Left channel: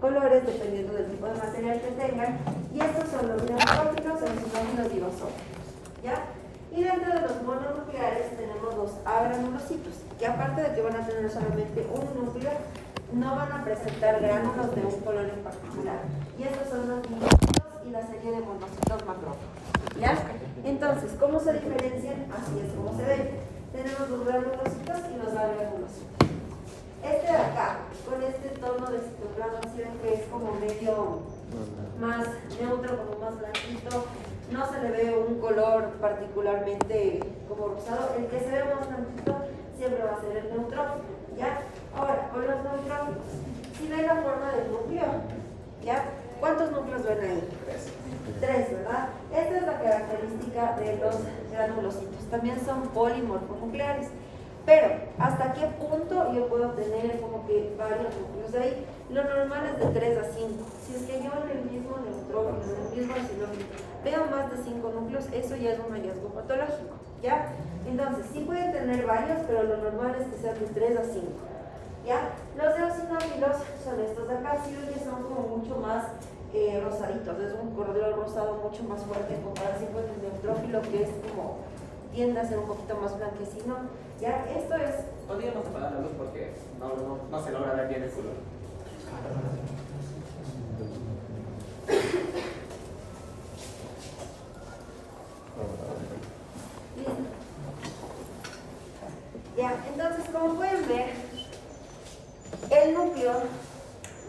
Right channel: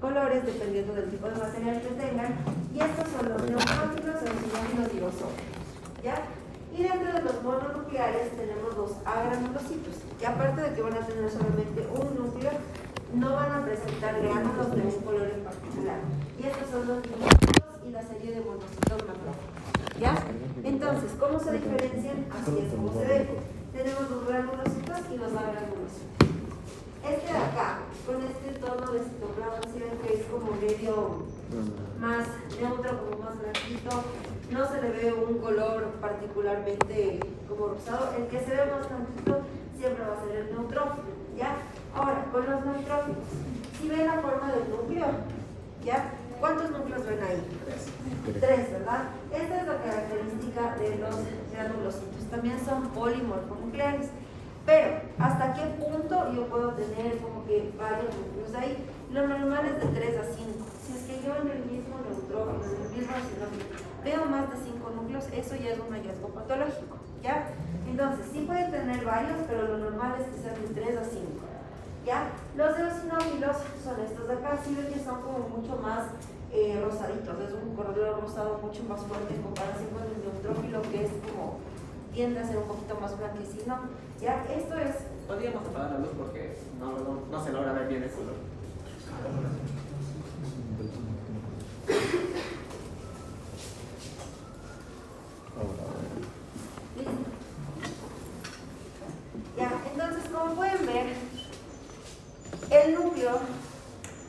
colores dependiendo del tipo de material que tengan. Y estos son los neutrófilos, y los dirosófilos, ¿ya? Y dentro de los mononucleares tenemos los agranulocitos, que aparte de que van a tener solamente un núcleo, no van a presentar gránulos de un color en particular. Y estos son los minocitos y la serie de monocitos macrófagos, ¿ya? Entonces, ¿cómo se diferencian? Así es como se ven. Tenemos los granulocitos y los agranulocitos. Este de acá, con este tono de citoplasma, si ven que es como medio más neutro, como más blanquito, no se le ve un color particularmente como rosado. El que se ve más blanquito siempre va a ser el neutrófilo, ¿ya? Ahora, con los neutrófilos, si ven la forma del núcleo, ¿ya? ¿Cuántos núcleos ven ahí? Tres, ¿verdad? Esta es la característica de los granulocitos. También son polimorfonucleares. Pero, ¿hasta qué punto yo puedo tener como que varios núcleos ahí? Lo normal es de 3 a 5. Si es que yo en el mismo neutrófilo, en el mismo sinónimo, veo más de 5 núcleos, eso ya es un hallazgo patológico, ¿ya? Entonces, sí pueden tener varios, pero lo normal es que sean de 3 a 5, ¿ya? Los eosinófilos son estos de acá, sí ven que son como mucho más rosaditos, es un color rosado mucho más fuerte en comparación con el neutrófilo, que es como tiende a ser un poquito más blanquecino, ¿ya? Esto es... Podríamos apagar la luz porque no se logra ver bien el color. Listo. Ya, entonces como pueden ver, el núcleo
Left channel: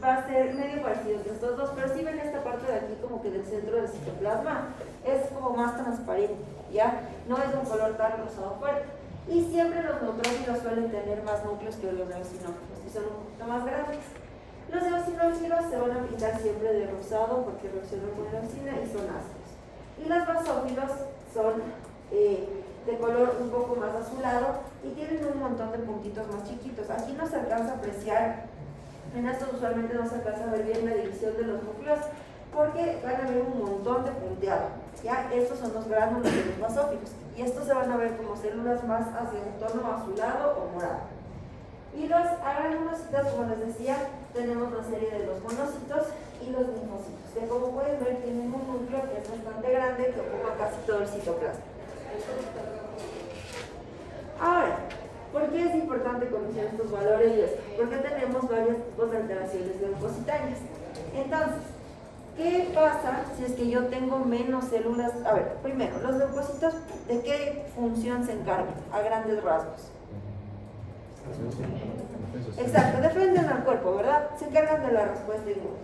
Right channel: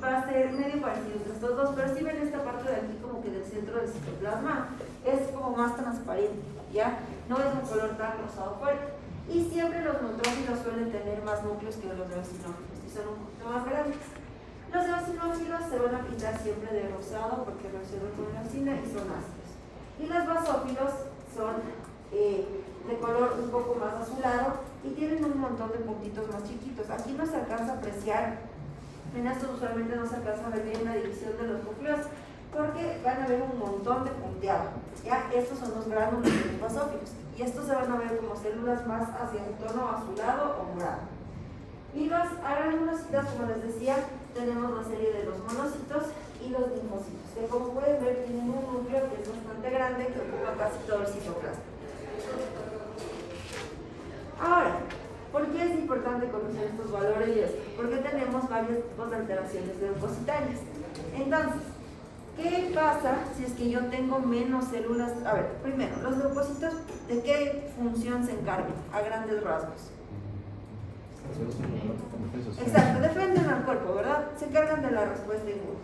va a ser medio parecido entre estos dos, pero si ven esta parte de aquí como que del centro del citoplasma, es como más transparente, ¿ya? No es un color tan rosado fuerte. Y siempre los neutrófilos suelen tener más núcleos que los eosinófilos, y son un poquito más grandes. Los eosinófilos se van a pintar siempre de rosado porque reaccionan con la eosina y son ácidos. Y los basófilos son de color un poco más azulado y tienen un montón de puntitos más chiquitos. Aquí no se alcanza a apreciar, en estos usualmente no se alcanza a ver bien la división de los núcleos porque van a ver un montón de punteado, ¿ya? Estos son los gránulos de los basófilos y estos se van a ver como células más hacia un tono azulado o morado. Y los agranulocitos, como les decía, tenemos la serie de los monocitos y los linfocitos, que como pueden ver tienen un núcleo que es bastante grande que ocupa casi todo el citoplasma. Ahora, ¿por qué es importante conocer estos valores y esto? Porque tenemos varios tipos de alteraciones leucocitarias. Entonces, ¿qué pasa si es que yo tengo menos células? A ver, primero, los leucocitos, ¿de qué función se encargan? A grandes rasgos. Exacto, defienden al cuerpo, ¿verdad? Se encargan de la respuesta inmune.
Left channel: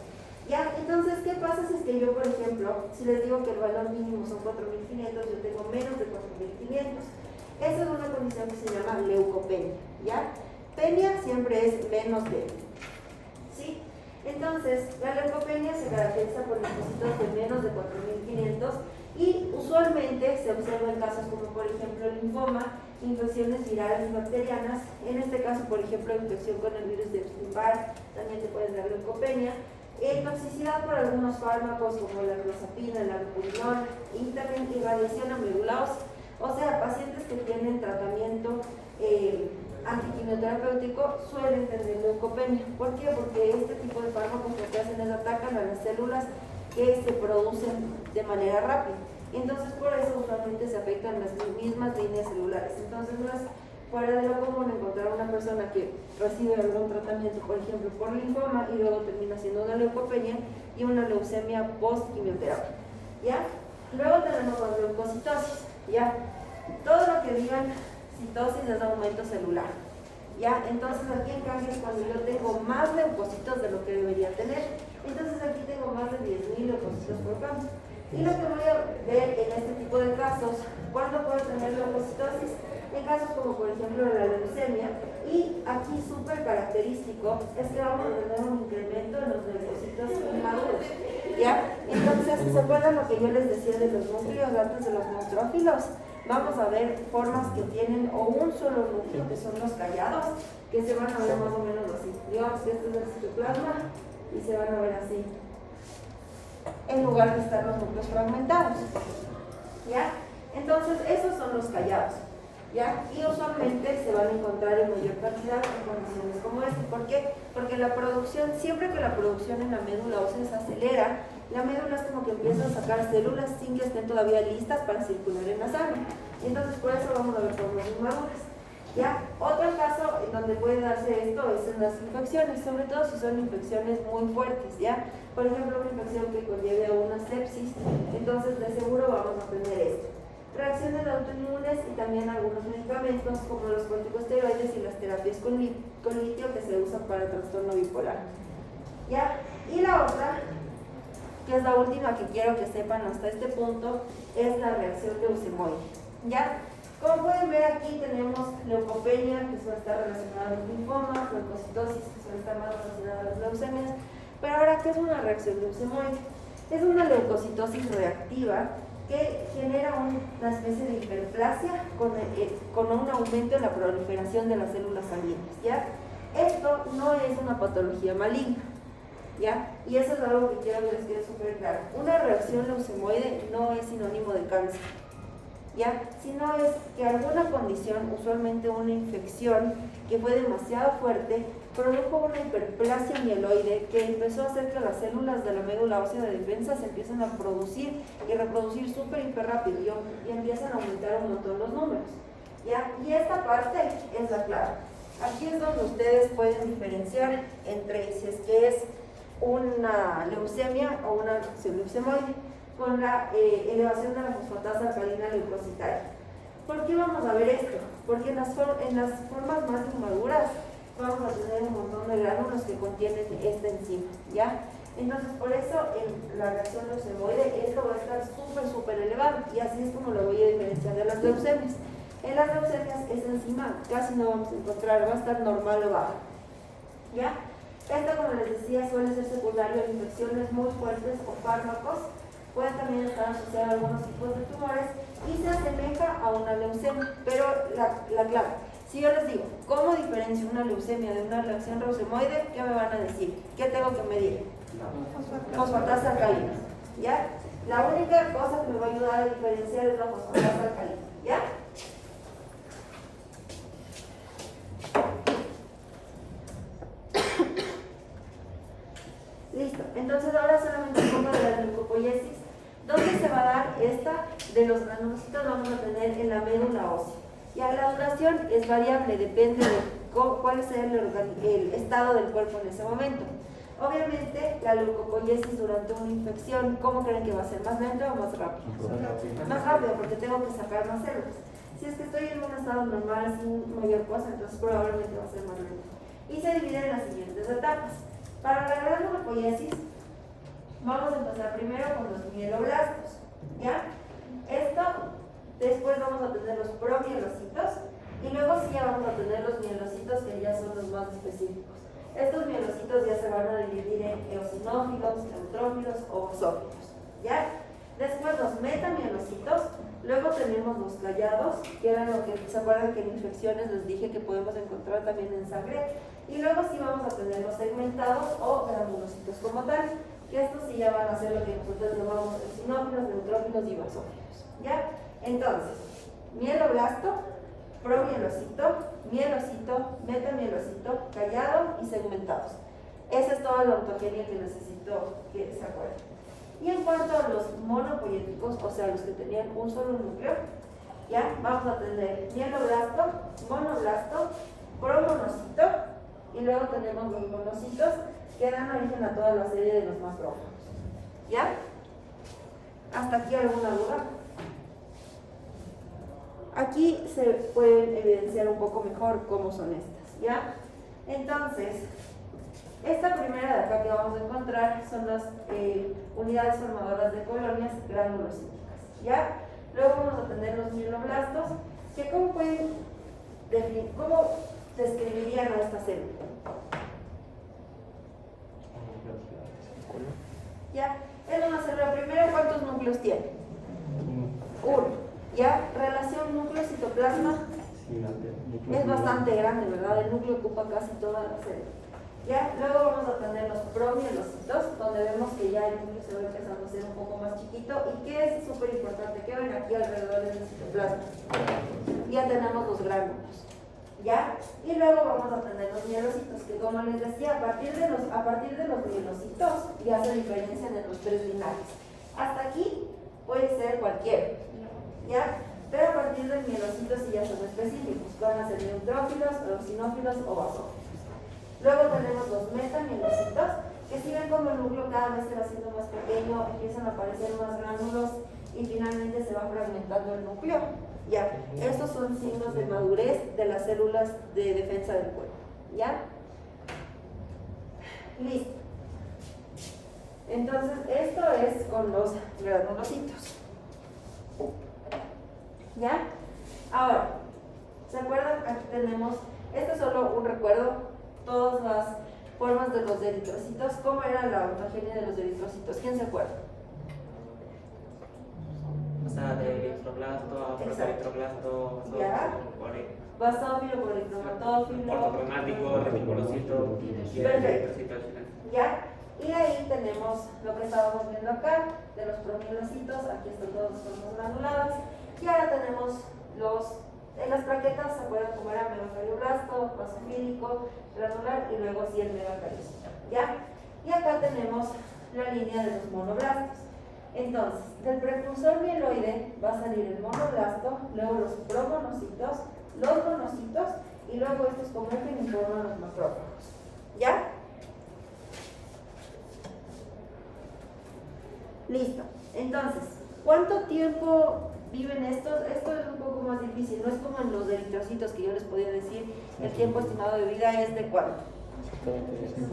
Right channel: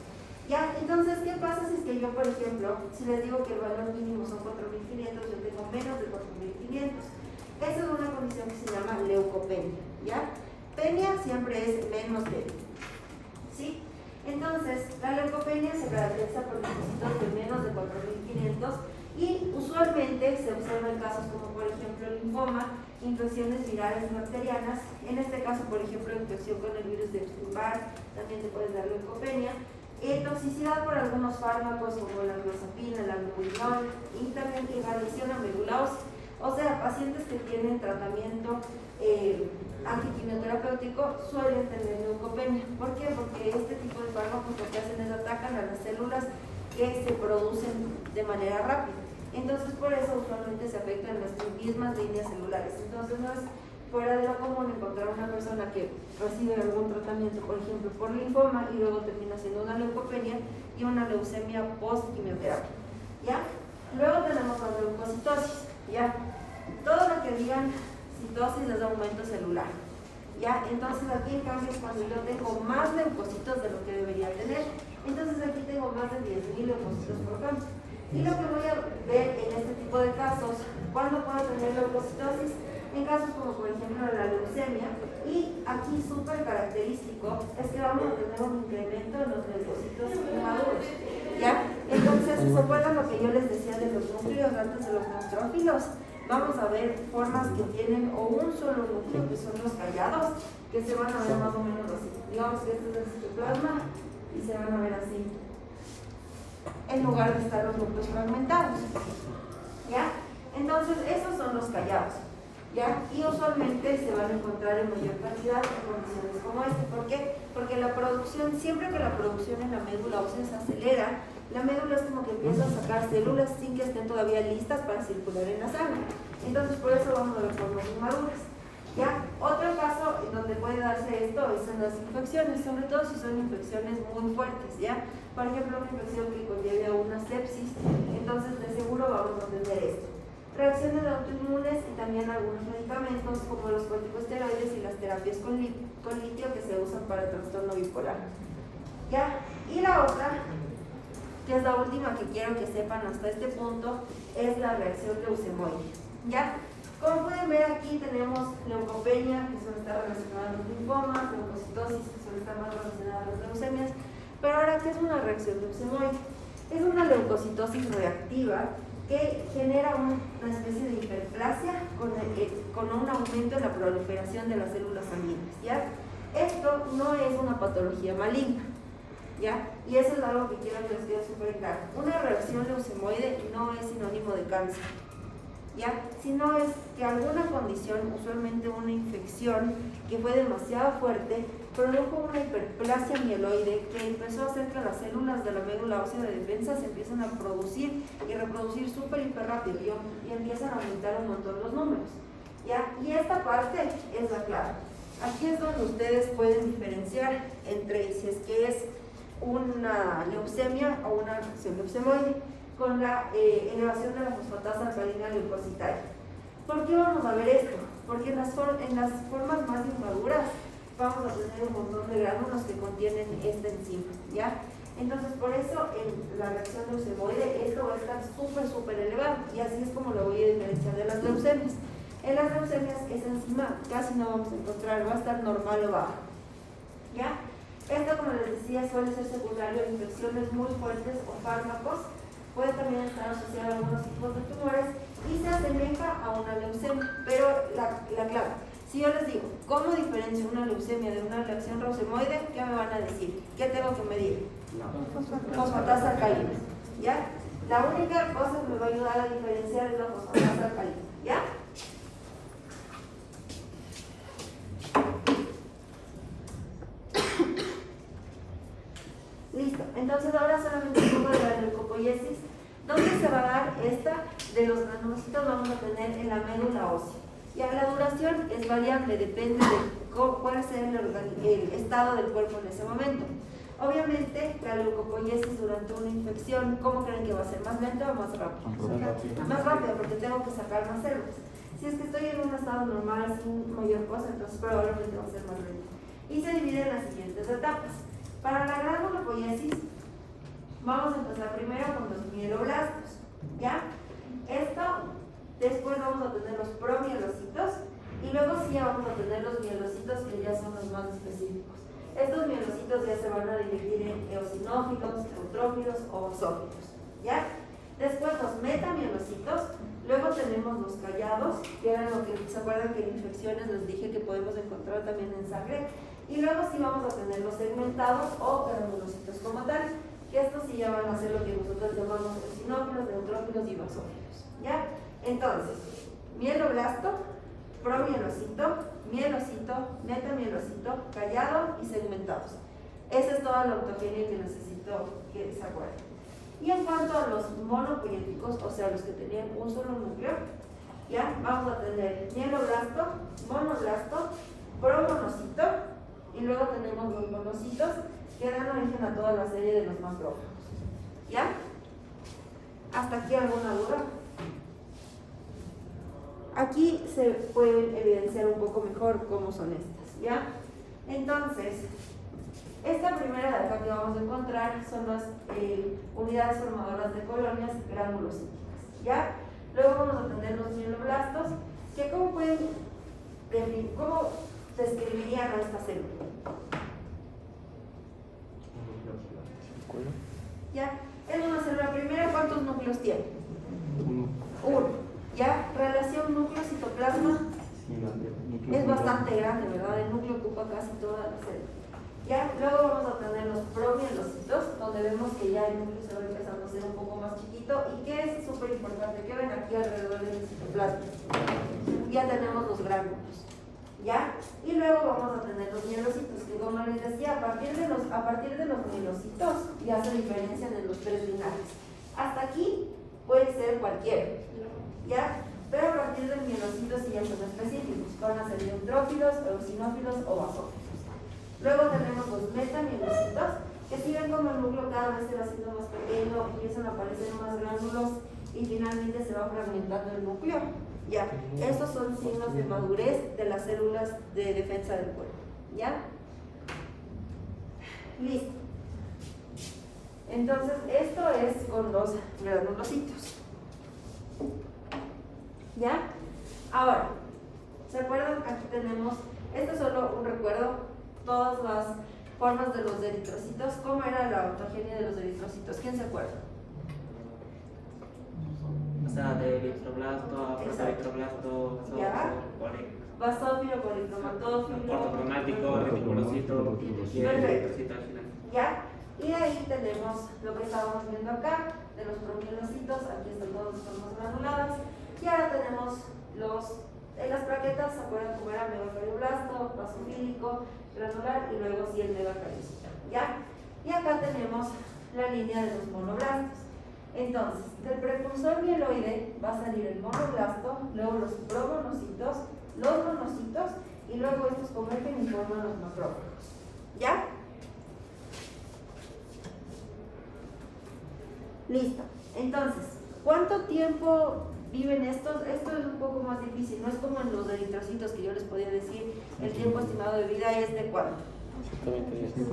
¿Ya? Entonces, ¿qué pasa si es que yo, por ejemplo, si les digo que el valor mínimo son 4.500, yo tengo menos de 4.500? Esa es una condición que se llama leucopenia, ¿ya? Penia siempre es menos de, ¿sí? Entonces, la leucopenia se caracteriza por leucocitos de menos de 4.500 y usualmente se observa en casos como, por ejemplo, el linfoma, infecciones virales y bacterianas. En este caso, por ejemplo, infección con el virus de Epstein-Barr, también te puede dar leucopenia. Toxicidad por algunos fármacos como la clozapina, la albuminol y también irradiación a médula ósea. O sea, pacientes que tienen tratamiento antiquimioterapéutico suelen tener leucopenia. ¿Por qué? Porque este tipo de fármacos lo que hacen es atacan a las células que se producen de manera rápida. Entonces, por eso usualmente se afectan las mismas líneas celulares. Entonces, no es fuera de lo común encontrar una persona que recibe algún tratamiento, por ejemplo, por linfoma y luego termina siendo una leucopenia y una leucemia post-quimioterapia, ¿ya? Luego tenemos la leucocitosis, ¿ya? Todo lo que digan citosis es aumento celular, ¿ya? Entonces aquí en cambio es cuando yo tengo más leucocitos de lo que debería tener. Entonces aquí tengo más de 10.000 leucocitos por campo. Y lo que voy a ver en este tipo de casos, ¿cuándo puedo tener leucocitosis? En casos como por ejemplo la leucemia, y aquí súper característico es que vamos a tener un incremento en los leucocitos inmaduros, ¿ya? Entonces, ¿se acuerdan lo que yo les decía de los núcleos antes de los neutrófilos? Vamos a ver formas que tienen o un solo núcleo, que son los callados, que se van a ver más o menos así. Digamos que este es el citoplasma y se van a ver así, en lugar de estar los núcleos fragmentados, ¿ya? Entonces, esos son los callados. ¿ya? Y usualmente se van a encontrar en mayor cantidad en condiciones como esta. ¿Por qué? Porque la producción, siempre que la producción en la médula ósea se acelera, la médula es como que empieza a sacar células sin que estén todavía listas para circular en la sangre. Entonces, por eso vamos a ver formas inmaduras. ¿Ya? Otro caso en donde puede darse esto es en las infecciones, sobre todo si son infecciones muy fuertes, ¿ya? Por ejemplo, una infección que conlleve a una sepsis, entonces de seguro vamos a tener esto. Reacciones autoinmunes y también algunos medicamentos como los corticosteroides y las terapias con litio que se usan para el trastorno bipolar. ¿Ya? Y la otra, que es la última que quiero que sepan hasta este punto, es la reacción leucemoide. ¿Ya? Como pueden ver aquí tenemos leucopenia, que suele estar relacionada a los linfomas, leucocitosis, que suele estar más relacionada a las leucemias. Pero ahora, ¿qué es una reacción leucemoide? Es una leucocitosis reactiva que genera una especie de hiperplasia con un aumento en la proliferación de las células sanguíneas, ¿ya? Esto no es una patología maligna, ¿ya? Y eso es algo que quiero que les quede súper claro. Una reacción leucemoide no es sinónimo de cáncer, ¿ya? Sino es que alguna condición, usualmente una infección que fue demasiado fuerte, produjo una hiperplasia mieloide que empezó a hacer que las células de la médula ósea de defensa se empiecen a producir y reproducir súper hiper rápido y empiezan a aumentar un montón los números, ¿ya? Y esta parte es la clave. Aquí es donde ustedes pueden diferenciar entre si es que es una leucemia o una reacción leucemoide con la elevación de la fosfatasa alcalina leucocitaria. ¿Por qué vamos a ver esto? Porque en las formas más inmaduras vamos a tener un montón de gránulos que contienen esta enzima, ¿ya? Entonces, por eso en la reacción leucemoide esto va a estar súper elevado y así es como lo voy a diferenciar de las leucemias. En las leucemias esa enzima casi no vamos a encontrar, va a estar normal o baja, ¿ya? Esto, como les decía, suele ser secundario a infecciones muy fuertes o fármacos. Puede también estar asociado a algunos tipos de tumores y se asemeja a una leucemia. Pero la clave, si yo les digo, ¿cómo diferencio una leucemia de una reacción leucemoide? ¿Qué me van a decir? ¿Qué tengo que medir? Fosfatasa alcalina, ¿ya? La única cosa que me va a ayudar a diferenciar es la fosfatasa alcalina, ¿ya? Listo, entonces ahora solamente un poco de la leucopoiesis. ¿Dónde se va a dar esta? De los granulocitos vamos a tener en la médula ósea. Ya la duración es variable, depende de cuál sea el estado del cuerpo en ese momento. Obviamente, la leucopoiesis durante una infección, ¿cómo creen que va a ser? ¿Más lento o más rápido? Más rápido, porque tengo que sacar más células. Si es que estoy en un estado normal sin mayor cosa, entonces probablemente va a ser más lento. Y se divide en las siguientes etapas. Para la granulopoiesis, vamos a empezar primero con los mieloblastos, ¿ya? Esto, después vamos a tener los promielocitos y luego sí ya vamos a tener los mielocitos que ya son los más específicos. Estos mielocitos ya se van a dividir en eosinófilos, neutrófilos o basófilos, ¿ya? Después los metamielocitos, luego tenemos los callados, que eran lo que se acuerdan que en infecciones les dije que podemos encontrar también en sangre, y luego sí vamos a tener los segmentados o granulocitos como tal, que estos sí ya van a ser lo que nosotros llamamos eosinófilos, neutrófilos y basófilos, ¿ya? Entonces, mieloblasto, promielocito, mielocito, metamielocito, callado y segmentados. Esa es toda la ontogenia que necesito que se acuerden. Y en cuanto a los monopoiéticos, o sea, los que tenían un solo núcleo, ya vamos a tener mieloblasto, monoblasto, promonocito, y luego tenemos los monocitos que dan origen a toda la serie de los macrófagos. ¿Ya? ¿Hasta aquí alguna duda? Aquí se pueden evidenciar un poco mejor cómo son estas, ¿ya? Entonces, esta primera de acá que vamos a encontrar son las unidades formadoras de colonias granulocíticas, ¿ya? Luego vamos a tener los mieloblastos, que ¿cómo pueden definir, cómo describirían a esta célula? ¿Ya? Es una célula primera, ¿cuántos núcleos tiene? Uno. ¿Ya? Relación núcleo-citoplasma es bastante grande, ¿verdad? El núcleo ocupa casi toda la célula. ¿Ya? Luego vamos a tener los promielocitos, donde vemos que ya el núcleo se va empezando a ser un poco más chiquito y que es súper importante que ven aquí alrededor del citoplasma. Ya tenemos los gránulos, ¿ya? Y luego vamos a tener los mielocitos, que como les decía, a partir de los mielocitos ya se diferencian en los tres linajes. Hasta aquí puede ser cualquiera, ¿ya? Pero a partir del mielocito sí ya son específicos, van a ser neutrófilos, eosinófilos o basófilos. Luego tenemos los metamielocitos, que si ven como el núcleo cada vez se va haciendo más pequeño, empiezan a aparecer más gránulos y finalmente se va fragmentando el núcleo. Ya, estos son signos de madurez de las células de defensa del cuerpo. ¿Ya? Listo. Entonces, esto es con los granulocitos. ¿Ya? Ahora, ¿se acuerdan? Aquí tenemos, esto es solo un recuerdo, todas las formas de los eritrocitos. ¿Cómo era la ontogenia de los eritrocitos? ¿Quién se acuerda? O sea, de eritroblasto, protoeritroblasto, basófilo, policromatófilo, ortocromático, reticulocito y el eritrocito al final. ¿Ya? Y ahí tenemos lo que estábamos viendo acá, de los promielocitos, aquí están todas las formas granuladas. Y ahora tenemos las plaquetas, ¿se acuerdan cómo era? Megacardioblasto, basofílico, granular y luego sí el megacariocito, ¿ya? Y acá tenemos la línea de los monoblastos. Entonces, del precursor mieloide va a salir el monoblasto, luego los promonocitos, los monocitos y luego estos convergen y forman los macrófagos, ¿ya? Listo. Entonces, ¿cuánto tiempo viven estos? Esto es un poco más difícil, no es como en los eritrocitos que yo les podía decir, el tiempo estimado de vida es de ¿cuánto?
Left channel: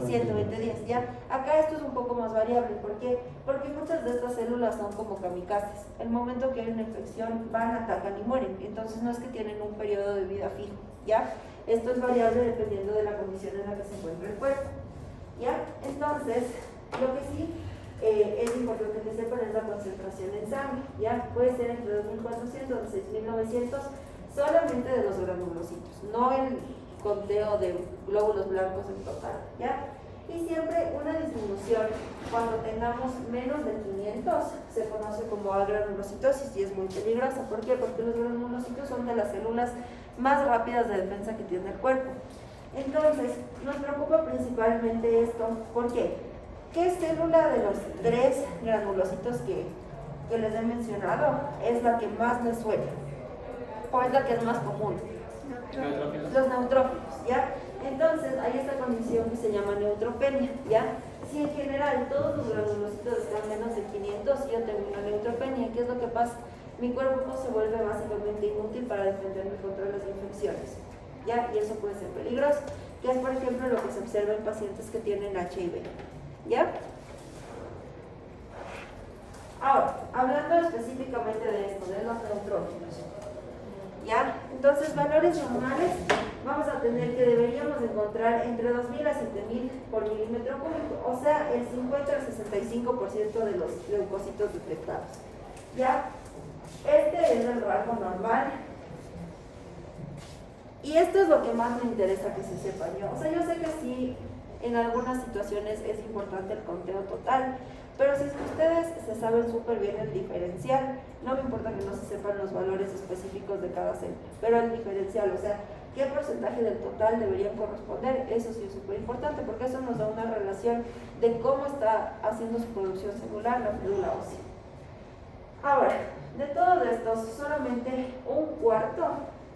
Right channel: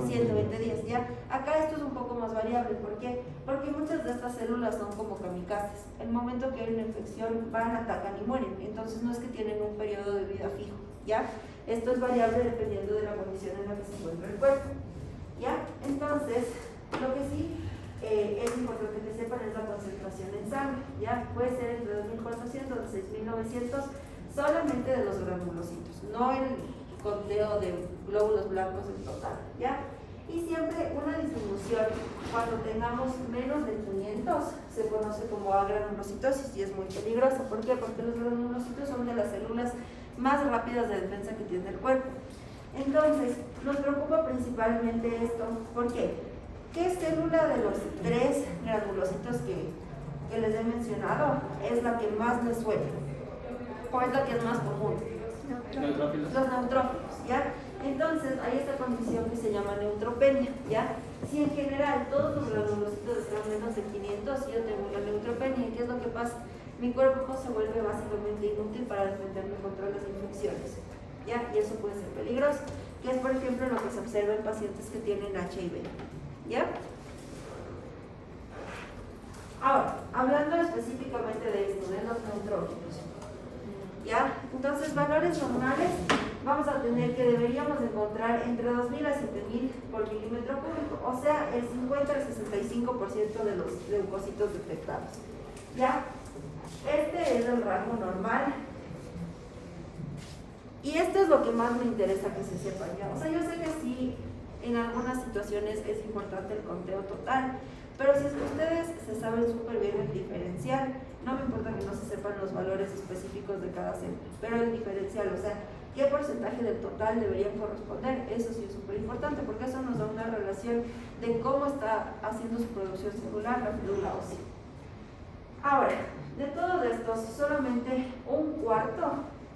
120 días, ¿ya? Acá esto es un poco más variable, ¿por qué? Porque muchas de estas células son como kamikazes. El momento que hay una infección van, atacan y mueren, entonces no es que tienen un periodo de vida fijo, ¿ya? Esto es variable dependiendo de la condición en la que se encuentra el cuerpo, ¿ya? Entonces, lo que sí es importante que sepan es la concentración en sangre, ¿ya? Puede ser entre 2.400 y 6.900 solamente de los granulocitos, no el conteo de glóbulos blancos en total, ¿ya? Y siempre una disminución, cuando tengamos menos de 500, se conoce como agranulocitosis y es muy peligrosa. ¿Por qué? Porque los granulocitos son de las células más rápidas de defensa que tiene el cuerpo. Entonces, nos preocupa principalmente esto. ¿Por qué? ¿Qué célula de los 3 granulocitos que les he mencionado es la que más les suele? ¿O es la que es más común? Los neutrófilos, ¿ya? Entonces, hay esta condición que se llama neutropenia, ¿ya? Si en general todos los granulocitos están menos de 500, yo tengo una neutropenia. ¿Qué es lo que pasa? Mi cuerpo se vuelve básicamente inútil para defenderme contra las infecciones, ¿ya? Y eso puede ser peligroso, que es por ejemplo lo que se observa en pacientes que tienen HIV, ¿ya? Ahora, hablando específicamente de esto, de los neutrófilos, ¿ya? Entonces, valores normales vamos a tener que deberíamos encontrar entre 2.000 a 7.000 por milímetro cúbico, o sea, el 50 al 65% de los leucocitos detectados, ¿ya? Este es el rango normal. Y esto es lo que más me interesa que se sepa yo. O sea, yo sé que sí, en algunas situaciones es importante el conteo total, pero si es que ustedes se saben súper bien el diferencial, no me importa que no se sepan los valores específicos de cada célula, pero el diferencial, o sea, qué porcentaje del total deberían corresponder, eso sí es súper importante, porque eso nos da una relación de cómo está haciendo su producción celular la médula ósea. Ahora, de todos estos, solamente un cuarto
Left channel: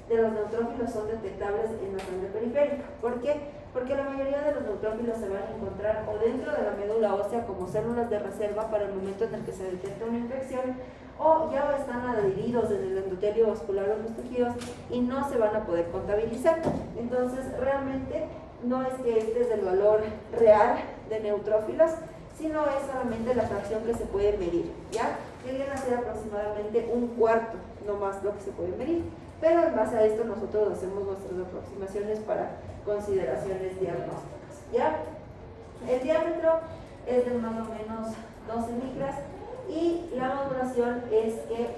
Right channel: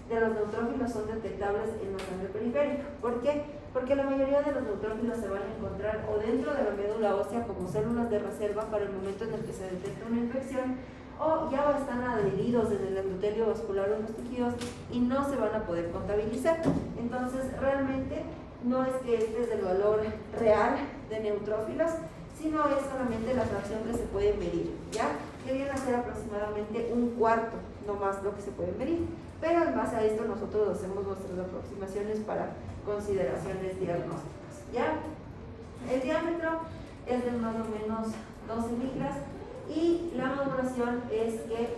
de los neutrófilos son detectables en la sangre periférica. ¿Por qué? Porque la mayoría de los neutrófilos se van a encontrar o dentro de la médula ósea como células de reserva para el momento en el que se detecta una infección, o ya están adheridos desde el endotelio vascular o los tejidos y no se van a poder contabilizar. Entonces, realmente no es que este es el valor real de neutrófilos, sino es solamente la fracción que se puede medir, ¿ya? Que viene a ser aproximadamente un cuarto, no más lo que se puede medir. Pero en base a esto nosotros hacemos nuestras aproximaciones para consideraciones diagnósticas, ¿ya? El diámetro es de más o menos 12 micras y la maduración es que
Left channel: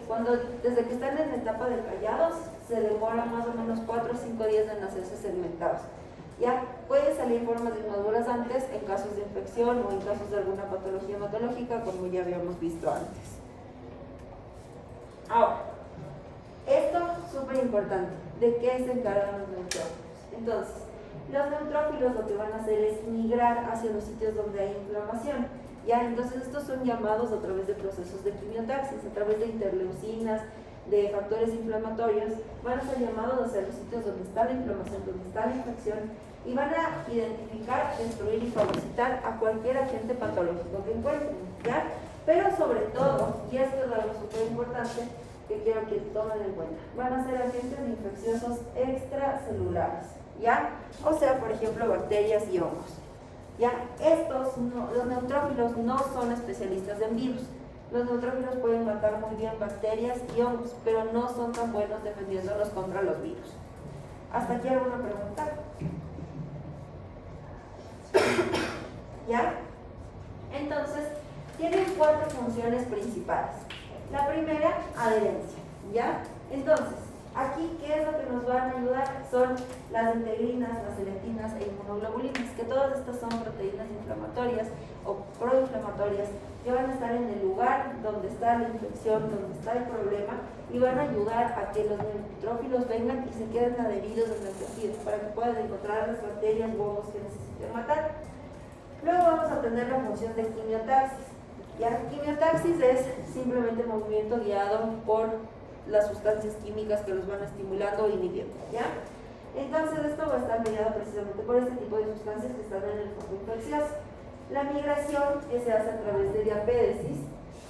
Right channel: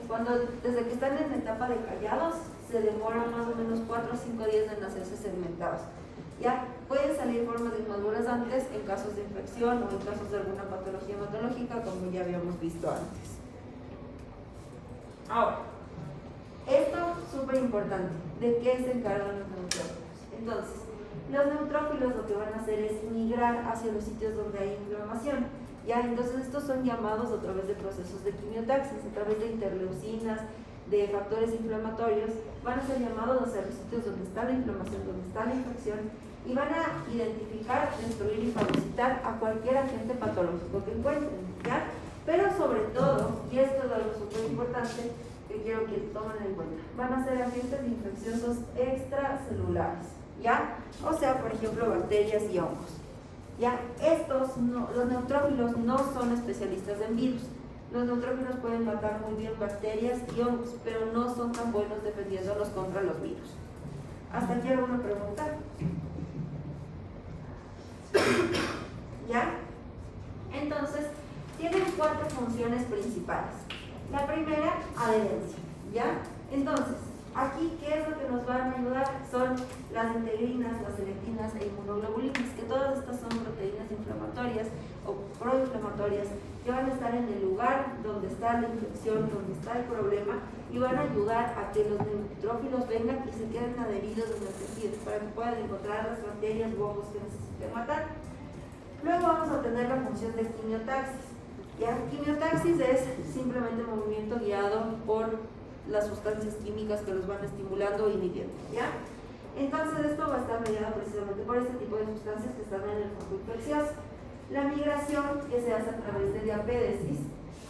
desde que están en etapa de callados se demora más o menos 4 o 5 días en hacerse segmentados, ¿ya? Pueden salir formas inmaduras antes en casos de infección o en casos de alguna patología hematológica, como ya habíamos visto antes. Ahora, Esto es súper importante. ¿De qué se encargan los neutrófilos? Entonces, los neutrófilos lo que van a hacer es migrar hacia los sitios donde hay inflamación. ¿Ya? Entonces, estos son llamados a través de procesos de quimiotaxis, a través de interleucinas, de factores inflamatorios, van a ser llamados hacia los sitios donde está la inflamación, donde está la infección, y van a identificar, destruir y fagocitar a cualquier agente patológico que encuentren, ¿ya? Pero sobre todo, y esto es algo súper importante que quiero que tomen en cuenta, van a ser agentes infecciosos extracelulares, ¿ya? O sea, por ejemplo, bacterias y hongos, ¿ya? Los neutrófilos no son especialistas en virus. Los neutrófilos pueden matar muy bien bacterias y hongos, pero no son tan buenos defendiéndolos contra los virus. ¿Hasta aquí alguna pregunta? ¿Ya? Entonces, tienen 4 funciones principales. La primera, adherencia, ¿ya? Entonces, aquí, ¿qué es lo que nos van a ayudar? Son las integrinas, las selectivinas e inmunoglobulinas, que todas estas son proteínas inflamatorias o proinflamatorias que van a estar en el lugar donde está la infección, donde está el problema, y van a ayudar a que los neutrófilos vengan y se queden adheridos en el tejido para que puedan encontrar las bacterias u hongos que necesiten matar. Luego vamos a tener la función de quimiotaxis. ¿Ya? Quimiotaxis es simplemente movimiento guiado por las sustancias químicas que los van estimulando o inhibiendo, ¿ya? Entonces esto va a estar mediado precisamente por este tipo de sustancias que están en el foco infeccioso. La migración que se hace a través de diapédesis.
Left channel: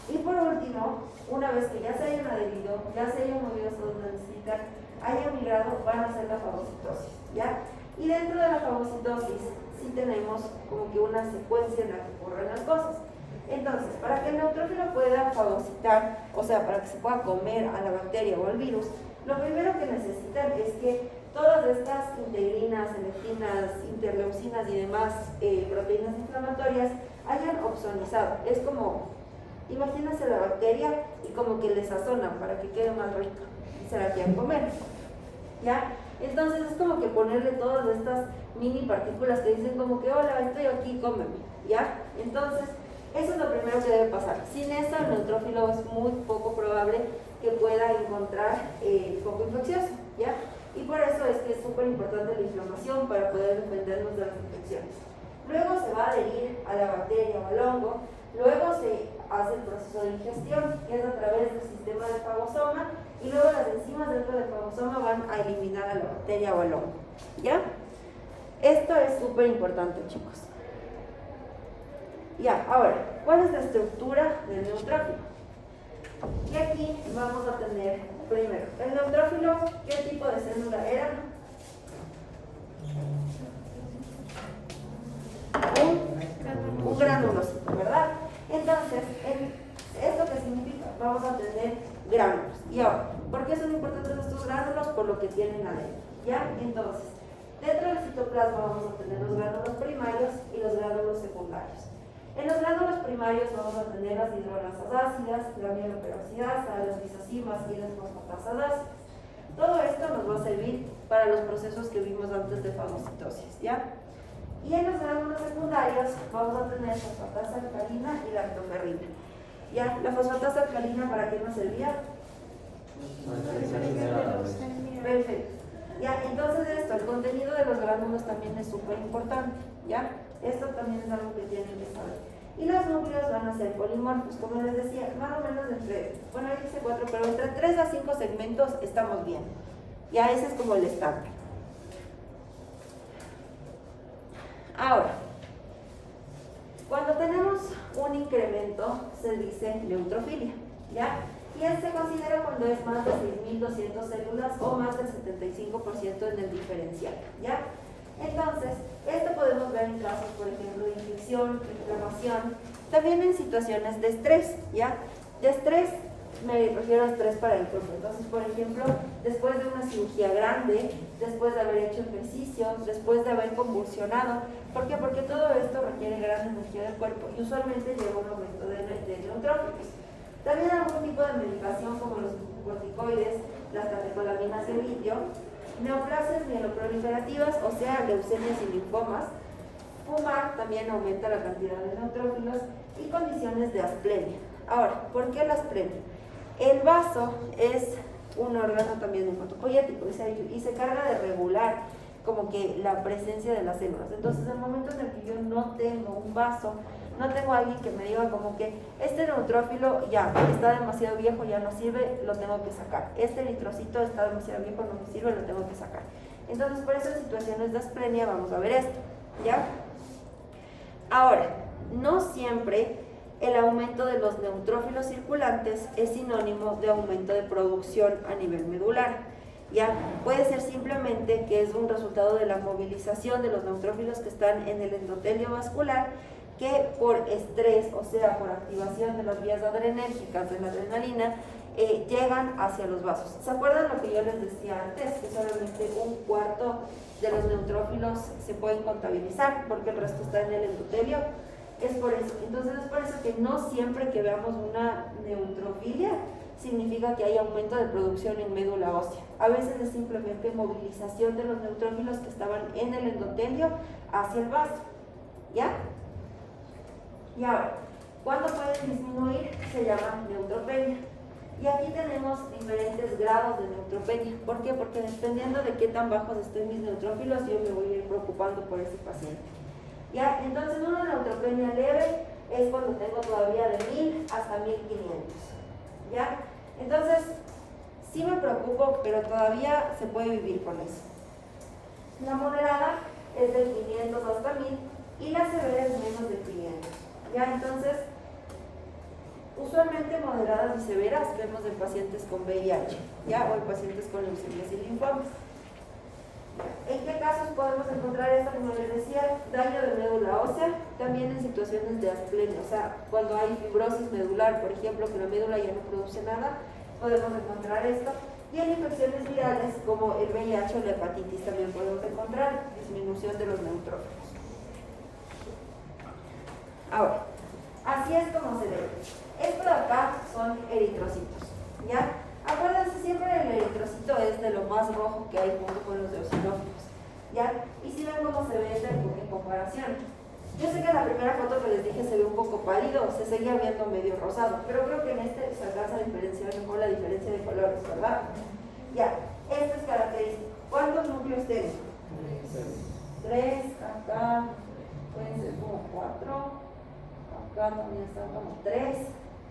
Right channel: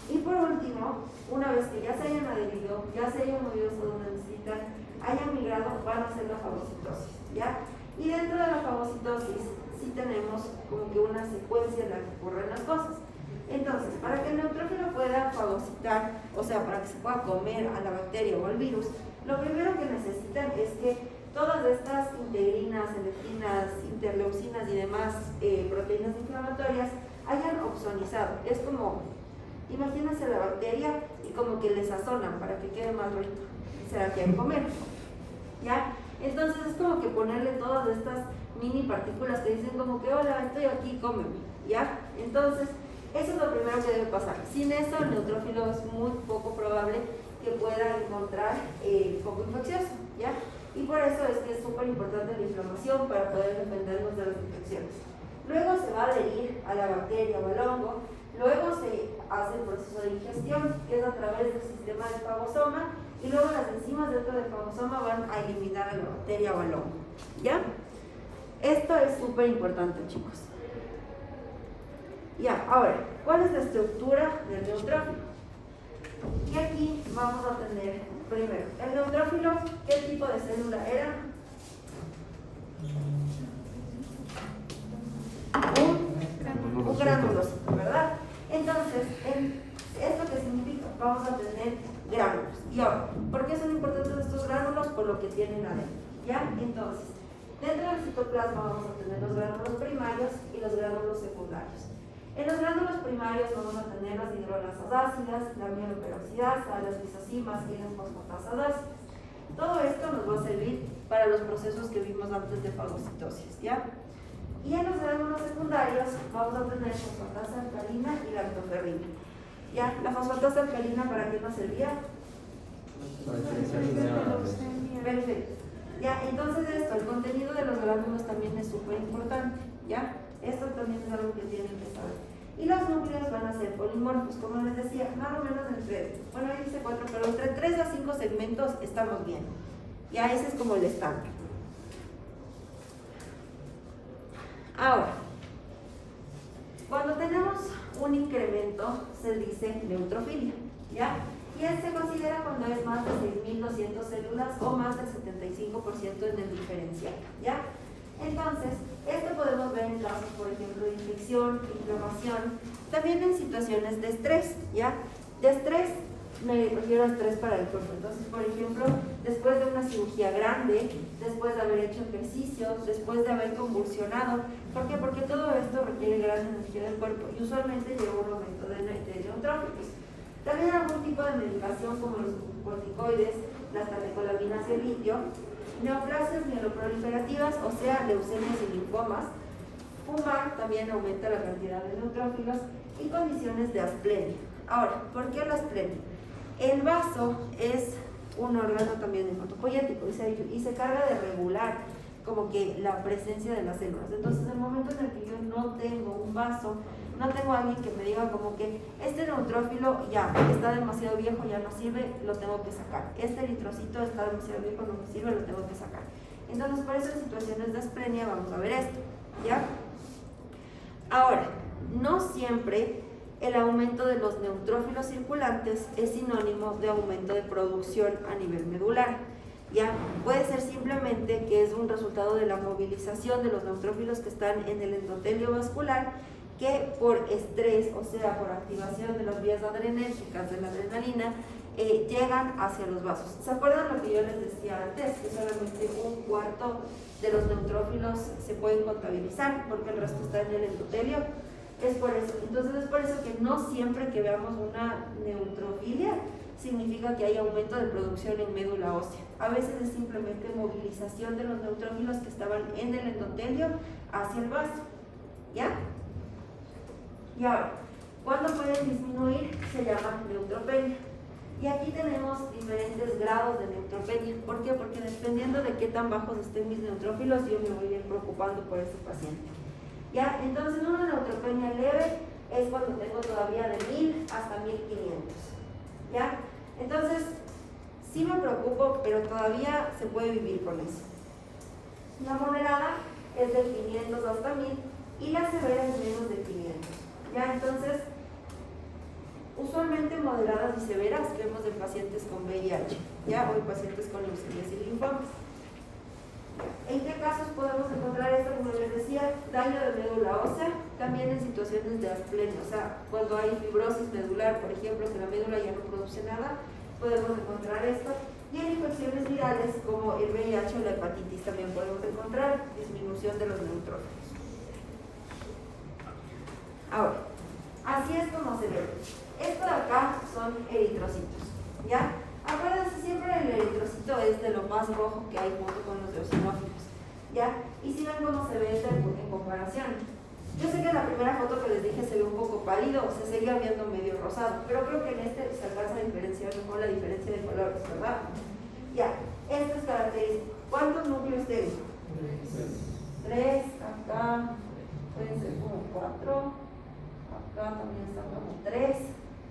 Y por último, una vez que ya se hayan adherido, ya se hayan movido hasta donde necesitan, hayan migrado, van a hacer la fagocitosis, ¿ya? Y dentro de la fagocitosis sí tenemos como que una secuencia en la que ocurren las cosas. Entonces, para que el neutrófilo pueda fagocitar, o sea, para que se pueda comer a la bacteria o al virus, lo primero que necesitan es que todas estas integrinas, selectivinas, interleucinas y demás proteínas inflamatorias hayan opsonizado. Es como, imagínense la bacteria y como que le sazonan para que quede más rica y se la quieran comer, ¿ya? Entonces es como que ponerle todas estas mini partículas que dicen como que, hola, estoy aquí, cómeme, ¿ya? Entonces, eso es lo primero que debe pasar. Sin esto, el neutrófilo es muy poco probable que pueda encontrar el foco infeccioso, ¿ya? Y por eso es que es súper importante la inflamación para poder defendernos de las infecciones. Luego se va a adherir a la bacteria o al hongo. Luego se hace el proceso de digestión, que es a través del sistema del fagosoma, y luego las enzimas dentro del fagosoma van a eliminar a la bacteria o al hongo, ¿ya? Esto es súper importante, chicos. Ya, ahora, ¿cuál es la estructura del neutrófilo? Y aquí vamos a tener, primero, el neutrófilo, ¿qué tipo de célula era? Un granulocito, ¿verdad? Entonces, ¿esto qué significa? Vamos a tener gránulos. Y ahora, ¿por qué son importantes estos gránulos? Por lo que tienen adentro, ¿ya? Entonces, dentro del citoplasma vamos a tener los gránulos primarios y los gránulos secundarios. En los gránulos primarios vamos a tener las hidrolasas ácidas, la mieloperoxidasa, las lisocimas y las fosfatasas ácidas. Todo esto nos va a servir para los procesos que vimos antes de fagocitosis, ¿ya? Y en los gránulos secundarios vamos a tener fosfatasa alcalina y lactoferrina. ¿Ya? La fosfatasa alcalina, ¿para qué nos servía? Perfecto. ¿Ya? Entonces el contenido de los gránulos también es súper importante, ¿ya? Esto también es algo que tienen que saber. Y los núcleos van a ser polimorfos, como les decía, más o menos entre, bueno, ahí dice 4, pero entre 3 a 5 segmentos estamos bien. Ya ese es como el estándar. Ahora, cuando tenemos un incremento, se dice neutrofilia, ¿ya? Y se considera cuando es más de 6.200 células o más del 75% en el diferencial, ¿ya? Entonces, esto podemos ver en casos, por ejemplo, de infección, inflamación, también en situaciones de estrés, ¿ya? De estrés, me refiero a estrés para el cuerpo. Entonces, por ejemplo, después de una cirugía grande, después de haber hecho ejercicio, después de haber convulsionado. ¿Por qué? Porque todo esto requiere gran energía del cuerpo y usualmente lleva un aumento de neutrófilos. También algún tipo de medicación como los corticoides, las catecolaminas y el litio, neoplasias mieloproliferativas, o sea, leucemias y linfomas. Fumar también aumenta la cantidad de neutrófilos y condiciones de asplenia. Ahora, ¿por qué la asplenia? El vaso es un órgano también hematopoyético y se carga de regular como que la presencia de las células. Entonces, en el momento en el que yo no tengo un vaso, no tengo a alguien que me diga como que este neutrófilo ya está demasiado viejo, ya no sirve, lo tengo que sacar. Este eritrocito está demasiado viejo, no me sirve, lo tengo que sacar. Entonces, por eso en situaciones de asplenia vamos a ver esto, ¿ya? Ahora, no siempre el aumento de los neutrófilos circulantes es sinónimo de aumento de producción a nivel medular. Ya puede ser simplemente que es un resultado de la movilización de los neutrófilos que están en el endotelio vascular, que por estrés, o sea, por activación de las vías adrenérgicas de la adrenalina, llegan hacia los vasos. ¿Se acuerdan lo que yo les decía antes? Que solamente un cuarto de los neutrófilos se pueden contabilizar porque el resto está en el endotelio. Es por eso. Entonces es por eso que no siempre que veamos una neutrofilia significa que hay aumento de producción en médula ósea. A veces es simplemente movilización de los neutrófilos que estaban en el endotelio hacia el vaso. ¿Ya? Y ahora, ¿cuándo pueden disminuir? Se llama neutropenia. Y aquí tenemos diferentes grados de neutropenia. ¿Por qué? Porque dependiendo de qué tan bajos estén mis neutrófilos, yo me voy a ir preocupando por ese paciente. ¿Ya? Entonces, una neutropenia leve es cuando tengo todavía de 1000 hasta 1500. ¿Ya? Entonces, sí me preocupo, pero todavía se puede vivir con eso. La moderada es de 500 hasta 1000 y la severa es menos de 500. ¿Ya? Entonces, usualmente moderadas y severas vemos en pacientes con VIH, ¿ya? O en pacientes con leucemias y linfomas. ¿En qué casos podemos encontrar esto? Como les decía, daño de médula ósea, también en situaciones de asplenia, o sea, cuando hay fibrosis medular, por ejemplo, que la médula ya no produce nada, podemos encontrar esto. Y en infecciones virales, como el VIH o la hepatitis, también podemos encontrar disminución de los neutrófilos. Ahora, así es como se ve. Esto de acá son eritrocitos, ¿ya? Acuérdense, siempre el eritrocito es de lo más rojo que hay junto con los eosinófilos, ¿ya? Y si ven cómo se ve en comparación. Yo sé que la primera foto que les dije se ve un poco pálido, se seguía viendo medio rosado, pero creo que en este se alcanza a diferenciar mejor la diferencia de colores, ¿verdad? Ya, esto es característico. ¿Cuántos núcleos tienen? 3, acá pueden ser como 4, acá también están como 3,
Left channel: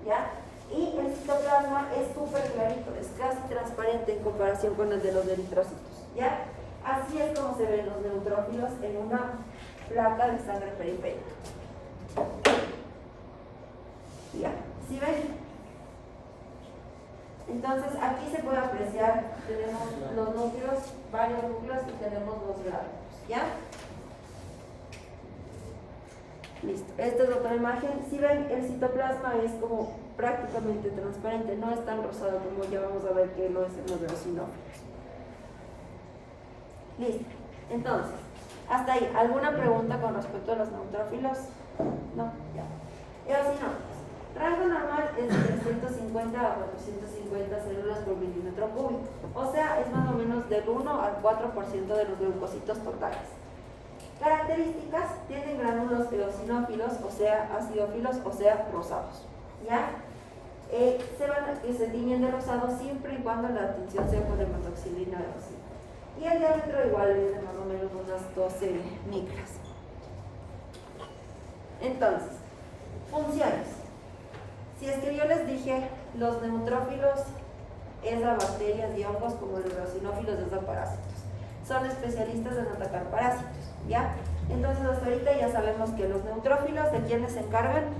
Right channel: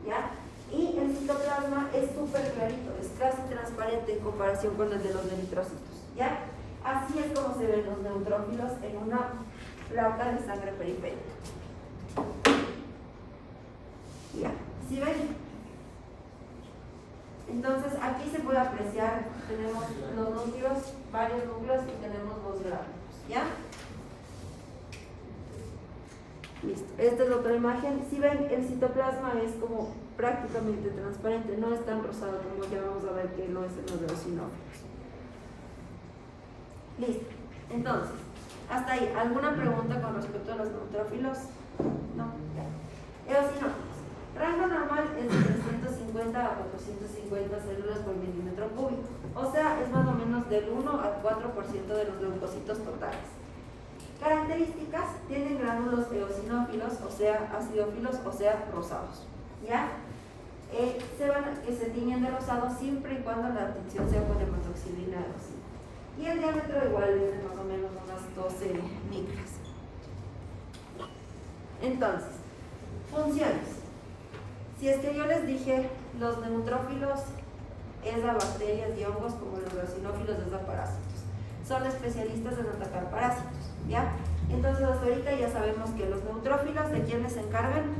¿ya? Y el citoplasma es súper clarito, es casi transparente en comparación con el de los eritrocitos, ¿ya? Así es como se ven los neutrófilos en una placa de sangre periférica. ¿Ya? ¿Sí ven? Entonces aquí se puede apreciar, tenemos los núcleos, varios núcleos y tenemos los gránulos, ¿ya? Listo, esta es otra imagen. Si ven, el citoplasma es como prácticamente transparente, no es tan rosado como ya vamos a ver que no es en los eosinófilos. Listo, entonces, hasta ahí, ¿alguna pregunta con respecto a los neutrófilos? No, ya. Eosinófilos. Rango normal es de 350 a 450 células por milímetro cúbico, o sea, es más o menos del 1 al 4% de los leucocitos totales. Características: tienen gránulos eosinófilos, o sea, acidófilos, o sea, rosados. ¿Ya? Se tiñen de rosado siempre y cuando la tinción sea con hematoxilina de rocío. Y el diámetro igual es de más o menos unas 12 micras. Entonces, funciones. Si es que yo les dije, los neutrófilos es de bacterias y hongos, como los eosinófilos es de parásitos. Son especialistas en atacar parásitos, ¿ya? Entonces hasta ahorita ya sabemos que los neutrófilos, ¿de quiénes se encargan?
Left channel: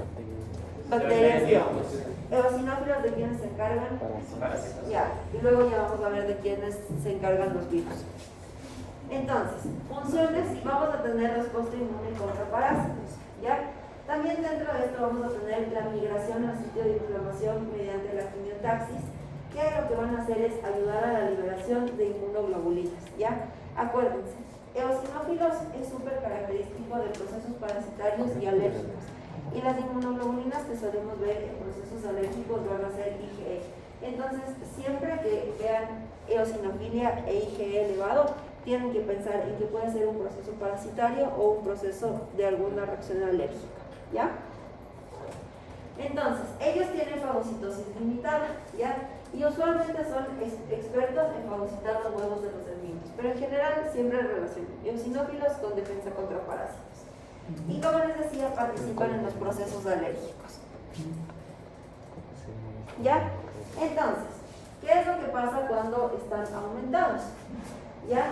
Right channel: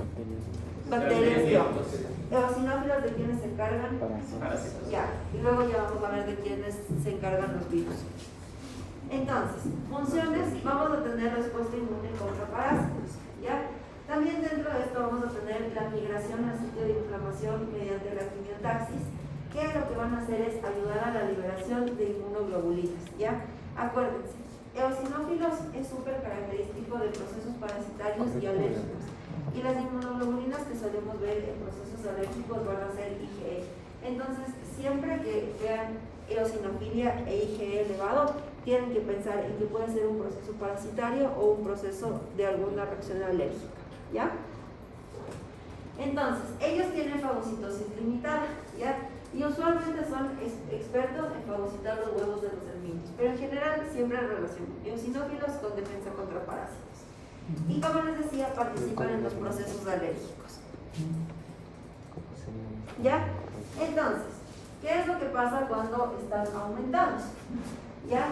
Bacterias y hongos. Eosinófilos, ¿de quiénes se encargan? Parásitos. Ya, y luego ya vamos a ver de quiénes se encargan los virus. Entonces, funciones: vamos a tener respuesta inmune contra parásitos, ¿ya? También dentro de esto vamos a tener la migración al sitio de inflamación mediante la quimiotaxis, que lo que van a hacer es ayudar a la liberación de inmunoglobulinas, ¿ya? Acuérdense, eosinófilos es súper característico de procesos parasitarios y alérgicos, y las inmunoglobulinas que solemos ver en procesos alérgicos van a ser IgE. Entonces, siempre que vean eosinofilia e IgE elevado, tienen que pensar en que puede ser un proceso parasitario o un proceso de alguna reacción alérgica, ¿ya? Entonces, ellos tienen fagocitosis limitada, ¿ya? y usualmente son expertos en fagocitar los huevos de los sermientes, pero en general siempre relacionan eosinófilos con defensa contra parásitos. Y como les decía, participan en los procesos alérgicos. ¿Ya? Entonces, ¿qué es lo que pasa cuando están aumentados? ¿Ya?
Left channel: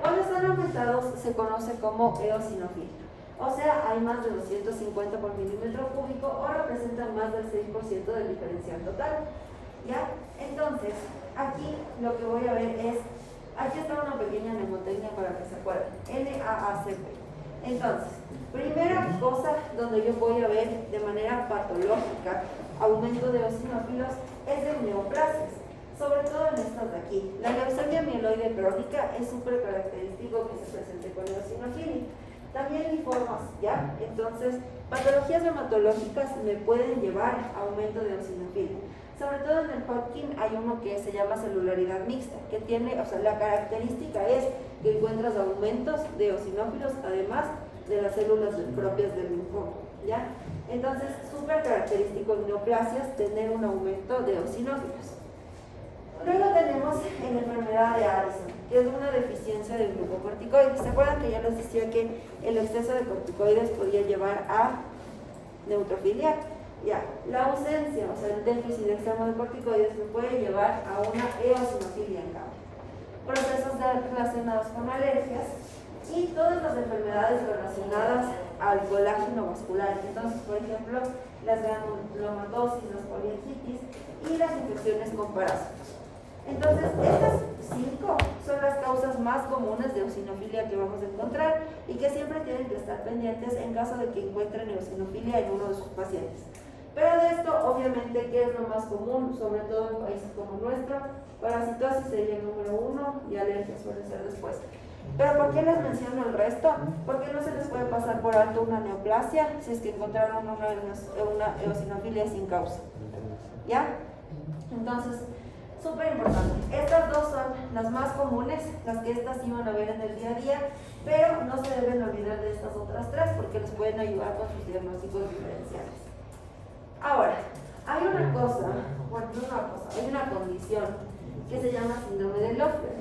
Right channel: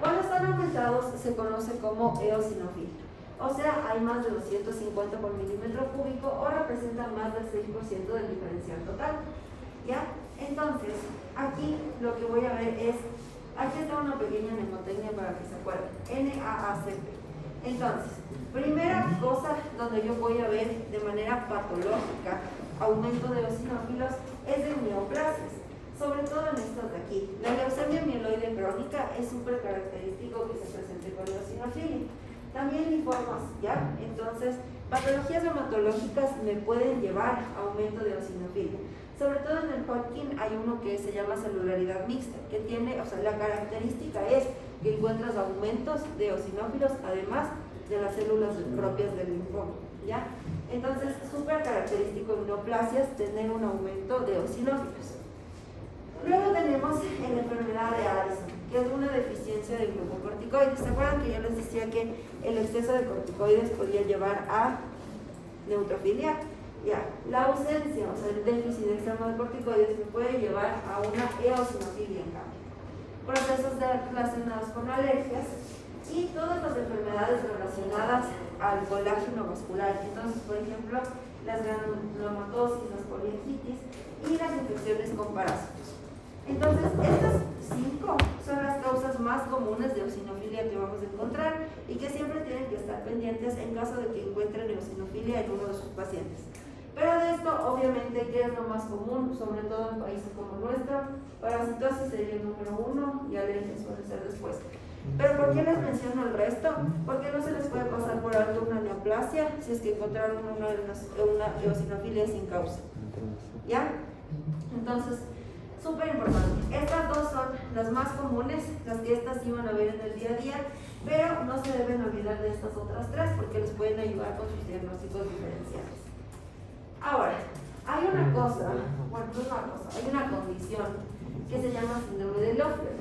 Cuando están aumentados se conoce como eosinofilia. O sea, hay más de 250 por milímetro cúbico o representan más del 6% del diferencial total. ¿Ya? Entonces, aquí lo que voy a ver es, aquí está una pequeña mnemotecnia para que se acuerden, NAACP. Entonces, primera cosa donde yo voy a ver de manera patológica aumento de eosinófilos es de neoplasias, sobre todo en estas de aquí. La leucemia mieloide crónica es súper característico que se presente con eosinofilia. También linfomas, ¿ya? Entonces, patologías hematológicas me pueden llevar a aumento de eosinofilia. Sobre todo en el Hodgkin hay uno que se llama celularidad mixta, que tiene, o sea, la característica es que encuentras aumentos de eosinófilos, además de las células propias del linfoma, ¿ya? Entonces, súper característico en neoplasias tener un aumento de eosinófilos. Luego tenemos en la enfermedad de Addison, que es una deficiencia de glucocorticoides. ¿Se acuerdan que yo les decía que el exceso de corticoides podía llevar a neutrofilia? Ya, la ausencia, o sea, el déficit extremo de corticoides me puede llevar a una eosinofilia en cambio. Procesos relacionados con alergias y todas las enfermedades relacionadas al colágeno vascular. Entonces, por ejemplo, las granulomatosis, las poliartritis y las infecciones con parásitos. Entonces, estas 5 son las causas más comunes de eosinofilia que vamos a encontrar y que siempre tienen que estar pendientes en caso de que encuentren eosinofilia en uno de sus pacientes. Pero de esto, obviamente, ¿qué es lo más común? Sobre todo en países como el nuestro, parasitosis sería el número 1 y alergia suele ser después. ¿Pero por qué les menciono el resto? Porque no se les puede pasar por alto una neoplasia si es que encontraron una eosinofilia sin causa. ¿Ya? Entonces, súper importante. Estas dos son las más comunes, las que estas sí van a ver en el día a día, pero no se deben olvidar de estas otras 3 porque les pueden ayudar con sus diagnósticos diferenciales. Ahora, hay una cosa, bueno, no una cosa, hay una condición que se llama síndrome de Loeffler,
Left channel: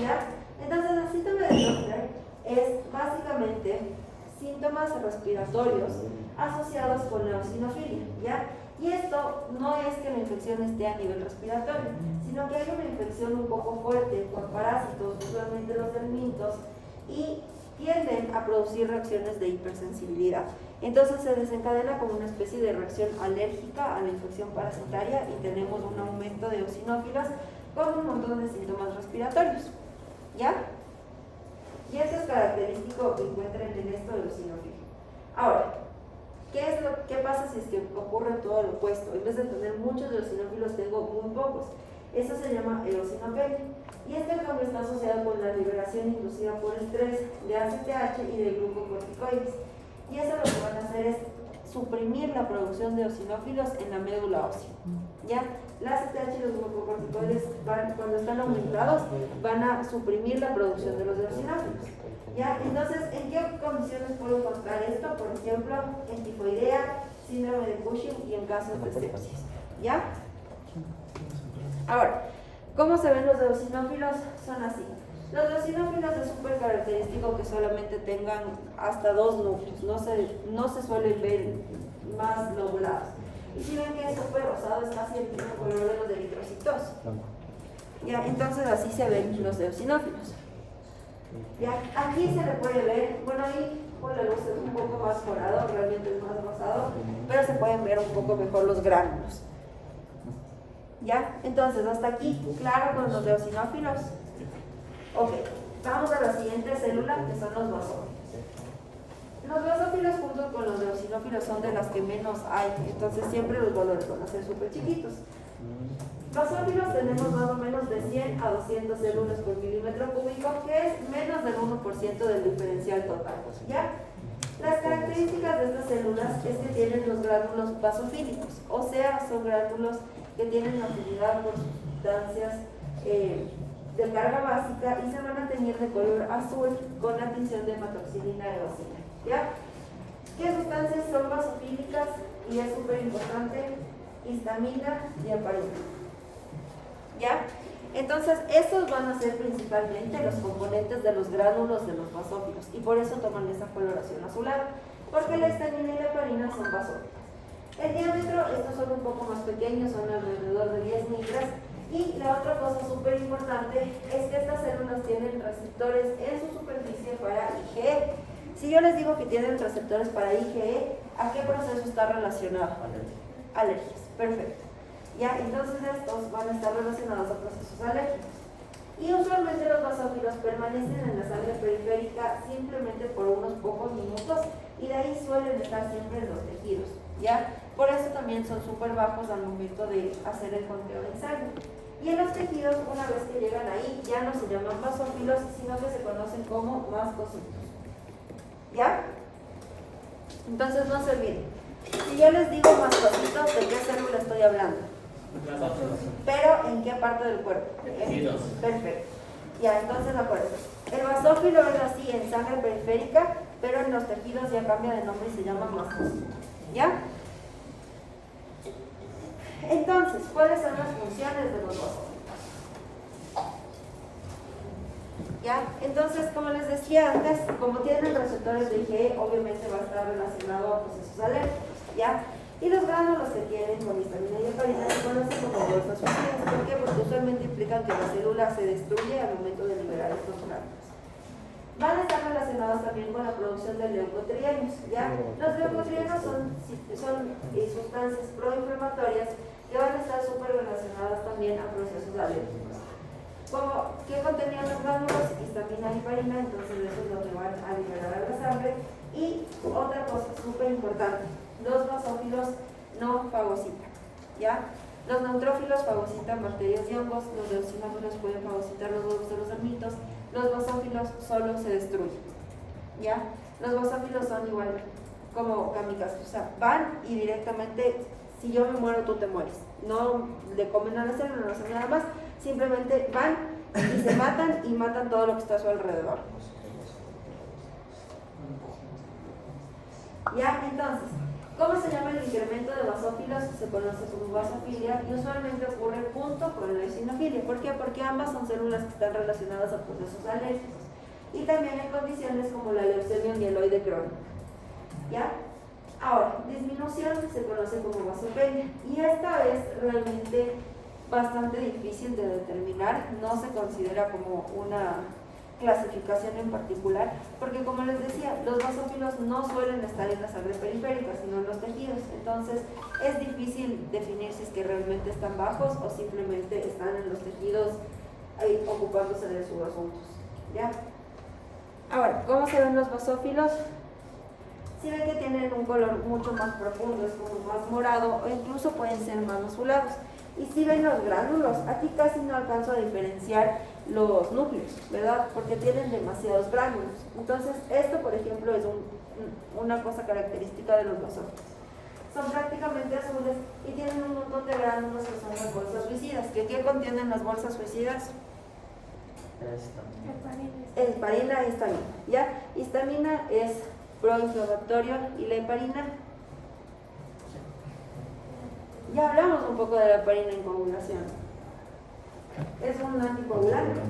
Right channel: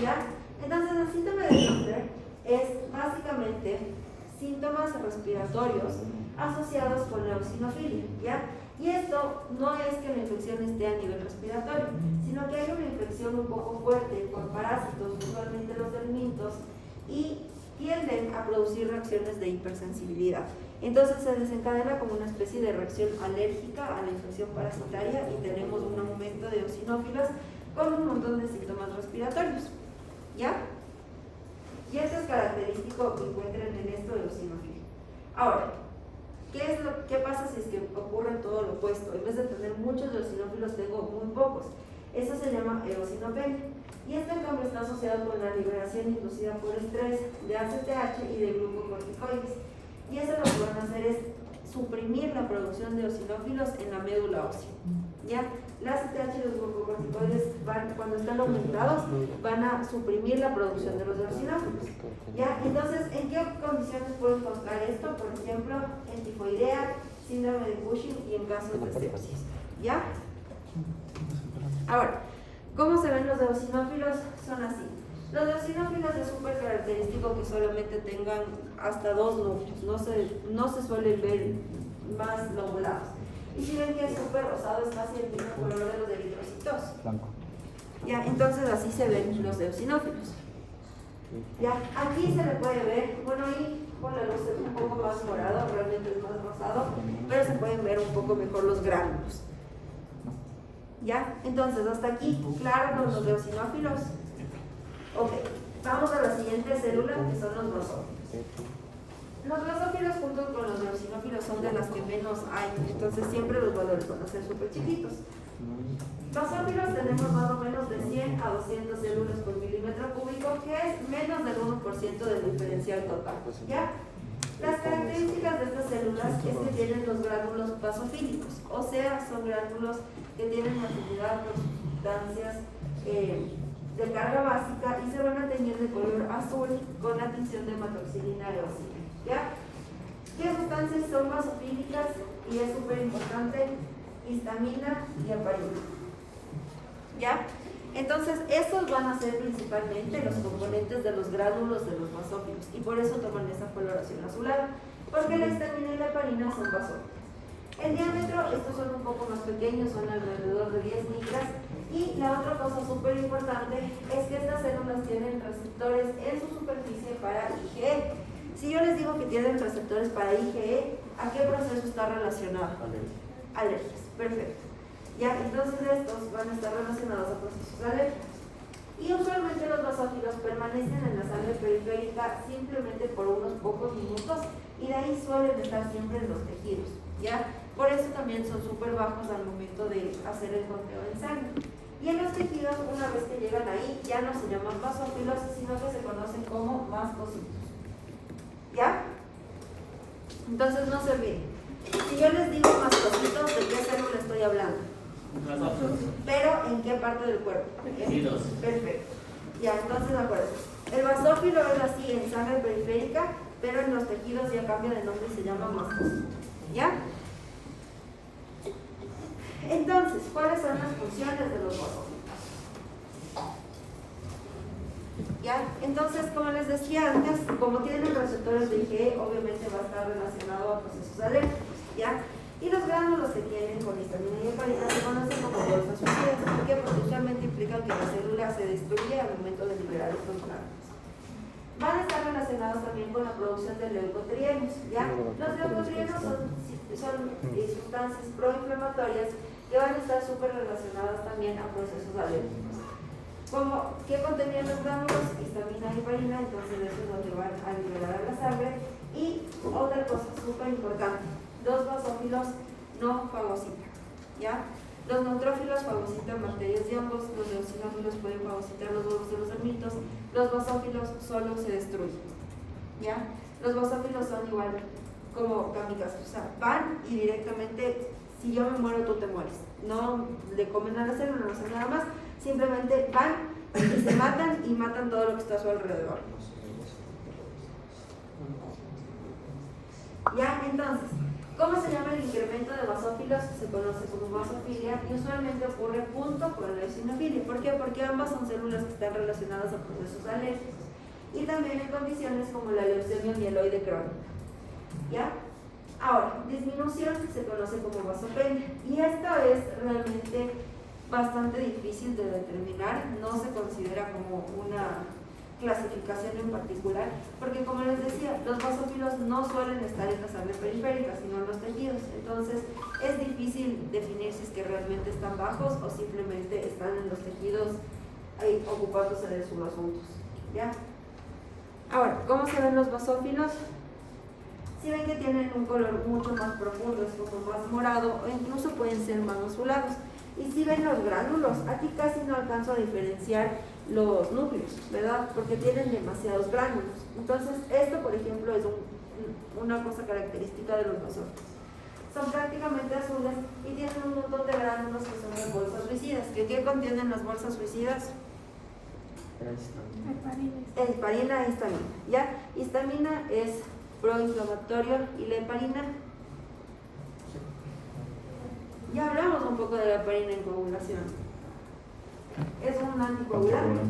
¿ya? Entonces, el síndrome de Loeffler es básicamente síntomas respiratorios asociados con la eosinofilia, ¿ya? Y esto no es que la infección esté a nivel respiratorio, sino que hay una infección un poco fuerte por parásitos, usualmente los helmintos, y tienden a producir reacciones de hipersensibilidad. Entonces se desencadena como una especie de reacción alérgica a la infección parasitaria y tenemos un aumento de eosinófilos con un montón de síntomas respiratorios. ¿Ya? Y esto es característico que encuentren en esto de eosinofilia. Ahora, ¿qué pasa si es que ocurre todo lo opuesto? En vez de tener muchos eosinófilos, tengo muy pocos. Eso se llama eosinopenia. Y esto en cambio está asociado con la liberación inducida por estrés de ACTH y de glucocorticoides. Y eso lo que van a hacer es suprimir la producción de eosinófilos en la médula ósea. ¿Ya? La ACTH y los glucocorticoides cuando están aumentados van a suprimir la producción de los eosinófilos. ¿Ya? Entonces, ¿en qué condiciones puedo encontrar esto? Por ejemplo, en tifoidea, síndrome de Cushing y en casos de sepsis. ¿Ya? Ahora, ¿cómo se ven los eosinófilos? Son así. Los eosinófilos es súper característico que solamente tengan hasta 2 núcleos, no se suelen ver más lobulados. Y si ven que es súper rosado, es casi el mismo color de los eritrocitos. Ya, entonces así se ven los eosinófilos. Ya, aquí se le puede ver, bueno, ahí con la luz es un poco más morado, realmente es más rosado, pero se pueden ver un poco mejor los gránulos. ¿Ya? Entonces, hasta aquí, claro con los eosinófilos. Ok, vamos a la siguiente célula, que son los basófilos. Los basófilos junto con los eosinófilos son de las que menos hay, entonces siempre los valores van a ser súper chiquitos. Basófilos tenemos más o menos de 100 a 200 células por milímetro cúbico, que es menos del 1% del diferencial total. ¿Ya? Las características de estas células es que tienen los gránulos basofílicos, o sea, son gránulos que tienen afinidad por sustancias de carga básica y se van a teñir de color azul con la tinción de hematoxilina eosina. ¿Ya? ¿Qué sustancias son basofílicas? Y es súper importante, histamina y heparina. ¿Ya? Entonces, estos van a ser principalmente los componentes de los gránulos de los basófilos y por eso toman esa coloración azulada, porque la histamina y la heparina son basófilos. El diámetro, estos son un poco más pequeños, son alrededor de 10 micras. Y la otra cosa súper importante es que estas células tienen receptores en su superficie para IgE. Si yo les digo que tienen receptores para IgE, ¿a qué proceso está relacionado? Alergias. Perfecto. Ya, entonces estos van a estar relacionados a procesos alérgicos. Y usualmente los basófilos permanecen en la sangre periférica simplemente por unos pocos minutos y de ahí suelen estar siempre en los tejidos. ¿Ya? Por eso también son súper bajos al momento de hacer el conteo en sangre. Y en los tejidos, una vez que llegan ahí, ya no se llaman basófilos, sino que se conocen como mastocitos. ¿Ya? Entonces no se olviden. Si yo les digo mastocitos, ¿de qué célula estoy hablando? Pero ¿en qué parte del cuerpo? Tejidos. Perfecto. Ya, entonces acuérdense. El basófilo es así en sangre periférica, pero en los tejidos ya cambia de nombre y se llama mastocito. ¿Ya? Entonces, ¿cuáles son las funciones de los basófilos? ¿Ya? Entonces, como les decía antes, como tienen receptores de IgE, obviamente va a estar relacionado a procesos alérgicos. ¿Ya? Y los gránulos que tienen con histamina y heparina se conocen como bolsas suicidas. ¿Por qué? Porque usualmente implican que la célula se destruye al momento de liberar estos gránulos. Van a estar relacionados también con la producción de leucotrienos. ¿Ya? Los leucotrienos son sustancias proinflamatorias que van a estar súper relacionadas también a procesos alérgicos. Como que contenían los gránulos, histamina y heparina, entonces eso es lo que van a liberar a la sangre. Y otra cosa súper importante, los basófilos no fagocitan, ¿ya? Los neutrófilos fagocitan bacterias y hongos, los eosinófilos pueden fagocitar los huevos de los amnitos, los basófilos solo se destruyen, ¿ya? Los basófilos son igual como kamikazes, o sea, van y directamente, si yo me muero, tú te mueres. No le comen a la célula, no hacen nada más, simplemente van y se matan y matan todo lo que está a su alrededor. ¿Ya? Entonces, ¿cómo se llama el incremento de basófilos? Se conoce como basofilia y usualmente ocurre junto con la eosinofilia. ¿Por qué? Porque ambas son células que están relacionadas a procesos alérgicos y también en condiciones como la leucemia mieloide crónica. ¿Ya? Ahora, disminución se conoce como vasopenia y esta es realmente bastante difícil de determinar, no se considera como una clasificación en particular, porque como les decía, los basófilos no suelen estar en la sangre periférica, sino en los tejidos, entonces es difícil definir si es que realmente están bajos o simplemente están en los tejidos ahí ocupándose de sus asuntos. ¿Ya? Ahora, ¿cómo se ven los basófilos? Si ven que tienen un color mucho más profundo, es como más morado o incluso pueden ser más azulados. Y si ven los gránulos, aquí casi no alcanzo a diferenciar los núcleos, ¿verdad? Porque tienen demasiados gránulos. Entonces, esto, por ejemplo, es una cosa característica de los basófilos. Son prácticamente azules y tienen un montón de gránulos que son las bolsas suicidas. ¿Qué contienen las bolsas suicidas? Heparina y histamina. ¿Ya? Histamina es proinflamatorio y la heparina. Ya hablamos un poco de la heparina en coagulación. Es un anticoagulante,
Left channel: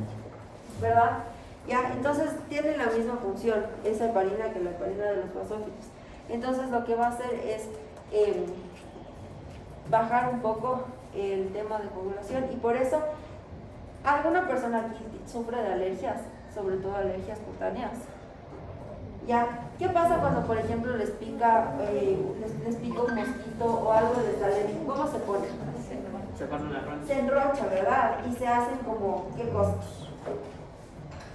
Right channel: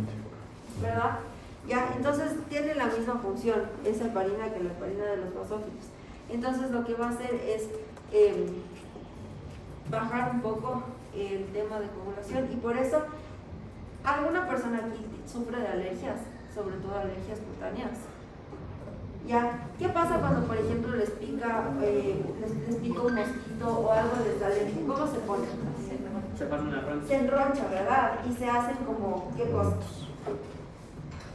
¿verdad? Ya, entonces tiene la misma función esa heparina que la heparina de los basófilos. Entonces lo que va a hacer es bajar un poco el tema de coagulación y por eso alguna persona aquí sufre de alergias, sobre todo alergias cutáneas. ¿Ya? ¿Qué pasa cuando, por ejemplo, les pica un mosquito o algo les alérgico? ¿Cómo se pone? Se enroncha, ¿verdad? Y se hacen como, ¿qué cosas?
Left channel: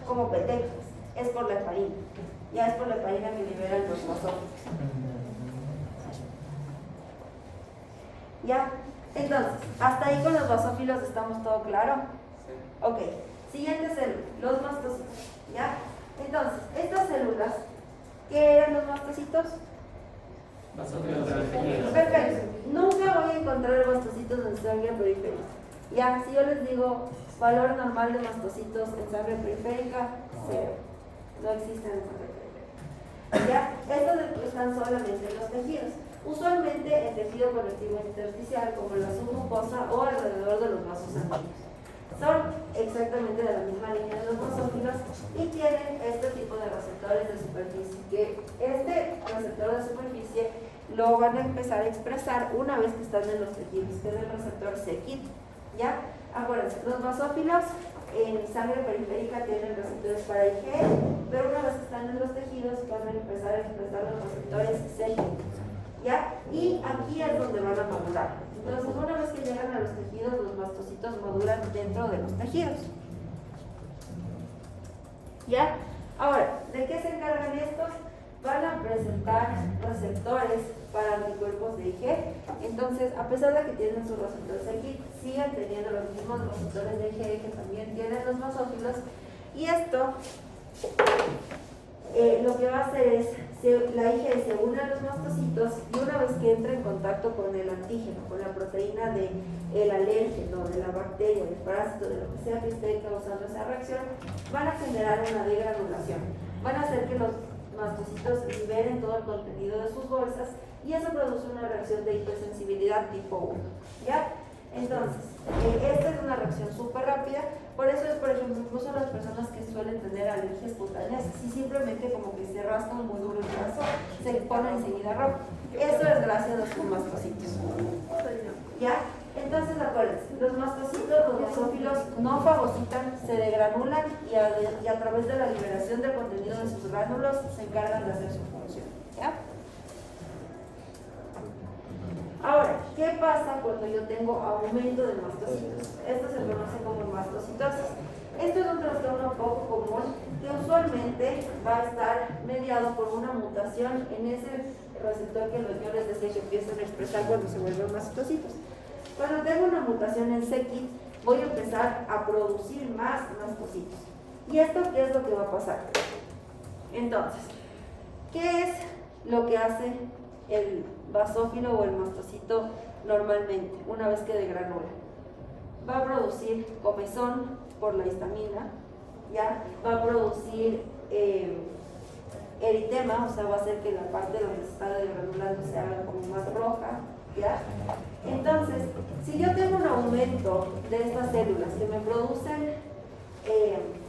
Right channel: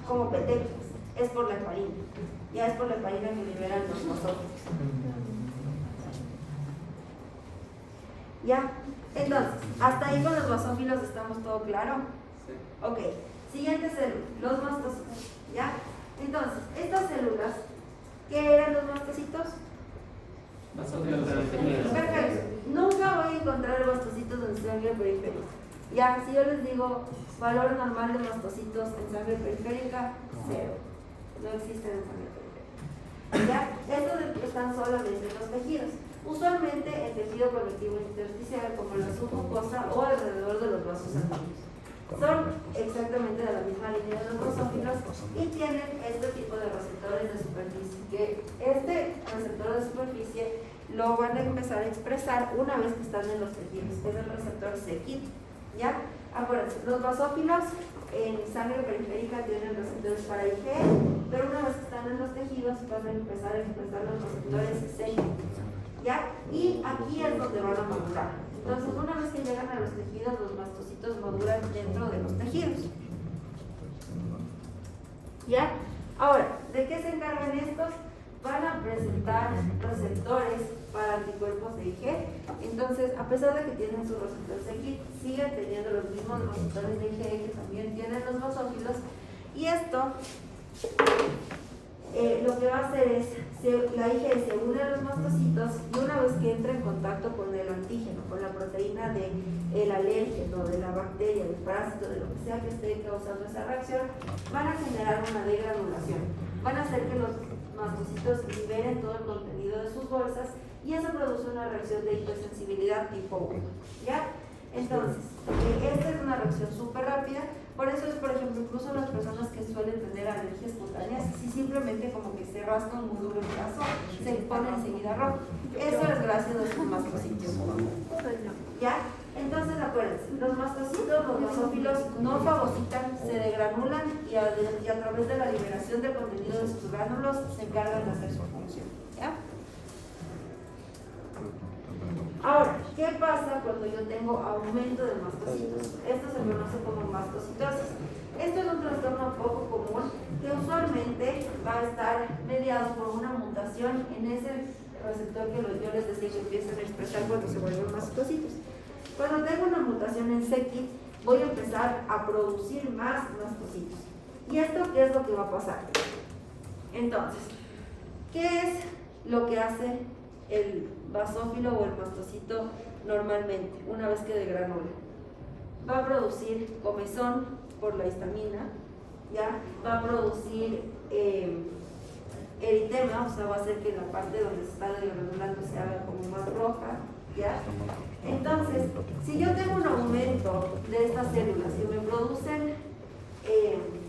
Como petecas. Es por la heparina. Ya es por la heparina que liberan los basófilos. ¿Ya? Entonces, hasta ahí con los basófilos estamos todo claro. Ok. Siguiente célula, los mastocitos. ¿Ya? Entonces, estas células, ¿qué eran los mastocitos? Perfecto. Nunca voy a encontrar mastocitos en sangre periférica. Ya, si yo les digo valor normal de mastocitos en sangre periférica, 0. No existen en sangre periférica. Ya, estos están solamente en los tejidos. Usualmente en tejido conectivo intersticial, como la submucosa o alrededor de los vasos sanguíneos. son exactamente de la misma línea de los basófilos y tienen este tipo de receptores de superficie, que este receptor de superficie lo van a empezar a expresar una vez que están en los tejidos, que es el receptor c-KIT, ¿ya? Acuérdense, los basófilos en sangre periférica tienen receptores para IgE, pero una vez que están en los tejidos van a empezar a expresar los receptores c-KIT, ¿ya? Y aquí es donde van a madurar. Entonces, una vez que llegan a los tejidos, los mastocitos maduran dentro de los tejidos, ¿ya? Ahora, ¿de qué se encargan estos? Van a presentar receptores para anticuerpos de IgE. Entonces, a pesar de que tienen sus receptores aquí, siguen teniendo los mismos receptores de IgE que también tienen los basófilos. Y esto lo que va a hacer es, la IgE se une a los mastocitos y una vez que entra en contacto con el antígeno, con la proteína del alérgeno, de la bacteria, del parásito, de lo que sea que esté causando esa reacción, van a generar una degranulación. Van a hacer que los mastocitos liberen todo el contenido de sus bolsas y eso produce una reacción de hipersensibilidad tipo 1, ¿ya? Entonces, esta es una reacción súper rápida, por eso es, por ejemplo, incluso las personas que suelen tener alergias cutáneas, si simplemente como que se rascan muy duro el brazo, se le pone enseguida rojo. Eso es gracias a sus mastocitos, ¿ya? Entonces, acuérdense, los mastocitos, los basófilos no fagocitan, se degranulan y a través de la liberación del contenido de sus gránulos se encargan de hacer su función, ¿ya? Ahora, ¿qué pasa cuando yo tengo aumento de mastocitos? Esto se conoce como mastocitosis. Esto es un trastorno poco común que usualmente va a estar mediado por una mutación en ese receptor que yo les decía que empiezan a expresar cuando se vuelven mastocitos. Cuando tengo una mutación en c-KIT, voy a empezar a producir más mastocitos. ¿Y esto qué es lo que va a pasar? Entonces, ¿qué es lo que hace el basófilo o el mastocito normalmente una vez que degranula? Va a producir comezón por la histamina, ¿ya? Va a producir eritema, o sea, va a hacer que la parte donde se está degranulando se haga como más roja, ¿ya? Entonces, si yo tengo un aumento de estas células que me producen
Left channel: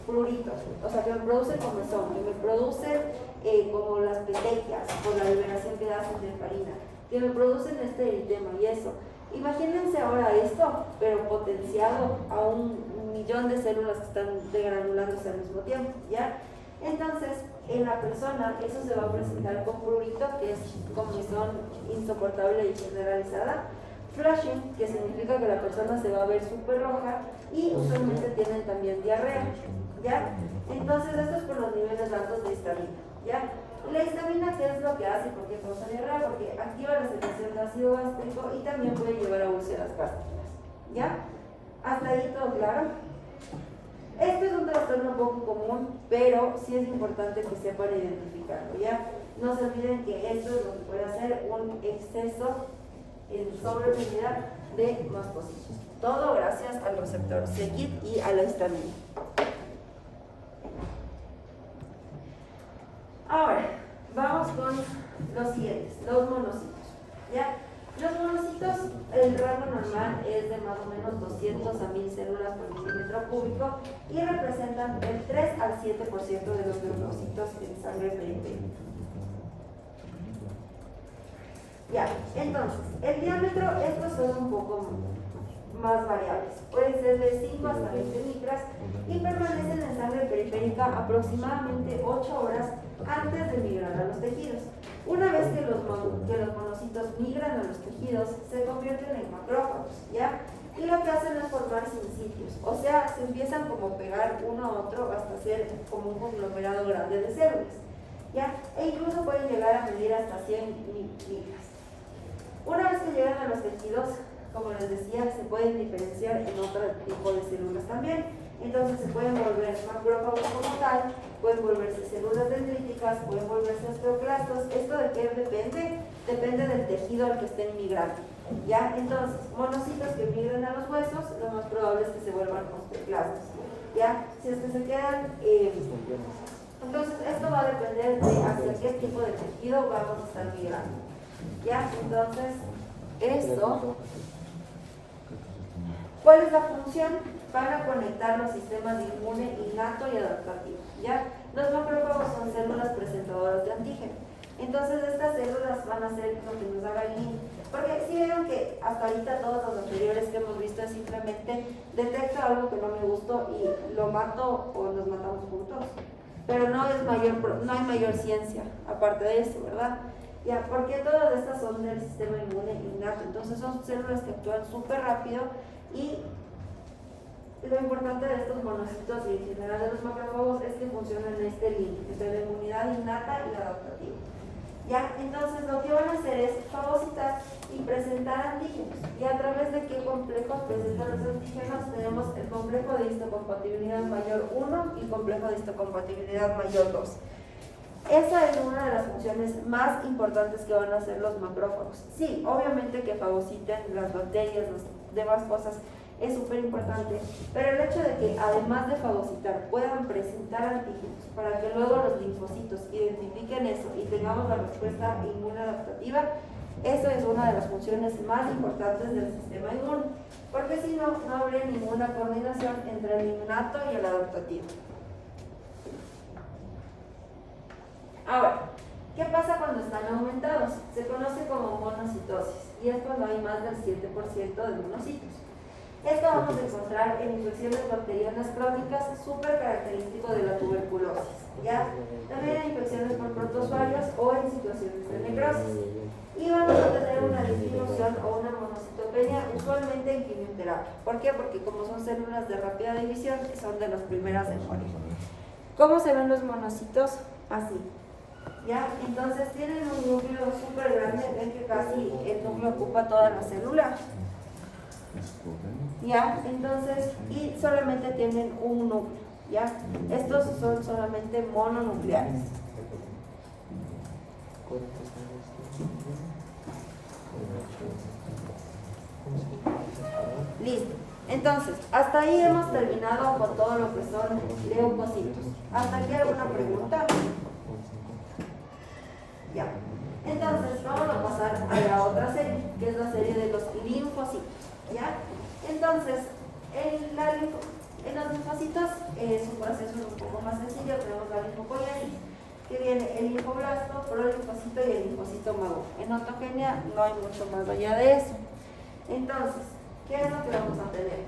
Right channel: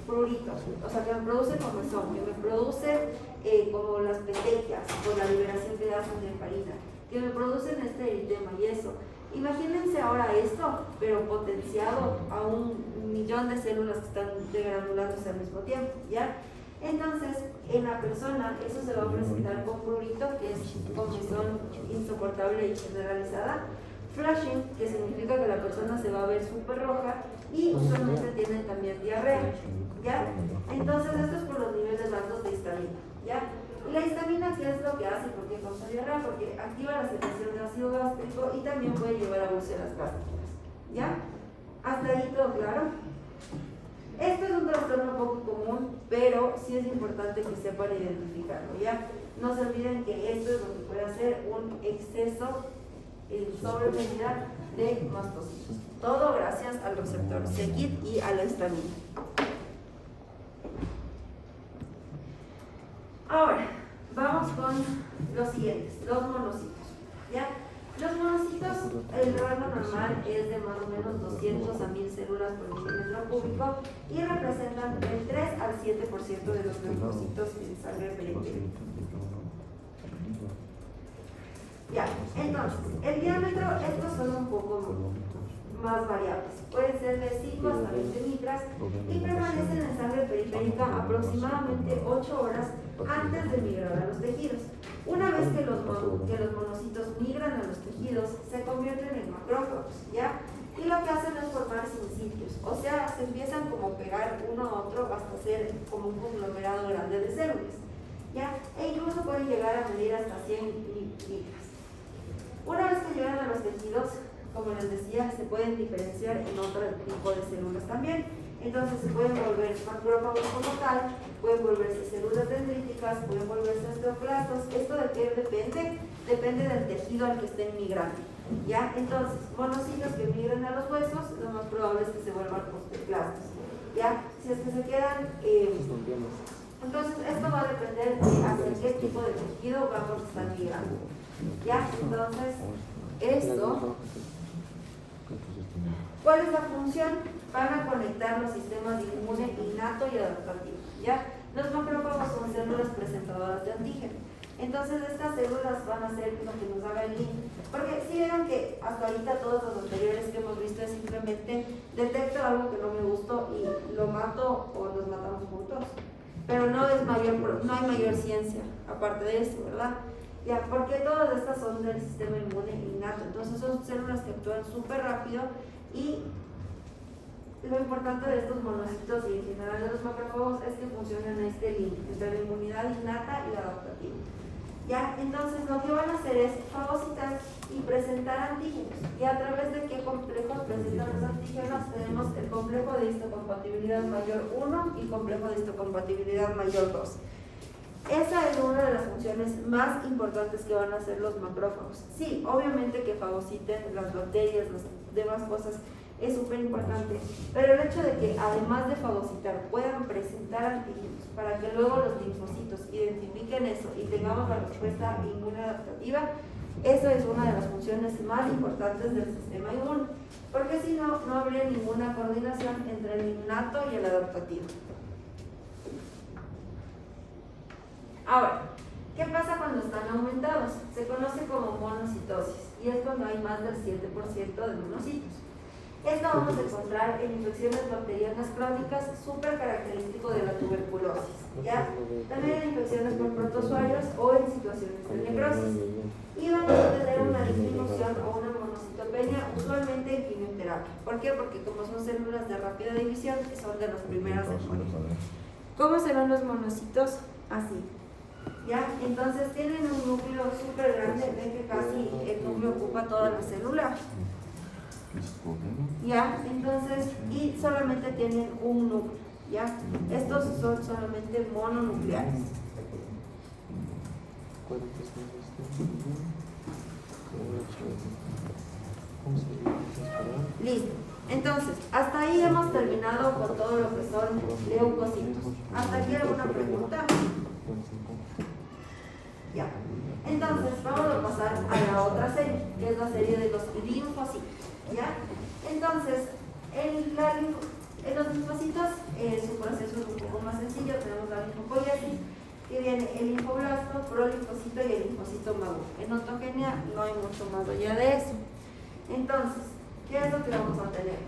prurito, o sea, que me produce comezón, que me produce como las petequias por la liberación que hacen de heparina, que me producen este eritema y eso. Imagínense ahora esto, pero potenciado a 1.000.000 de células que están degranulándose al mismo tiempo, ¿ya? Entonces, en la persona eso se va a presentar con prurito, que es comezón insoportable y generalizada, flushing, que significa que la persona se va a ver súper roja y usualmente tienen también diarrea, ¿ya? Entonces, esto es por los niveles altos de histamina, ¿ya? Y la histamina, ¿qué es lo que hace? ¿Por qué causa diarrea? Porque activa la secreción de ácido gástrico y también puede llevar a úlceras gástricas, ¿ya? ¿Hasta ahí todo claro? Esto es un trastorno poco común, pero sí es importante que sepan identificarlo, ¿ya? No se olviden que esto es lo que puede hacer un exceso en sobremedida de mastocitos. Todo gracias al receptor c-KIT y a la histamina. Ahora, vamos con los siguientes, los monocitos, ¿ya? Los monocitos, el rango normal es de más o menos 200 a 1000 células por milímetro cúbico y representan del 3 al 7% de los leucocitos en sangre periférica. Ya, entonces, el diámetro, estos son un poco más variables. Pueden ser de 5 hasta 20 micras y permanecen en sangre periférica aproximadamente 8 horas antes de migrar a los tejidos. Una vez que los monocitos migran a los tejidos, se convierten en macrófagos, ¿ya? Y lo que hacen es formar sincicios, o sea, se empiezan como pegar uno a otro hasta ser como un conglomerado grande de células, ¿ya? E incluso pueden llegar a medir hasta 100 micras. Una vez que llegan a los tejidos, como les decía, se pueden diferenciar en otro tipo de células también. Entonces se pueden volver macrófagos como tal, pueden volverse células dendríticas, pueden volverse osteoclastos. ¿Esto de qué depende? Depende del tejido al que estén migrando, ¿ya? Entonces, monocitos que migren a los huesos, lo más probable es que se vuelvan osteoclastos, ¿ya? Si es que se quedan... entonces, esto va a depender de hacia qué tipo de tejido vamos a estar migrando, ¿ya? Entonces, esto... ¿Cuál es la función? van a conectar los sistemas de inmune innato y adaptativo, ¿ya? Los macrófagos son células presentadoras de antígeno. Entonces estas células van a ser lo que nos haga el link. Porque si vean que hasta ahorita todos los anteriores que hemos visto es simplemente detecto algo que no me gustó y lo mato o nos matamos juntos. Pero no hay mayor ciencia aparte de eso, ¿verdad? Ya, porque todas estas son del sistema inmune innato. Entonces son células que actúan súper rápido y lo importante de estos monocitos y en general de los macrófagos es que funcionan en este link entre la inmunidad innata y la adaptativa. ¿Ya? Entonces lo que van a hacer es fagocitar y presentar antígenos. ¿Y a través de qué complejos presentan los antígenos? Tenemos el complejo de histocompatibilidad mayor 1 y complejo de histocompatibilidad mayor 2. Esa es una de las funciones más importantes que van a hacer los macrófagos. Sí, obviamente que fagociten las bacterias, las demás cosas, es súper importante, pero el hecho de que además de fagocitar puedan presentar antígenos para que luego los linfocitos identifiquen eso y tengamos la respuesta inmune adaptativa, eso es una de las funciones más importantes del sistema inmune, porque si no, no habría ninguna coordinación entre el innato y el adaptativo. Ahora, ¿qué pasa cuando están aumentados? Se conoce como monocitosis y es cuando hay más del 7% de monocitos. Esto vamos a encontrar en infecciones bacterianas crónicas, súper característico de la tuberculosis, ¿ya? También en infecciones por protozoarios o en situaciones de necrosis. Y vamos a tener una disminución o una monocitopenia usualmente en quimioterapia. ¿Por qué? Porque como son células de rápida división, son de las primeras de morir. ¿Cómo se ven los monocitos? Así. ¿Ya? Entonces tienen un núcleo súper grande, ven que casi el núcleo ocupa toda la célula. ¿Ya? Entonces, y solamente tienen un núcleo, ¿ya? Estos son solamente mononucleares. Listo. Entonces, hasta ahí hemos terminado con todo lo que son leucocitos. ¿Hasta aquí alguna pregunta? Ya. Entonces, vamos a pasar a la otra serie, que es la serie de los linfocitos. ¿Ya? Entonces, en los linfocitos su proceso es un poco más sencillo. Tenemos la linfopoiesis, que viene el linfoblasto, prolinfocito y el linfocito maduro. En autogenia no hay mucho más allá de eso. Entonces, ¿qué es lo que vamos a tener?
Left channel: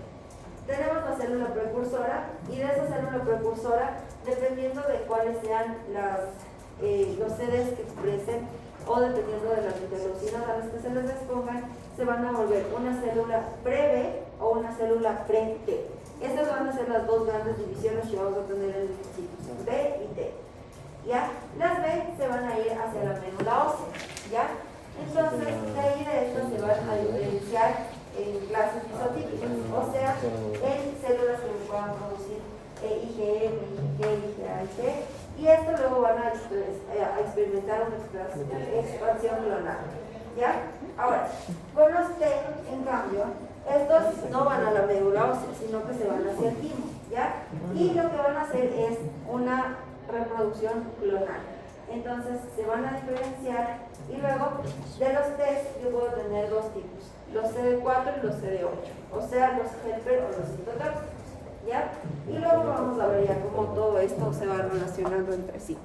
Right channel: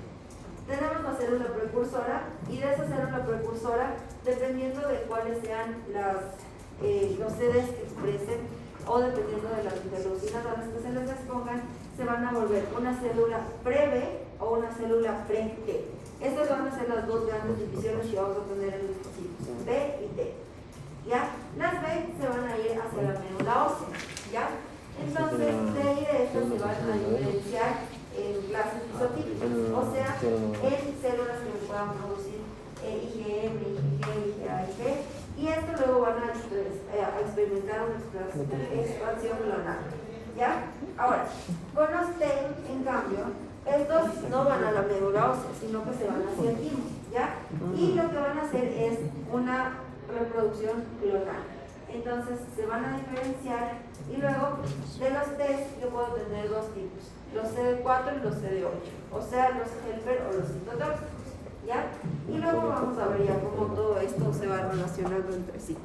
Tenemos la célula precursora y de esa célula precursora, dependiendo de cuáles sean los sedes que expresen o dependiendo de las interleucinas a las que se les expongan, se van a volver una célula pre-B o una célula pre-T. Estas van a ser las dos grandes divisiones que vamos a tener en linfocitos, B y T. ¿Ya? Las B se van a ir hacia la médula ósea, ¿ya? Entonces, de ahí de estas se van a diferenciar en clases isotípicas, o sea, en células que puedan producir IgM, IgG, IgA, Ig, y esto luego van a experimentar una expansión clonal. ¿Ya? Ahora, con los T, en cambio, estos no van a la médula ósea, sino que se van hacia el timo, ¿ya? Y lo que van a hacer es una reproducción clonal. Entonces, se van a diferenciar y luego de los T yo puedo tener dos tipos, los CD4 y los CD8, o sea, los helper o los citotóxicos, ¿ya? Y luego vamos a ver ya cómo todo esto se va relacionando entre sí.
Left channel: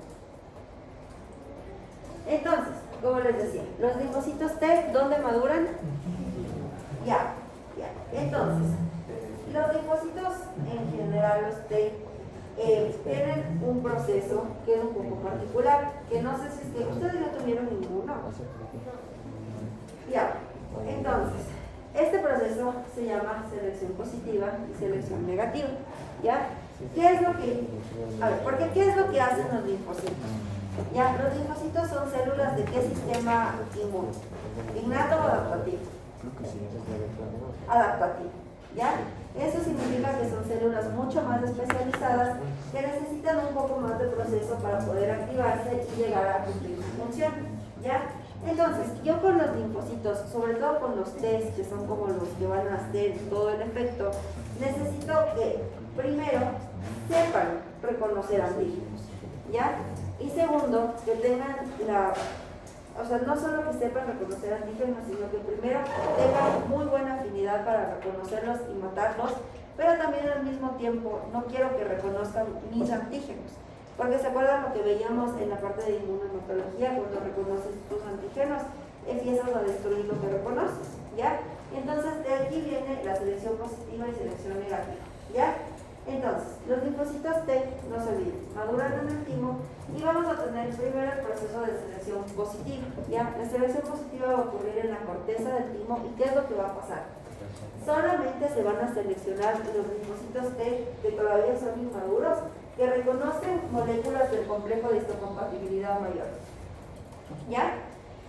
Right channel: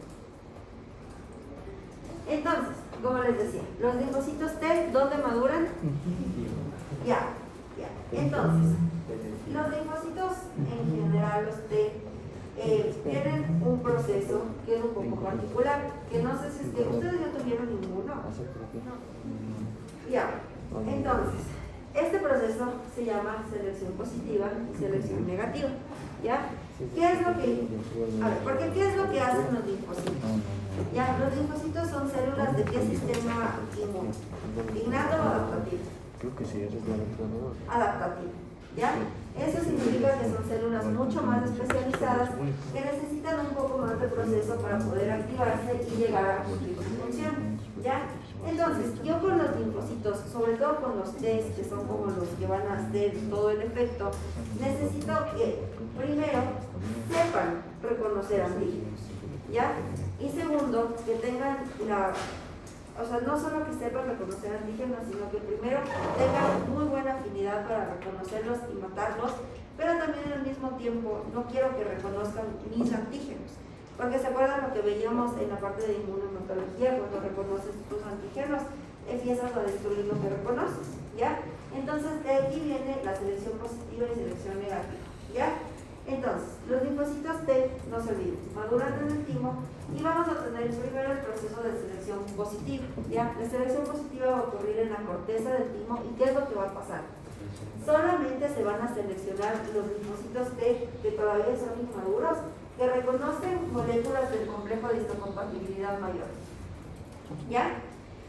Entonces, como les decía, los linfocitos T, ¿dónde maduran? Ya. Entonces, los linfocitos en general, los T, tienen un proceso que es un poco particular, que no sé si ustedes no tuvieron ninguno. Ya. Entonces, este proceso se llama selección positiva y selección negativa. ¿Ya? ¿Qué es lo que, porque qué es lo que hacen los linfocitos? Ya, los linfocitos son células de qué sistema inmune, innato o adaptativo. Adaptativo, ¿ya? Eso significa que son células mucho más especializadas que necesitan un poco más de proceso para poder activarse y llegar a cumplir su función, ¿ya? Entonces, yo con los linfocitos, sobre todo con los T, que son como los que van a hacer todo el efecto, necesito que primero sepan reconocer antígenos, ¿ya? Y segundo, que tengan no solo que sepan reconocer antígenos, sino que primero tengan muy buena afinidad para reconocerlos y matarlos pero también al mismo tiempo no quiero que reconozcan mis antígenos, porque se acuerdan lo que veíamos en la parte de inmunohematología, cuando reconoces tus antígenos, empiezas a destruir lo que reconoces, ¿ya? Entonces, de aquí viene la selección positiva y selección negativa, ¿ya? Entonces, los linfocitos T, no se olviden, maduran en el timo y vamos a tener primero el proceso de selección positiva, ¿ya? La selección positiva va a ocurrir en la corteza del timo y ¿qué es lo que va a pasar? Solamente se van a seleccionar los linfocitos T que todavía son inmaduros, que reconocen moléculas del complejo de histocompatibilidad mayor, ¿ya?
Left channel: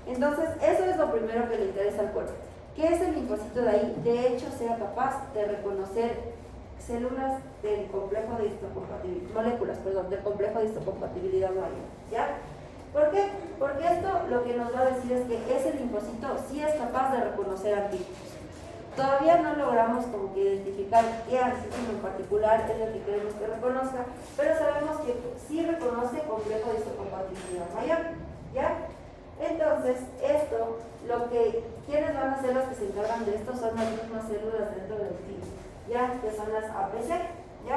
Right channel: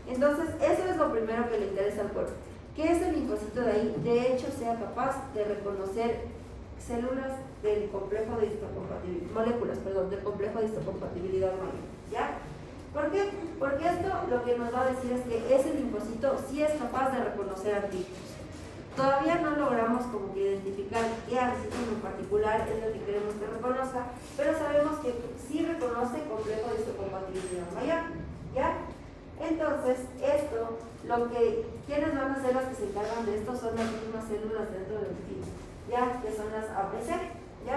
Entonces, eso es lo primero que le interesa al cuerpo, que ese linfocito de ahí, de hecho, sea capaz de reconocer células del complejo de histocompatibilidad, moléculas, perdón, del complejo de histocompatibilidad mayor, ¿ya? ¿Por qué? Porque esto lo que nos va a decir es que ese linfocito sí es capaz de reconocer antígenos. Todavía no logramos como que identificar qué antígeno en particular es el que queremos que reconozca, pero sabemos que sí reconoce complejo de histocompatibilidad mayor, ¿ya? Entonces, esto, ¿quiénes van a ser los que se encargan de esto? Son las mismas células dentro del timo, ¿ya? Que son las APC, ¿ya?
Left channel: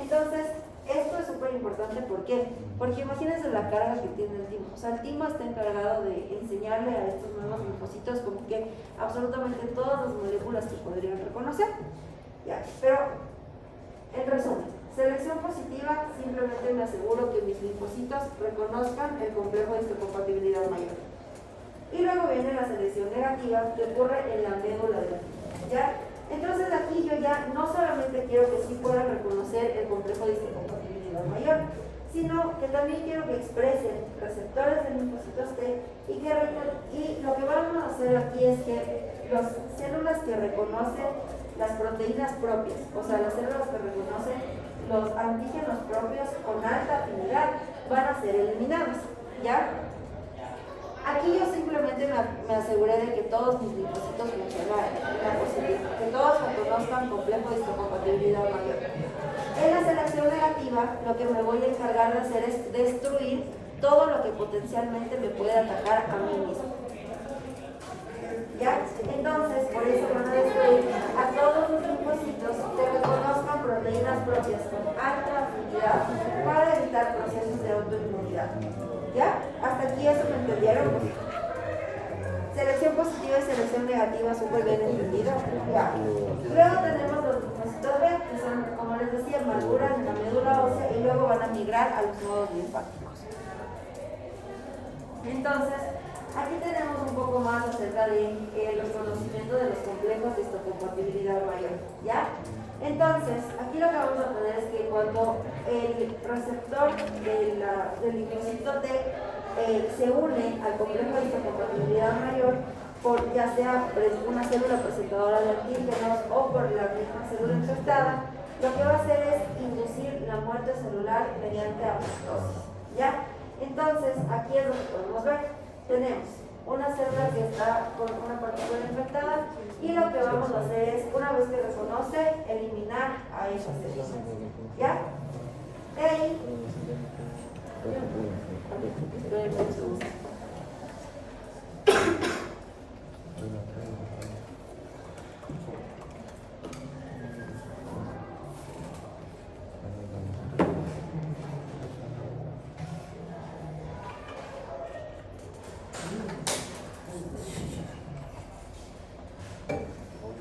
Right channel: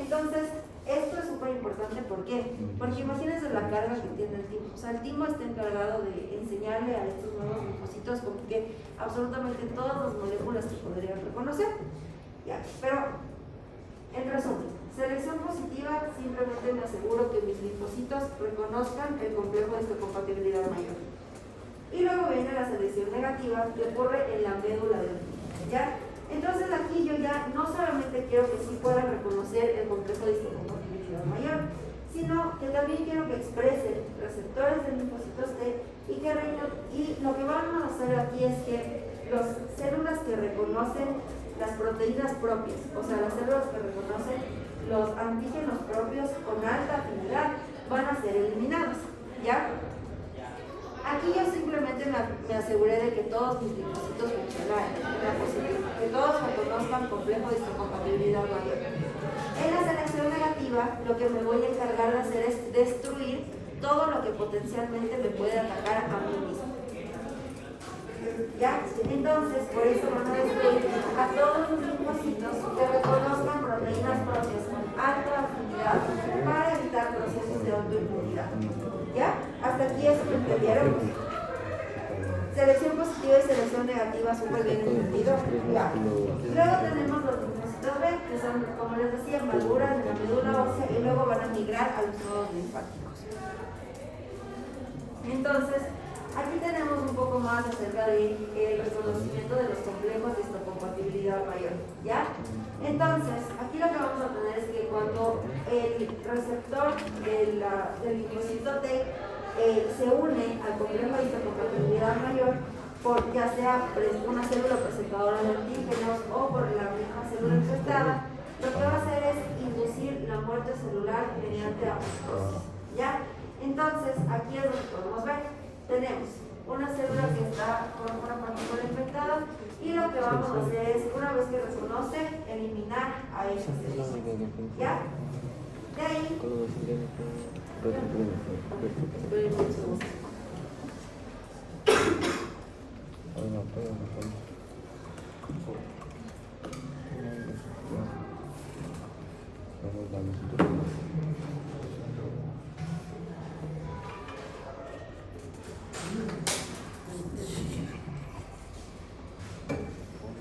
Entonces, esto es súper importante, ¿por qué? Porque imagínense la carga que tiene el timo. O sea, el timo está encargado de enseñarle a estos nuevos linfocitos como que absolutamente todas las moléculas que podrían reconocer, ¿ya? Pero, en resumen, selección positiva, simplemente me aseguro que mis linfocitos reconozcan el complejo de histocompatibilidad mayor. Y luego viene la selección negativa que ocurre en la médula del timo, ¿ya? Entonces aquí yo ya no solamente quiero que sí puedan reconocer el complejo de histocompatibilidad mayor, sino que también quiero que expresen receptores de linfocitos T y lo que vamos a hacer aquí es que las células que reconocen las proteínas propias, o sea, las células que reconocen los antígenos propios con alta afinidad van a ser eliminadas, ¿ya? Aquí yo simplemente me aseguré de que todos mis linfocitos funcionaran, que todos reconozcan complejo de histocompatibilidad mayor. En la selección negativa, lo que me voy a encargar de hacer es destruir todo lo que potencialmente me puede atacar a mí mismo. ¿Ya? Entonces, por eso van a destruir a todos los linfocitos que reconozcan proteínas propias con alta afinidad para evitar procesos de autoinmunidad. ¿Ya? Hasta aquí eso lo entendieron. Selección positiva y selección negativa, súper bien entendido. ¿Ya? Y luego tenemos los linfocitos B, que son, como les decía, maduran en la médula ósea y luego van a migrar a los nodos linfáticos. Entonces, aquí tenemos un poco más acerca del reconocimiento de los complejos de histocompatibilidad mayor, ¿ya? Entonces, aquí lo que vamos a tener es que cuando el receptor del linfocito T se une al complejo de histocompatibilidad mayor, por ya sea una célula presentadora de antígenos o por la misma célula infectada, lo que va a hacer es inducir la muerte celular mediante apoptosis, ¿ya? Entonces, aquí es donde podemos ver, tenemos una célula que está con una partícula infectada y lo que vamos a hacer es, una vez que reconoce, eliminar a esa célula, ¿ya? De ahí,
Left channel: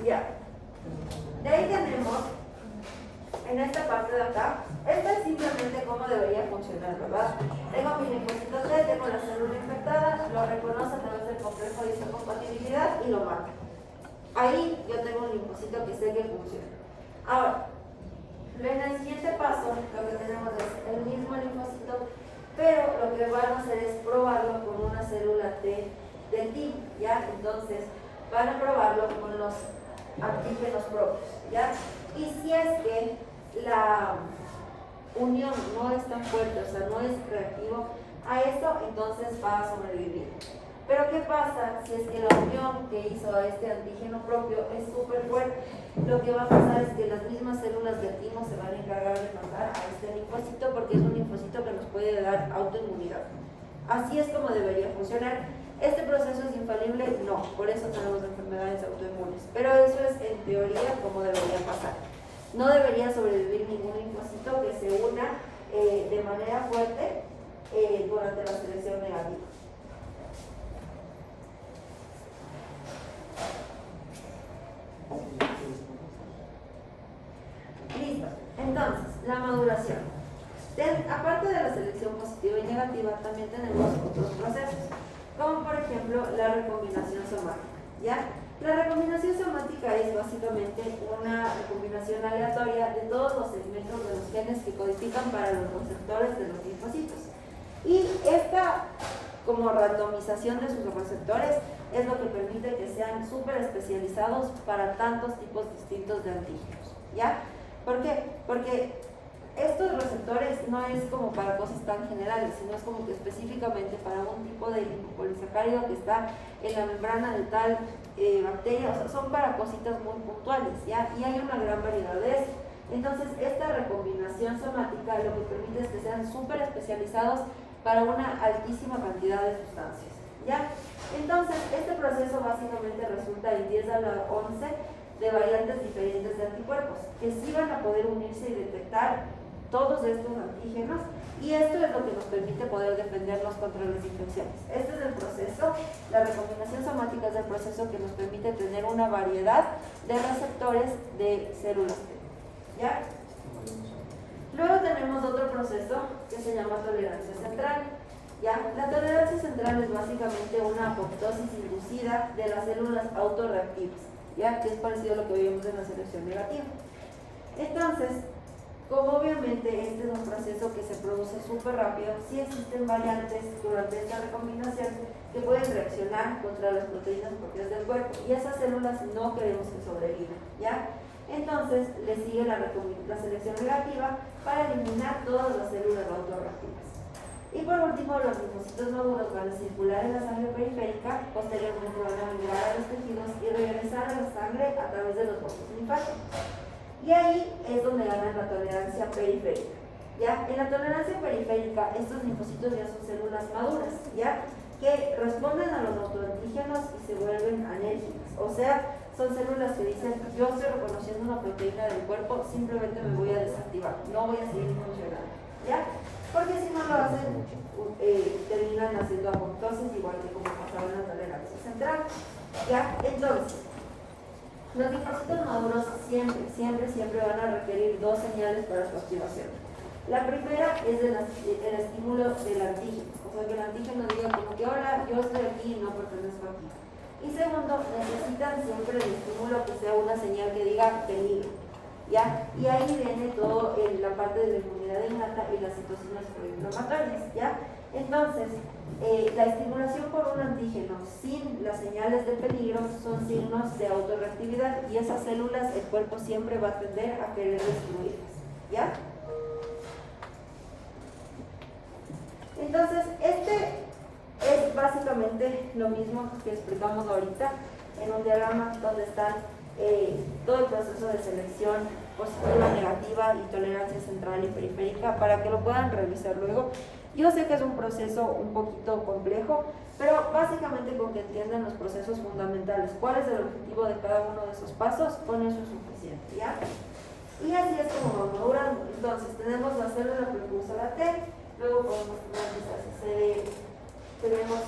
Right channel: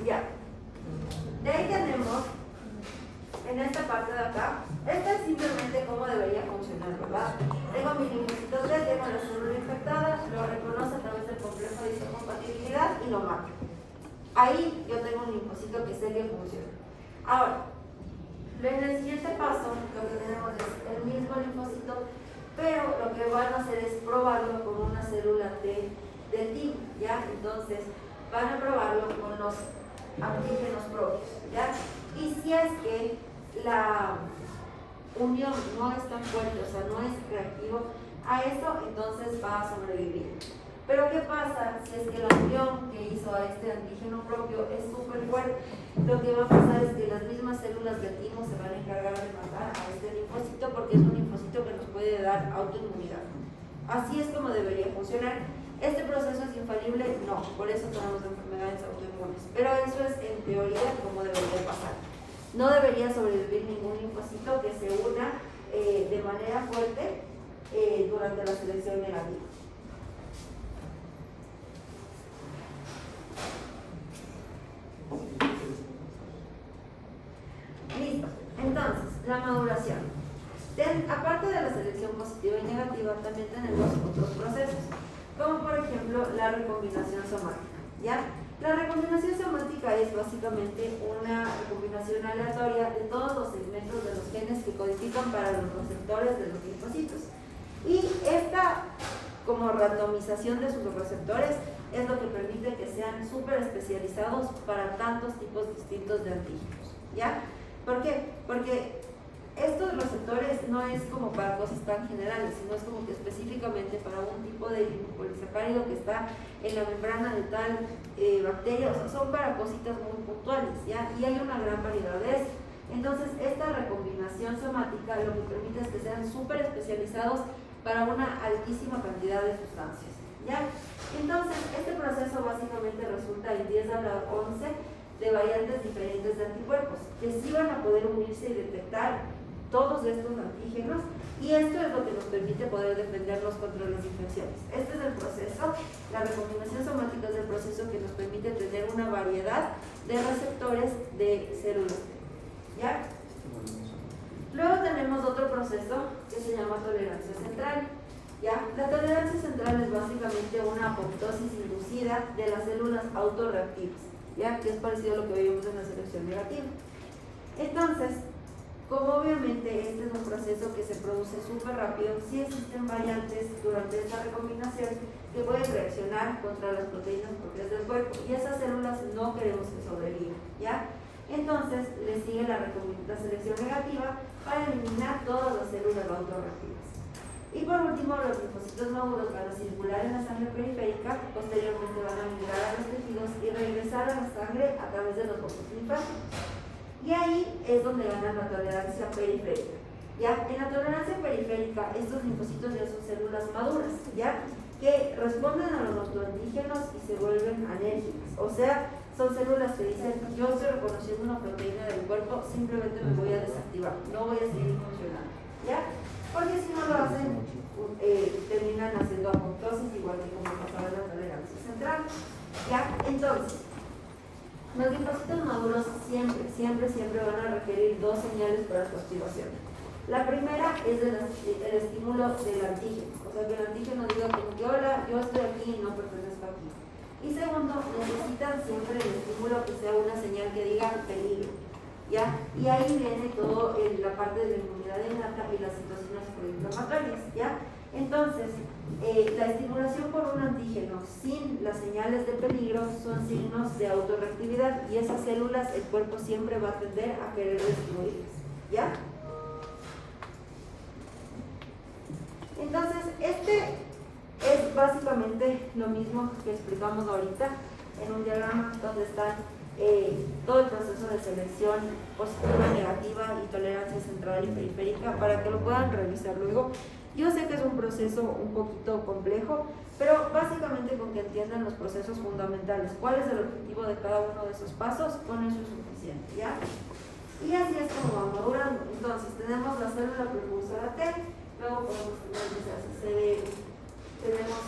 ya. De ahí tenemos, en esta parte de acá, esto es simplemente cómo debería funcionar, ¿verdad? Tengo mi linfocito T, tengo la célula infectada, lo reconoce a través del complejo de histocompatibilidad y lo mata. Ahí yo tengo un linfocito que sé que funciona. Ahora, en el siguiente paso, lo que tenemos es el mismo linfocito, pero lo que van a hacer es probarlo con una célula T de timo, ¿ya? Entonces, van a probarlo con los antígenos propios, ¿ya? Y si es que la unión no es tan fuerte, o sea, no es reactivo a esto, entonces va a sobrevivir. Pero ¿qué pasa si es que la unión que hizo a este antígeno propio es súper fuerte? Lo que va a pasar es que las mismas células de timo se van a encargar de matar a este linfocito porque es un linfocito que nos puede dar autoinmunidad. Así es como debería funcionar. ¿Este proceso es infalible? No, por eso tenemos enfermedades autoinmunes. Pero eso es en teoría como debería pasar. no debería sobrevivir ningún linfocito que se una de manera fuerte durante la selección negativa. Listo. Entonces, la maduración. Aparte de la selección positiva y negativa, también tenemos otros procesos, como por ejemplo la recombinación somática. ¿Ya? La recombinación somática es básicamente una recombinación aleatoria de todos los segmentos de los genes que codifican para los receptores de los linfocitos. Y esta como randomización de sus receptores es lo que permite que sean súper especializados para tantos tipos distintos de antígenos. ¿Ya? ¿Por qué? Porque estos receptores no es como para cosas tan generales, sino es como que específicamente para un tipo de polisacárido que está en la membrana de tal bacteria, o sea, son para cositas muy puntuales, ¿ya? Y hay una gran variedad de eso. Entonces, esta recombinación somática lo que permite es que sean súper especializados para una altísima cantidad de sustancias, ¿ya? Entonces, este proceso básicamente resulta en 10 a la 11 de variantes diferentes de anticuerpos, que sí van a poder unirse y detectar todos estos antígenos, y esto es lo que nos permite poder defendernos contra las infecciones. Este es el proceso, la recombinación somática es el proceso que nos permite tener una variedad de receptores de células, ¿ya? Luego tenemos otro proceso que se llama tolerancia central, ¿ya? La tolerancia central es básicamente una apoptosis inducida de las células autorreactivas, ¿ya? Que es parecido a lo que vimos en la selección negativa. Entonces, como obviamente este es un proceso que se produce súper rápido, sí existen variantes durante esta recombinación que pueden reaccionar contra las proteínas propias del cuerpo, y esas células no queremos que sobrevivan, ¿ya? Entonces le sigue la selección negativa para eliminar todas las células autorreactivas. Y por último, los linfocitos maduros van a circular en la sangre periférica, posteriormente van a migrar a los tejidos y regresar a la sangre a través de los vasos linfáticos. Y ahí es donde ganan la tolerancia periférica, ¿ya? En la tolerancia periférica, estos linfocitos ya son células maduras, ¿ya? Que responden a los autoantígenos y se vuelven anérgicas. O sea, son células que dicen, yo estoy reconociendo una proteína del cuerpo, simplemente me voy a desactivar, no voy a seguir funcionando, ¿ya? Porque si no lo hacen, terminan haciendo apoptosis, igual que como pasaba en la tolerancia central, ¿ya? Entonces, los linfocitos maduros siempre van a requerir dos señales para su activación. La primera es el estímulo del antígeno, o sea, que el antígeno diga como que hola, yo estoy aquí y no pertenezco aquí. Y segundo, necesitan siempre el estímulo que sea una señal que diga peligro, ¿ya? Y ahí viene todo la parte de la inmunidad innata y las citocinas proinflamatorias, ¿ya? Entonces, la estimulación por un antígeno sin las señales de peligro son signos de autorreactividad, y esas células el cuerpo siempre va a tender a querer destruirlas, ¿ya? Entonces, este es básicamente lo mismo que explicamos ahorita en un diagrama donde están todo el proceso de selección positiva, negativa y tolerancia central y periférica, para que lo puedan revisar luego. Yo sé que es un proceso un poquito complejo, pero básicamente con que entiendan los procesos fundamentales, cuál es el objetivo de cada uno de esos pasos, con eso es suficiente, ¿ya? Y así es como va madurando. Entonces tenemos la célula propulsora T, luego podemos tener CD, tenemos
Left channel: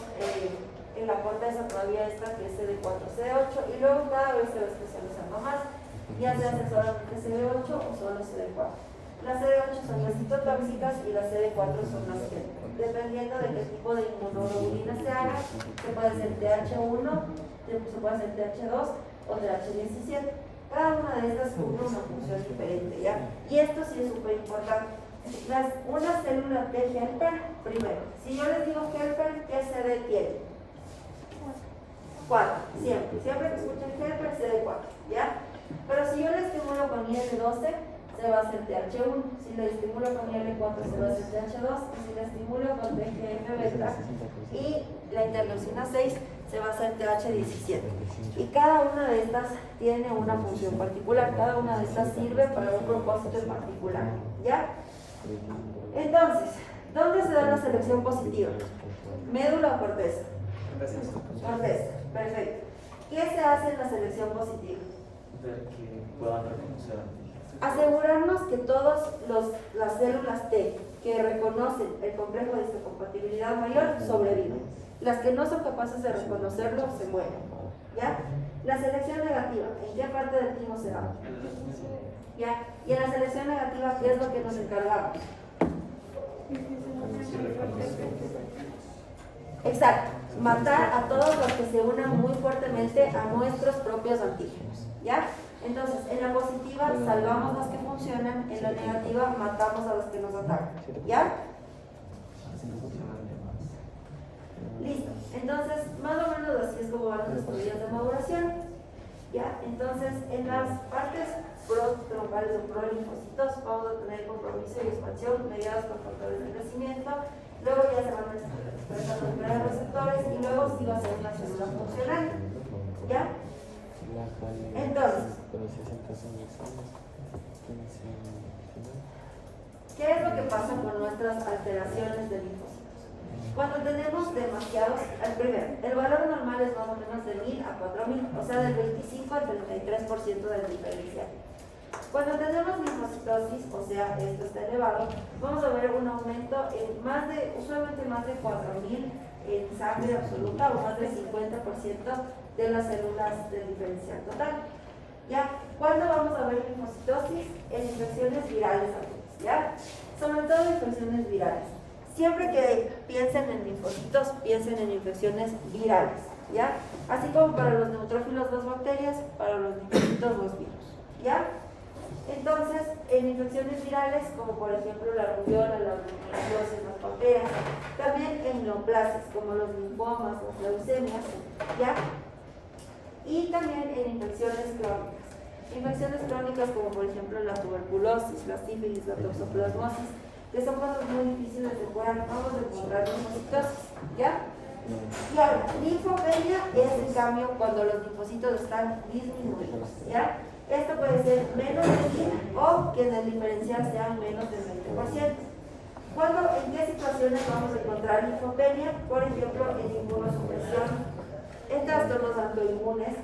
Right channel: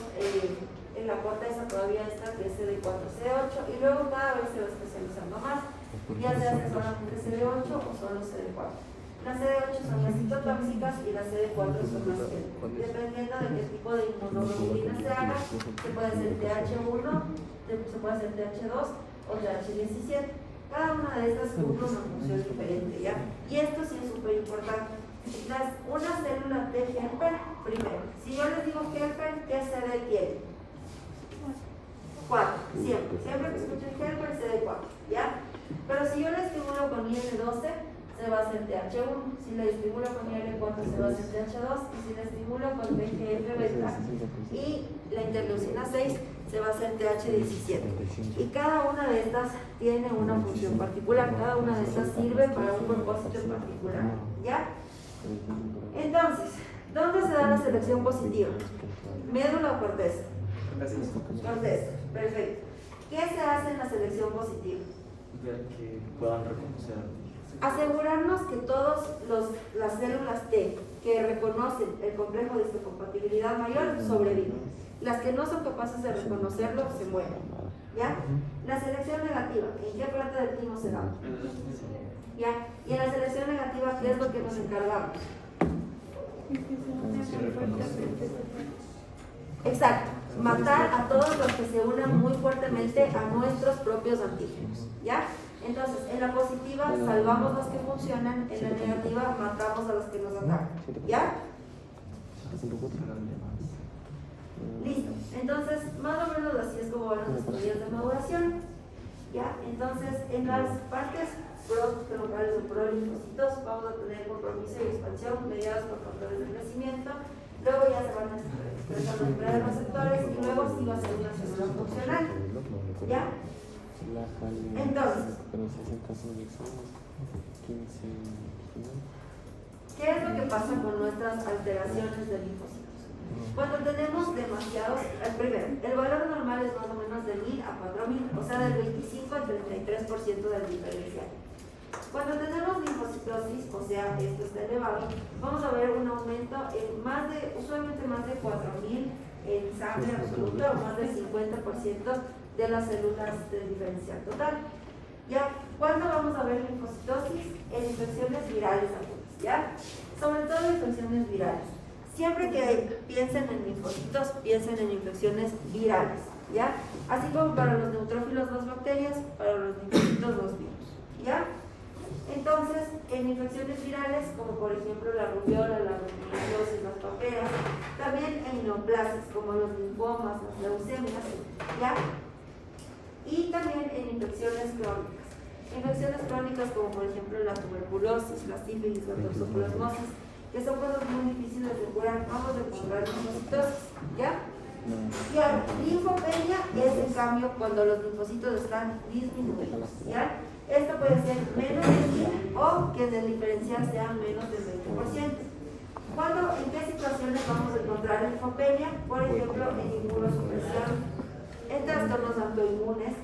en la corteza todavía esta que es CD4, CD8, y luego cada vez se va especializando más, ya se hace solamente CD8 o solo CD4. Las CD8 son las citotóxicas y las CD4 son las que, dependiendo de qué tipo de inmunoglobulina se haga, se puede hacer TH1, se puede hacer TH2 o TH17. Cada una de estas cumple una función diferente, ¿ya? Y esto sí es súper importante. Una célula T helper, primero, si yo les digo helper, ¿qué CD tiene? 4, siempre que escuchen helper, CD4, ¿ya? Pero si yo le estimulo con IL-12, se va a hacer TH1, si le estimulo con IL-4 se va a hacer TH2, y si le estimulo con TGF-beta y la interleucina 6 se va a hacer TH17. Y cada una de estas tiene una función particular, cada una de estas sirve para un propósito en particular, ¿ya? Entonces, ¿dónde se da la selección positiva? ¿Médula o corteza? Corteza, perfecto. ¿Qué se hace en la selección positiva? Ver que puedan reconocer asegurarnos que todas las células T que reconocen el complejo de histocompatibilidad mayor sobreviven. Las que no son capaces de reconocerlo se mueren. ¿Ya? La selección negativa, ¿en qué parte del timo se da? ¿Ya? Y en la selección negativa, ¿qué es lo que nos encargamos? Exacto, matar a todos los que se unan muy fuertemente a nuestros propios antígenos. ¿Ya? Entonces, en la positiva salvamos los que funcionan, en la negativa matamos a los que nos atacan. ¿Ya? Listo. Entonces, más o menos así es como van los estudios de maduración. ¿Ya? Entonces, en las partes troncales de prolinfocitos vamos a tener compromiso y expansión mediados por factores de crecimiento. Luego ya se van a expresar los primeros receptores y luego sí va a ser una célula funcional. ¿Ya? Entonces, ¿qué es lo que pasa con nuestras alteraciones de linfocitos? Cuando tenemos demasiados, primero, el valor normal es más o menos de 1000 a 4000, o sea, del 25 al 33% del diferencial. Cuando tenemos linfocitosis, o sea, esto está elevado, vamos a ver un aumento en usualmente más de 4000 en sangre absoluta o más del 50% de las células del diferencial total. ¿Ya? ¿Cuándo vamos a ver linfocitosis? En infecciones virales agudas, ¿ya? Sobre todo infecciones virales. Siempre que piensen en linfocitos, piensen en infecciones virales, ¿ya? Así como para los neutrófilos las bacterias, para los linfocitos los virus, ¿ya? Entonces, en infecciones virales, como por ejemplo la rubiola, la bronquiolitis, las paperas, también en neoplasias, como los linfomas, las leucemias, ¿ya? Y también en infecciones crónicas. Infecciones crónicas como por ejemplo la tuberculosis, la sífilis, la toxoplasmosis, que son cosas muy difíciles de curar, vamos a encontrar linfocitosis, ¿ya? Y ahora, linfopenia es en cambio cuando los linfocitos están disminuidos, ¿ya? Esto puede ser menos de 1000 o que en el diferencial sean menos del 20%. ¿En qué situaciones vamos a encontrar linfopenia? Por ejemplo, en inmunosupresión, en trastornos autoinmunes,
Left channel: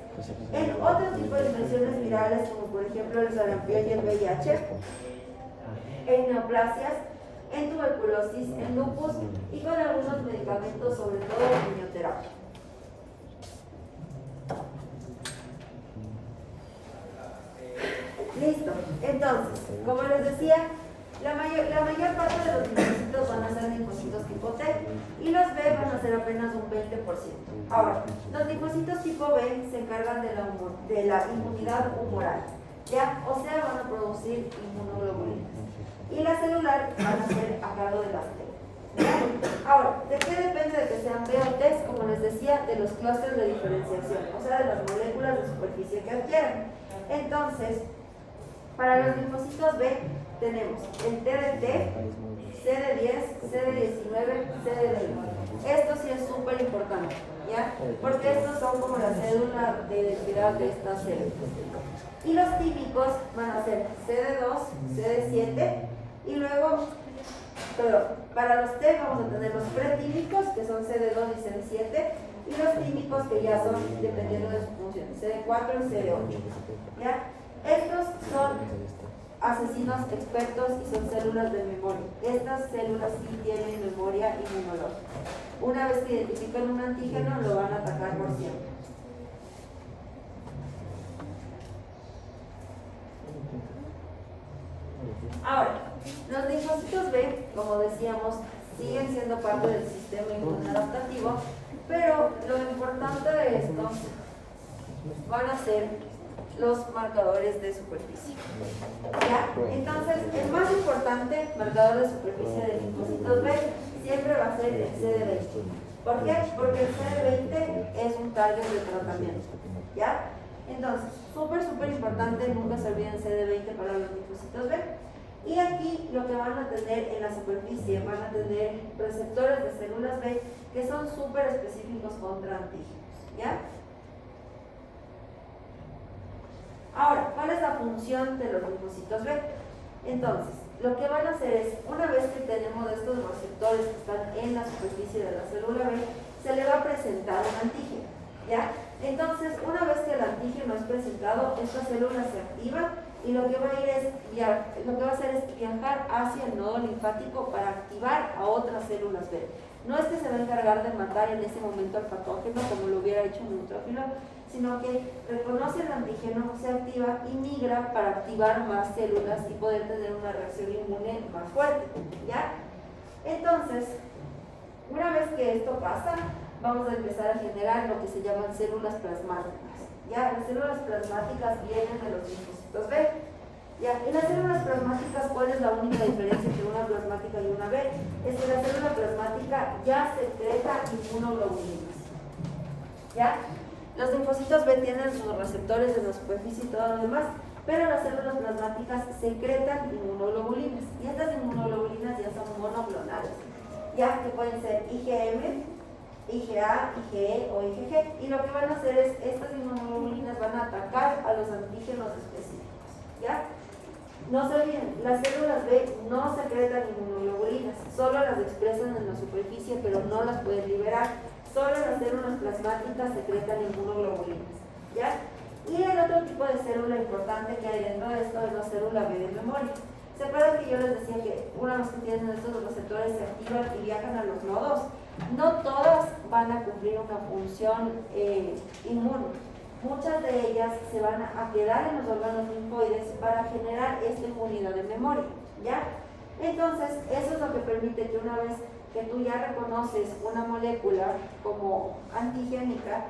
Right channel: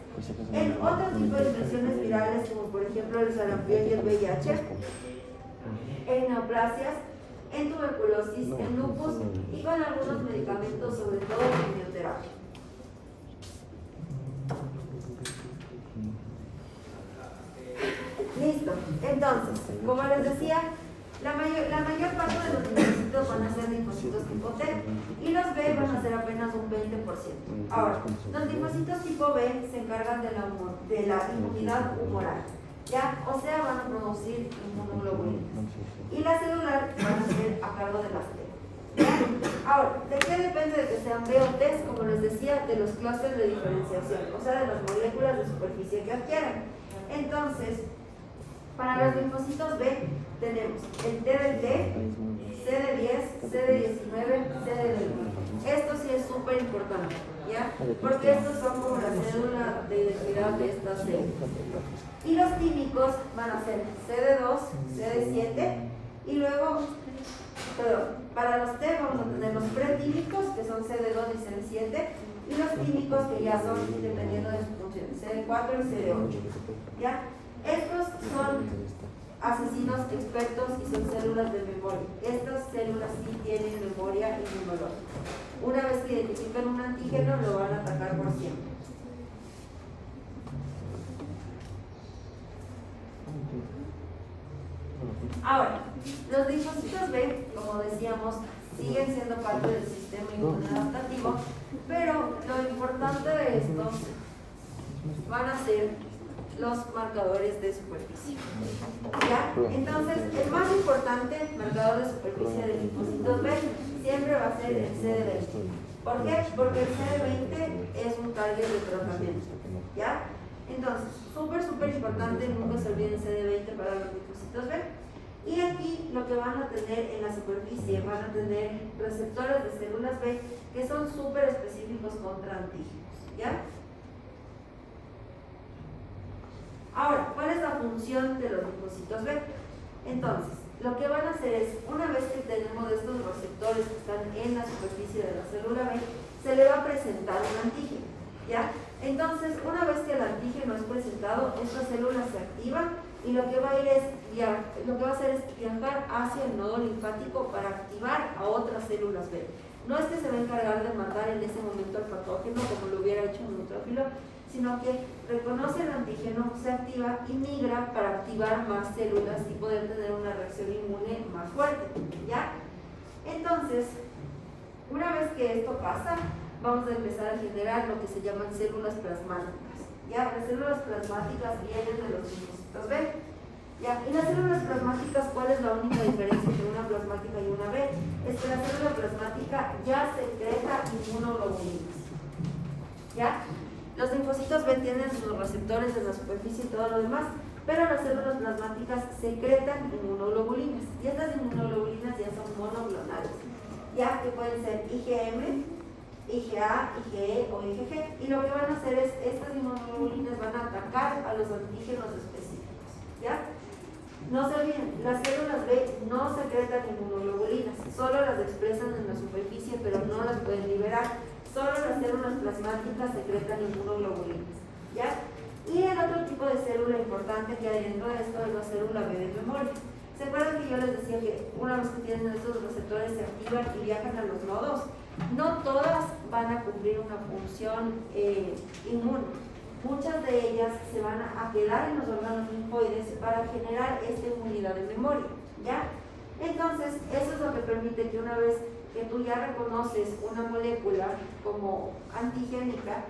en otro tipo de infecciones virales como por ejemplo el sarampión y el VIH, en neoplasias, en tuberculosis, en lupus y con algunos medicamentos, sobre todo en quimioterapia. Listo. Entonces, como les decía, la mayor parte de los linfocitos van a ser linfocitos tipo T y los B van a ser apenas un 20%. Ahora, los linfocitos tipo B se encargan de la inmunidad humoral, ¿ya? O sea, van a producir inmunoglobulinas. Y la celular van a ser a cargo de las T. Ahora, ¿de qué depende de que sean B o T? Como les decía, de los clústeres de diferenciación, o sea, de las moléculas de superficie que adquieran. Entonces, para los linfocitos B tenemos el T de T, CD10, CD19, CD20. Esto sí es súper importante, ¿ya? Porque estos son como la cédula de identidad de estas células. Y los típicos van a ser CD2, CD7 y luego, para los T vamos a tener los pretímicos que son CD2 y CD7 y los tímicos que ya son dependiendo de su función, CD4 y CD8, ¿ya? Estos son asesinos expertos y son células de memoria. Estas células sí tienen memoria inmunológica. Una vez que identifican un antígeno, lo van a atacar por siempre. Ahora, los linfocitos B, como decíamos, siguen siendo parte del sistema inmunológico, pero lo importante de esto van a ser los marcadores de superficie. ¿Ya? Entonces, el más importante marcador de superficie de linfocitos B siempre va a ser el CD20. ¿Por qué? Porque el CD20 es un target de tratamiento. ¿Ya? Entonces, súper importante, nunca se olviden CD20 para los linfocitos B. Y aquí lo que van a tener en la superficie, van a tener receptores de células B que son súper específicos contra antígenos. ¿Ya? Ahora, ¿cuál es la función de los linfocitos B? Entonces, lo que van a hacer es, una vez que tenemos estos receptores que están en la superficie de la célula B, se le va a presentar un antígeno, ¿ya? Entonces, una vez que el antígeno es presentado, esta célula se activa y lo que va a hacer es viajar hacia el nodo linfático para activar a otras células B. No es que se va a encargar de matar en ese momento al patógeno como lo hubiera hecho un neutrófilo, sino que reconoce el antígeno, se activa y migra para activar más células y poder tener una reacción inmune más fuerte, ¿ya? Entonces, una vez que esto pasa, vamos a empezar a generar lo que se llaman células plasmáticas, ¿ya? Las células plasmáticas vienen de los linfocitos B, ¿ya? Y las células plasmáticas, ¿cuál es la única diferencia entre una plasmática y una B? Es que la célula plasmática ya secreta inmunoglobulinas, ¿ya? Los linfocitos B tienen sus receptores en la superficie y todo lo demás, pero las células plasmáticas secretan inmunoglobulinas, y estas inmunoglobulinas ya son monoclonales, ya que pueden ser IgM, IgA, IgE o IgG, y lo que van a hacer es, estas inmunoglobulinas van a atacar a los antígenos específicos, ¿ya? No se olviden, las células B no secretan inmunoglobulinas, solo las expresan en la superficie, pero no las pueden liberar. Solo las células plasmáticas secretan inmunoglobulinas, ¿ya? Y el otro tipo de célula importante que hay dentro de esto es la célula B de memoria. ¿Se acuerdan que yo les decía que una vez que tienen estos receptores se activan y viajan a los nodos? No todas van a cumplir una función inmune. Muchas de ellas se van a quedar en los órganos linfoides para generar esta inmunidad de memoria, ¿ya? Entonces, eso es lo que permite que una vez que tú ya reconoces una molécula como antigénica,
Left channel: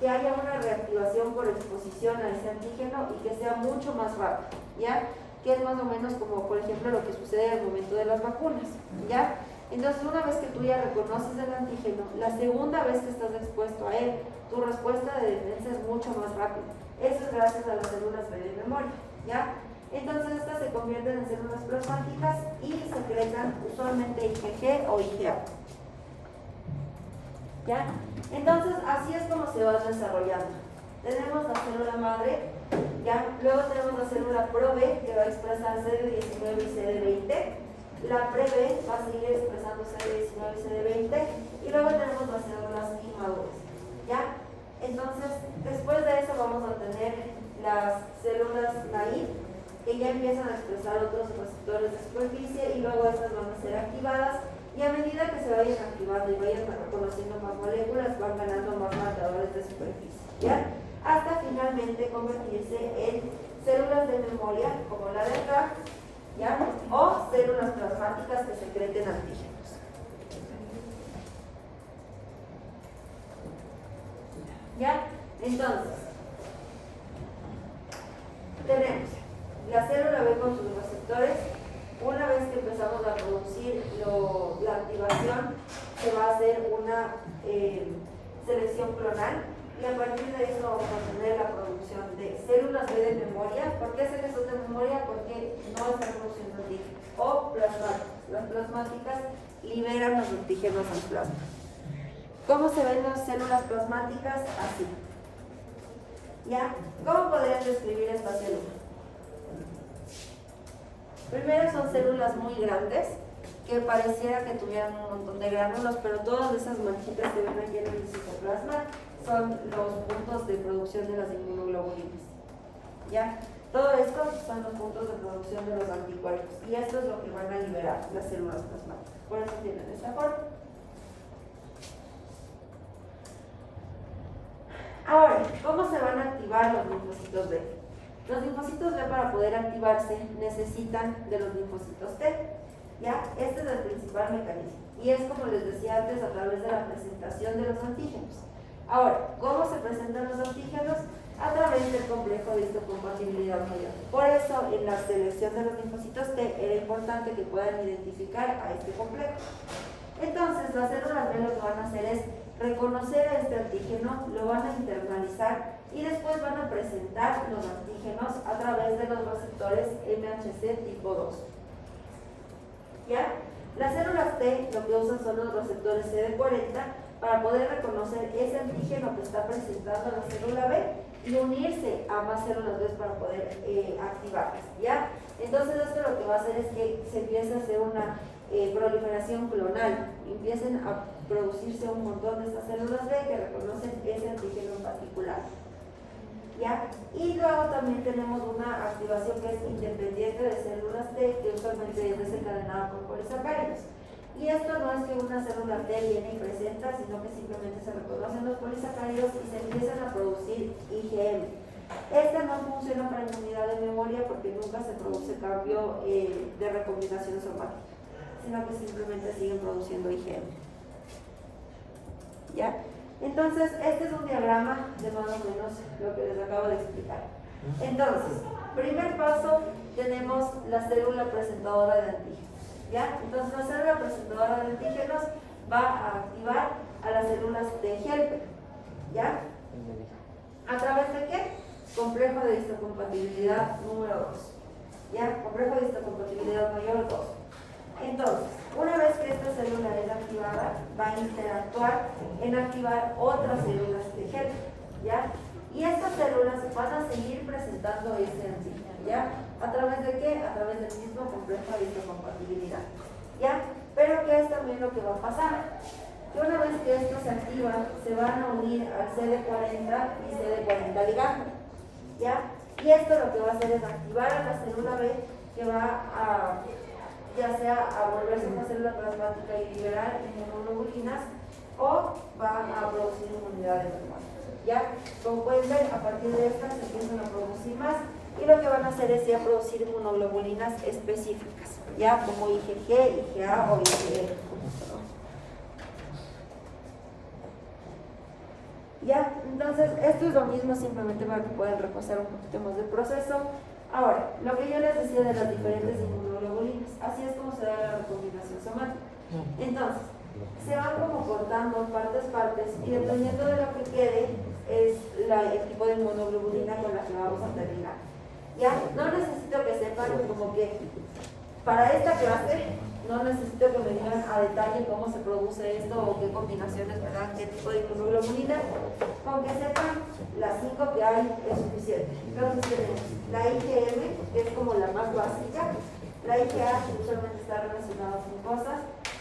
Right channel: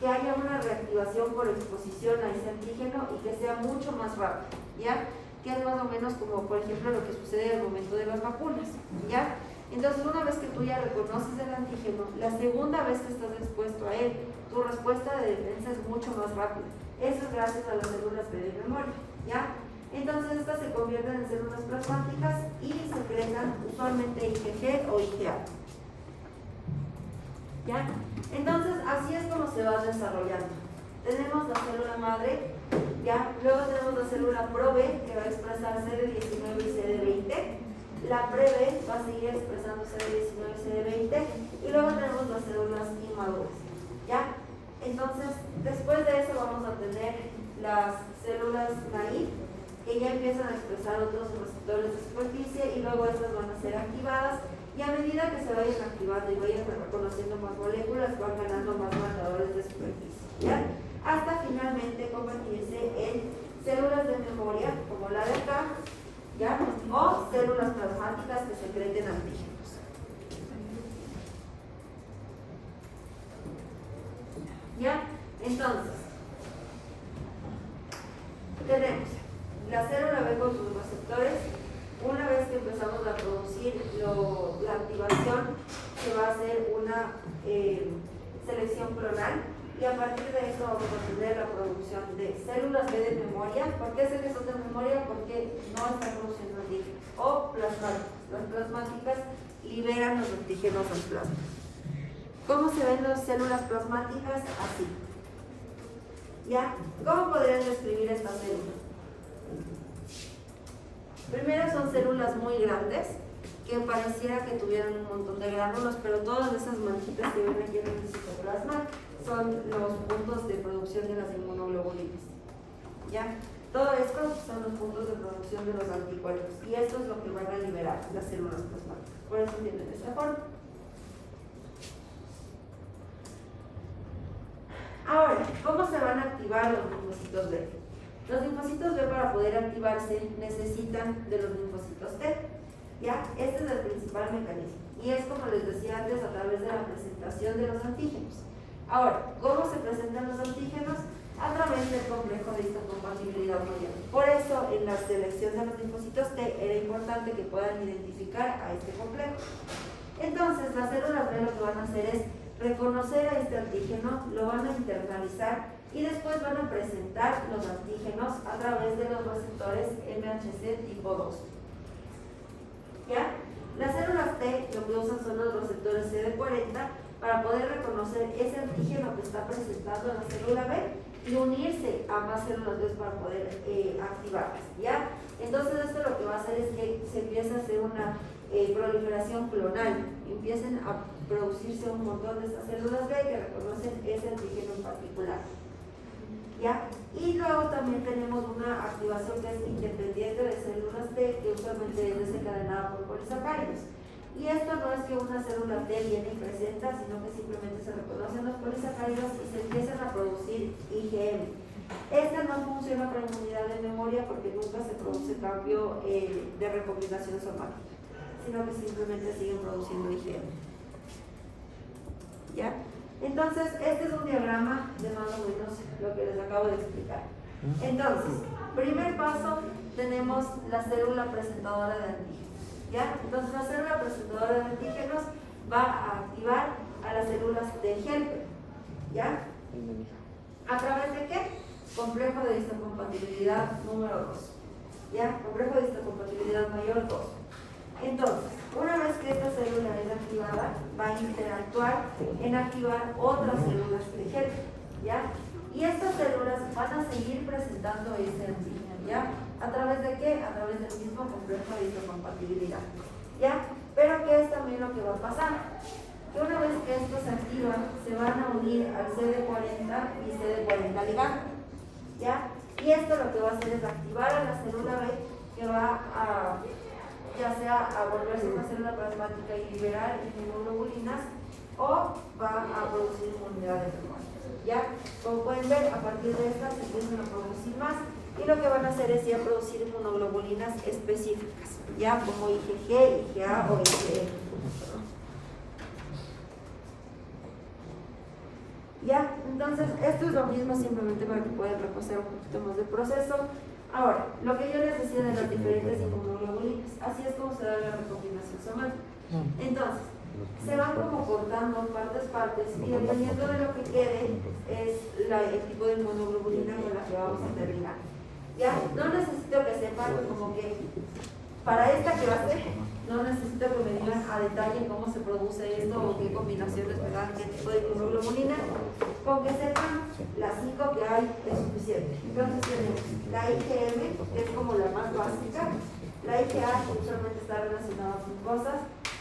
que haya una reactivación por exposición a ese antígeno y que sea mucho más rápido, ¿ya? Que es más o menos como, por ejemplo, lo que sucede al momento de las vacunas, ¿ya? Entonces, una vez que tú ya reconoces el antígeno, la segunda vez que estás expuesto a él, tu respuesta de defensa es mucho más rápida. Eso es gracias a las células B de memoria, ¿ya? Entonces estas se convierten en células plasmáticas y secretan usualmente IgG o IgA, ¿ya? Entonces así es como se van desarrollando. Tenemos la célula madre, ¿ya? Luego tenemos la célula pro-B que va a expresar CD19 y CD20. La pre-B va a seguir expresando CD19 y CD20 y luego tenemos las células inmaduras, ¿ya? Entonces después de eso vamos a tener las células naive, que ya empiezan a expresar otros receptores de superficie y luego estas van a ser activadas, y a medida que se vayan activando y vayan reconociendo más moléculas van ganando más marcadores de superficie, ¿ya? Hasta finalmente convertirse en células de memoria como la de acá, ¿ya? O células plasmáticas que secreten antígenos. ¿Ya? Entonces tenemos la célula B con sus receptores. Una vez que empezamos a producir la activación, se va a hacer una selección clonal y a partir de eso vamos a tener la producción de células B de memoria. ¿Por qué sé que son de memoria? Porque no están produciendo antígenos. O plasmáticas. Las plasmáticas liberan los antígenos al plasma. ¿Cómo se ven las células plasmáticas? Así. ¿Ya? ¿Cómo podrían describir esta célula? Primero son células muy grandes que pareciera que tuvieran un montón de gránulos, pero todas esas manchitas que ven aquí en el citoplasma son los puntos de producción de las inmunoglobulinas, ¿ya? Todo esto son los puntos de producción de los anticuerpos y esto es lo que van a liberar las células plasmáticas. Por eso tienen esta forma. Ahora, ¿cómo se van a activar los linfocitos B? Los linfocitos B, para poder activarse, necesitan de los linfocitos T, ¿ya? Este es el principal mecanismo y es, como les decía antes, a través de la presentación de los antígenos. Ahora, ¿cómo se presentan los antígenos? A través del complejo de histocompatibilidad mediana. Por eso, en la selección de los linfocitos T era importante que puedan identificar a este complejo. Entonces, las células B lo que van a hacer es reconocer a este antígeno, lo van a internalizar y después van a presentar los antígenos a través de los receptores MHC tipo 2. ¿Ya? Las células T lo que usan son los receptores CD40 para poder reconocer ese antígeno que está presentando la célula B y unirse a más células B para poder activarlas, ¿ya? Entonces esto lo que va a hacer es que se empiece a hacer una proliferación clonal, empiecen a producirse un montón de estas células B que reconocen ese antígeno en particular, ¿ya? Y luego también tenemos una activación que es independiente de células T, que usualmente es desencadenada por polisacáridos. Y esto no es que una célula T viene y presenta, sino que simplemente se reconocen los polisacáridos y se empiezan a producir IgM. Esta no funciona para inmunidad de memoria porque nunca se produce cambio de recombinación somática, sino que simplemente siguen produciendo IgM. ¿Ya? Entonces, este es un diagrama de más o menos lo que les acabo de explicar. Entonces, primer paso, tenemos la célula presentadora de antígenos. ¿Ya? Entonces, la célula presentadora de antígenos va a activar a las células de Helper. ¿Ya? ¿A través de qué? Complejo de histocompatibilidad número 2. ¿Ya? Complejo de histocompatibilidad mayor 2. Entonces, una vez que esta célula es activada, va a interactuar en activar otras células de Helper, ¿ya? Y estas células van a seguir presentando este antígeno, ¿ya? ¿A través de qué? A través del mismo complejo de histocompatibilidad, ¿ya? Pero ¿qué es también lo que va a pasar? Que una vez que esto se activa, se van a unir al CD40 y CD40 ligado, ¿ya? Y esto lo que va a hacer es activar a la célula B, que va a ya sea a volverse una célula plasmática y liberar inmunoglobulinas, o va a producir inmunidad de memoria. ¿Ya? Como pueden ver, a partir de estas se empiezan a producir más, y lo que van a hacer es ya producir inmunoglobulinas específicas, ya como IgG, IgA o IgE. ¿Ya? Entonces, esto es lo mismo, simplemente para que puedan repasar un poquito más del proceso. Ahora, lo que yo les decía de las diferentes inmunoglobulinas, así es como se da la recombinación somática. Entonces, se van como cortando partes, y dependiendo de lo que quede, es el tipo de inmunoglobulina con la que vamos a terminar. ¿Ya? No necesito que sepan como que para esta clase, no necesito que me digan a detalle cómo se produce esto o qué combinaciones me dan, qué tipo de inmunoglobulina. Con que sepan las 5 que hay es suficiente. Entonces tenemos la IgM, que es como la más básica, la IgA, que usualmente está relacionada con cosas,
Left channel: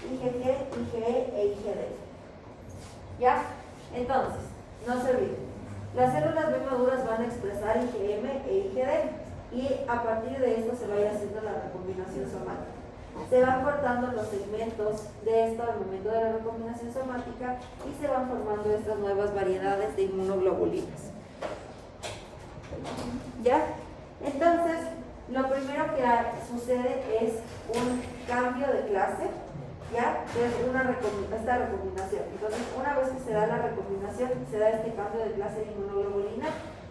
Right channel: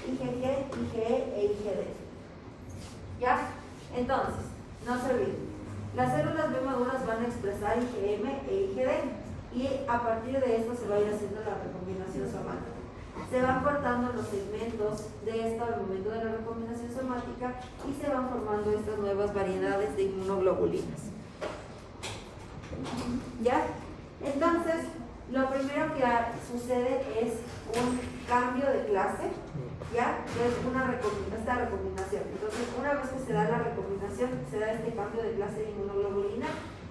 IgG, IgE e IgD. ¿Ya? Entonces, no se olviden. Las células B maduras van a expresar IgM e IgD y a partir de esto se va a ir haciendo la recombinación somática. Se van cortando los segmentos de esto al momento de la recombinación somática y se van formando estas nuevas variedades de inmunoglobulinas. ¿Ya? Entonces, lo primero que sucede es un cambio de clase, ¿ya? Es esta recombinación. Entonces, una vez que se da la recombinación, se da este cambio de clase de inmunoglobulina.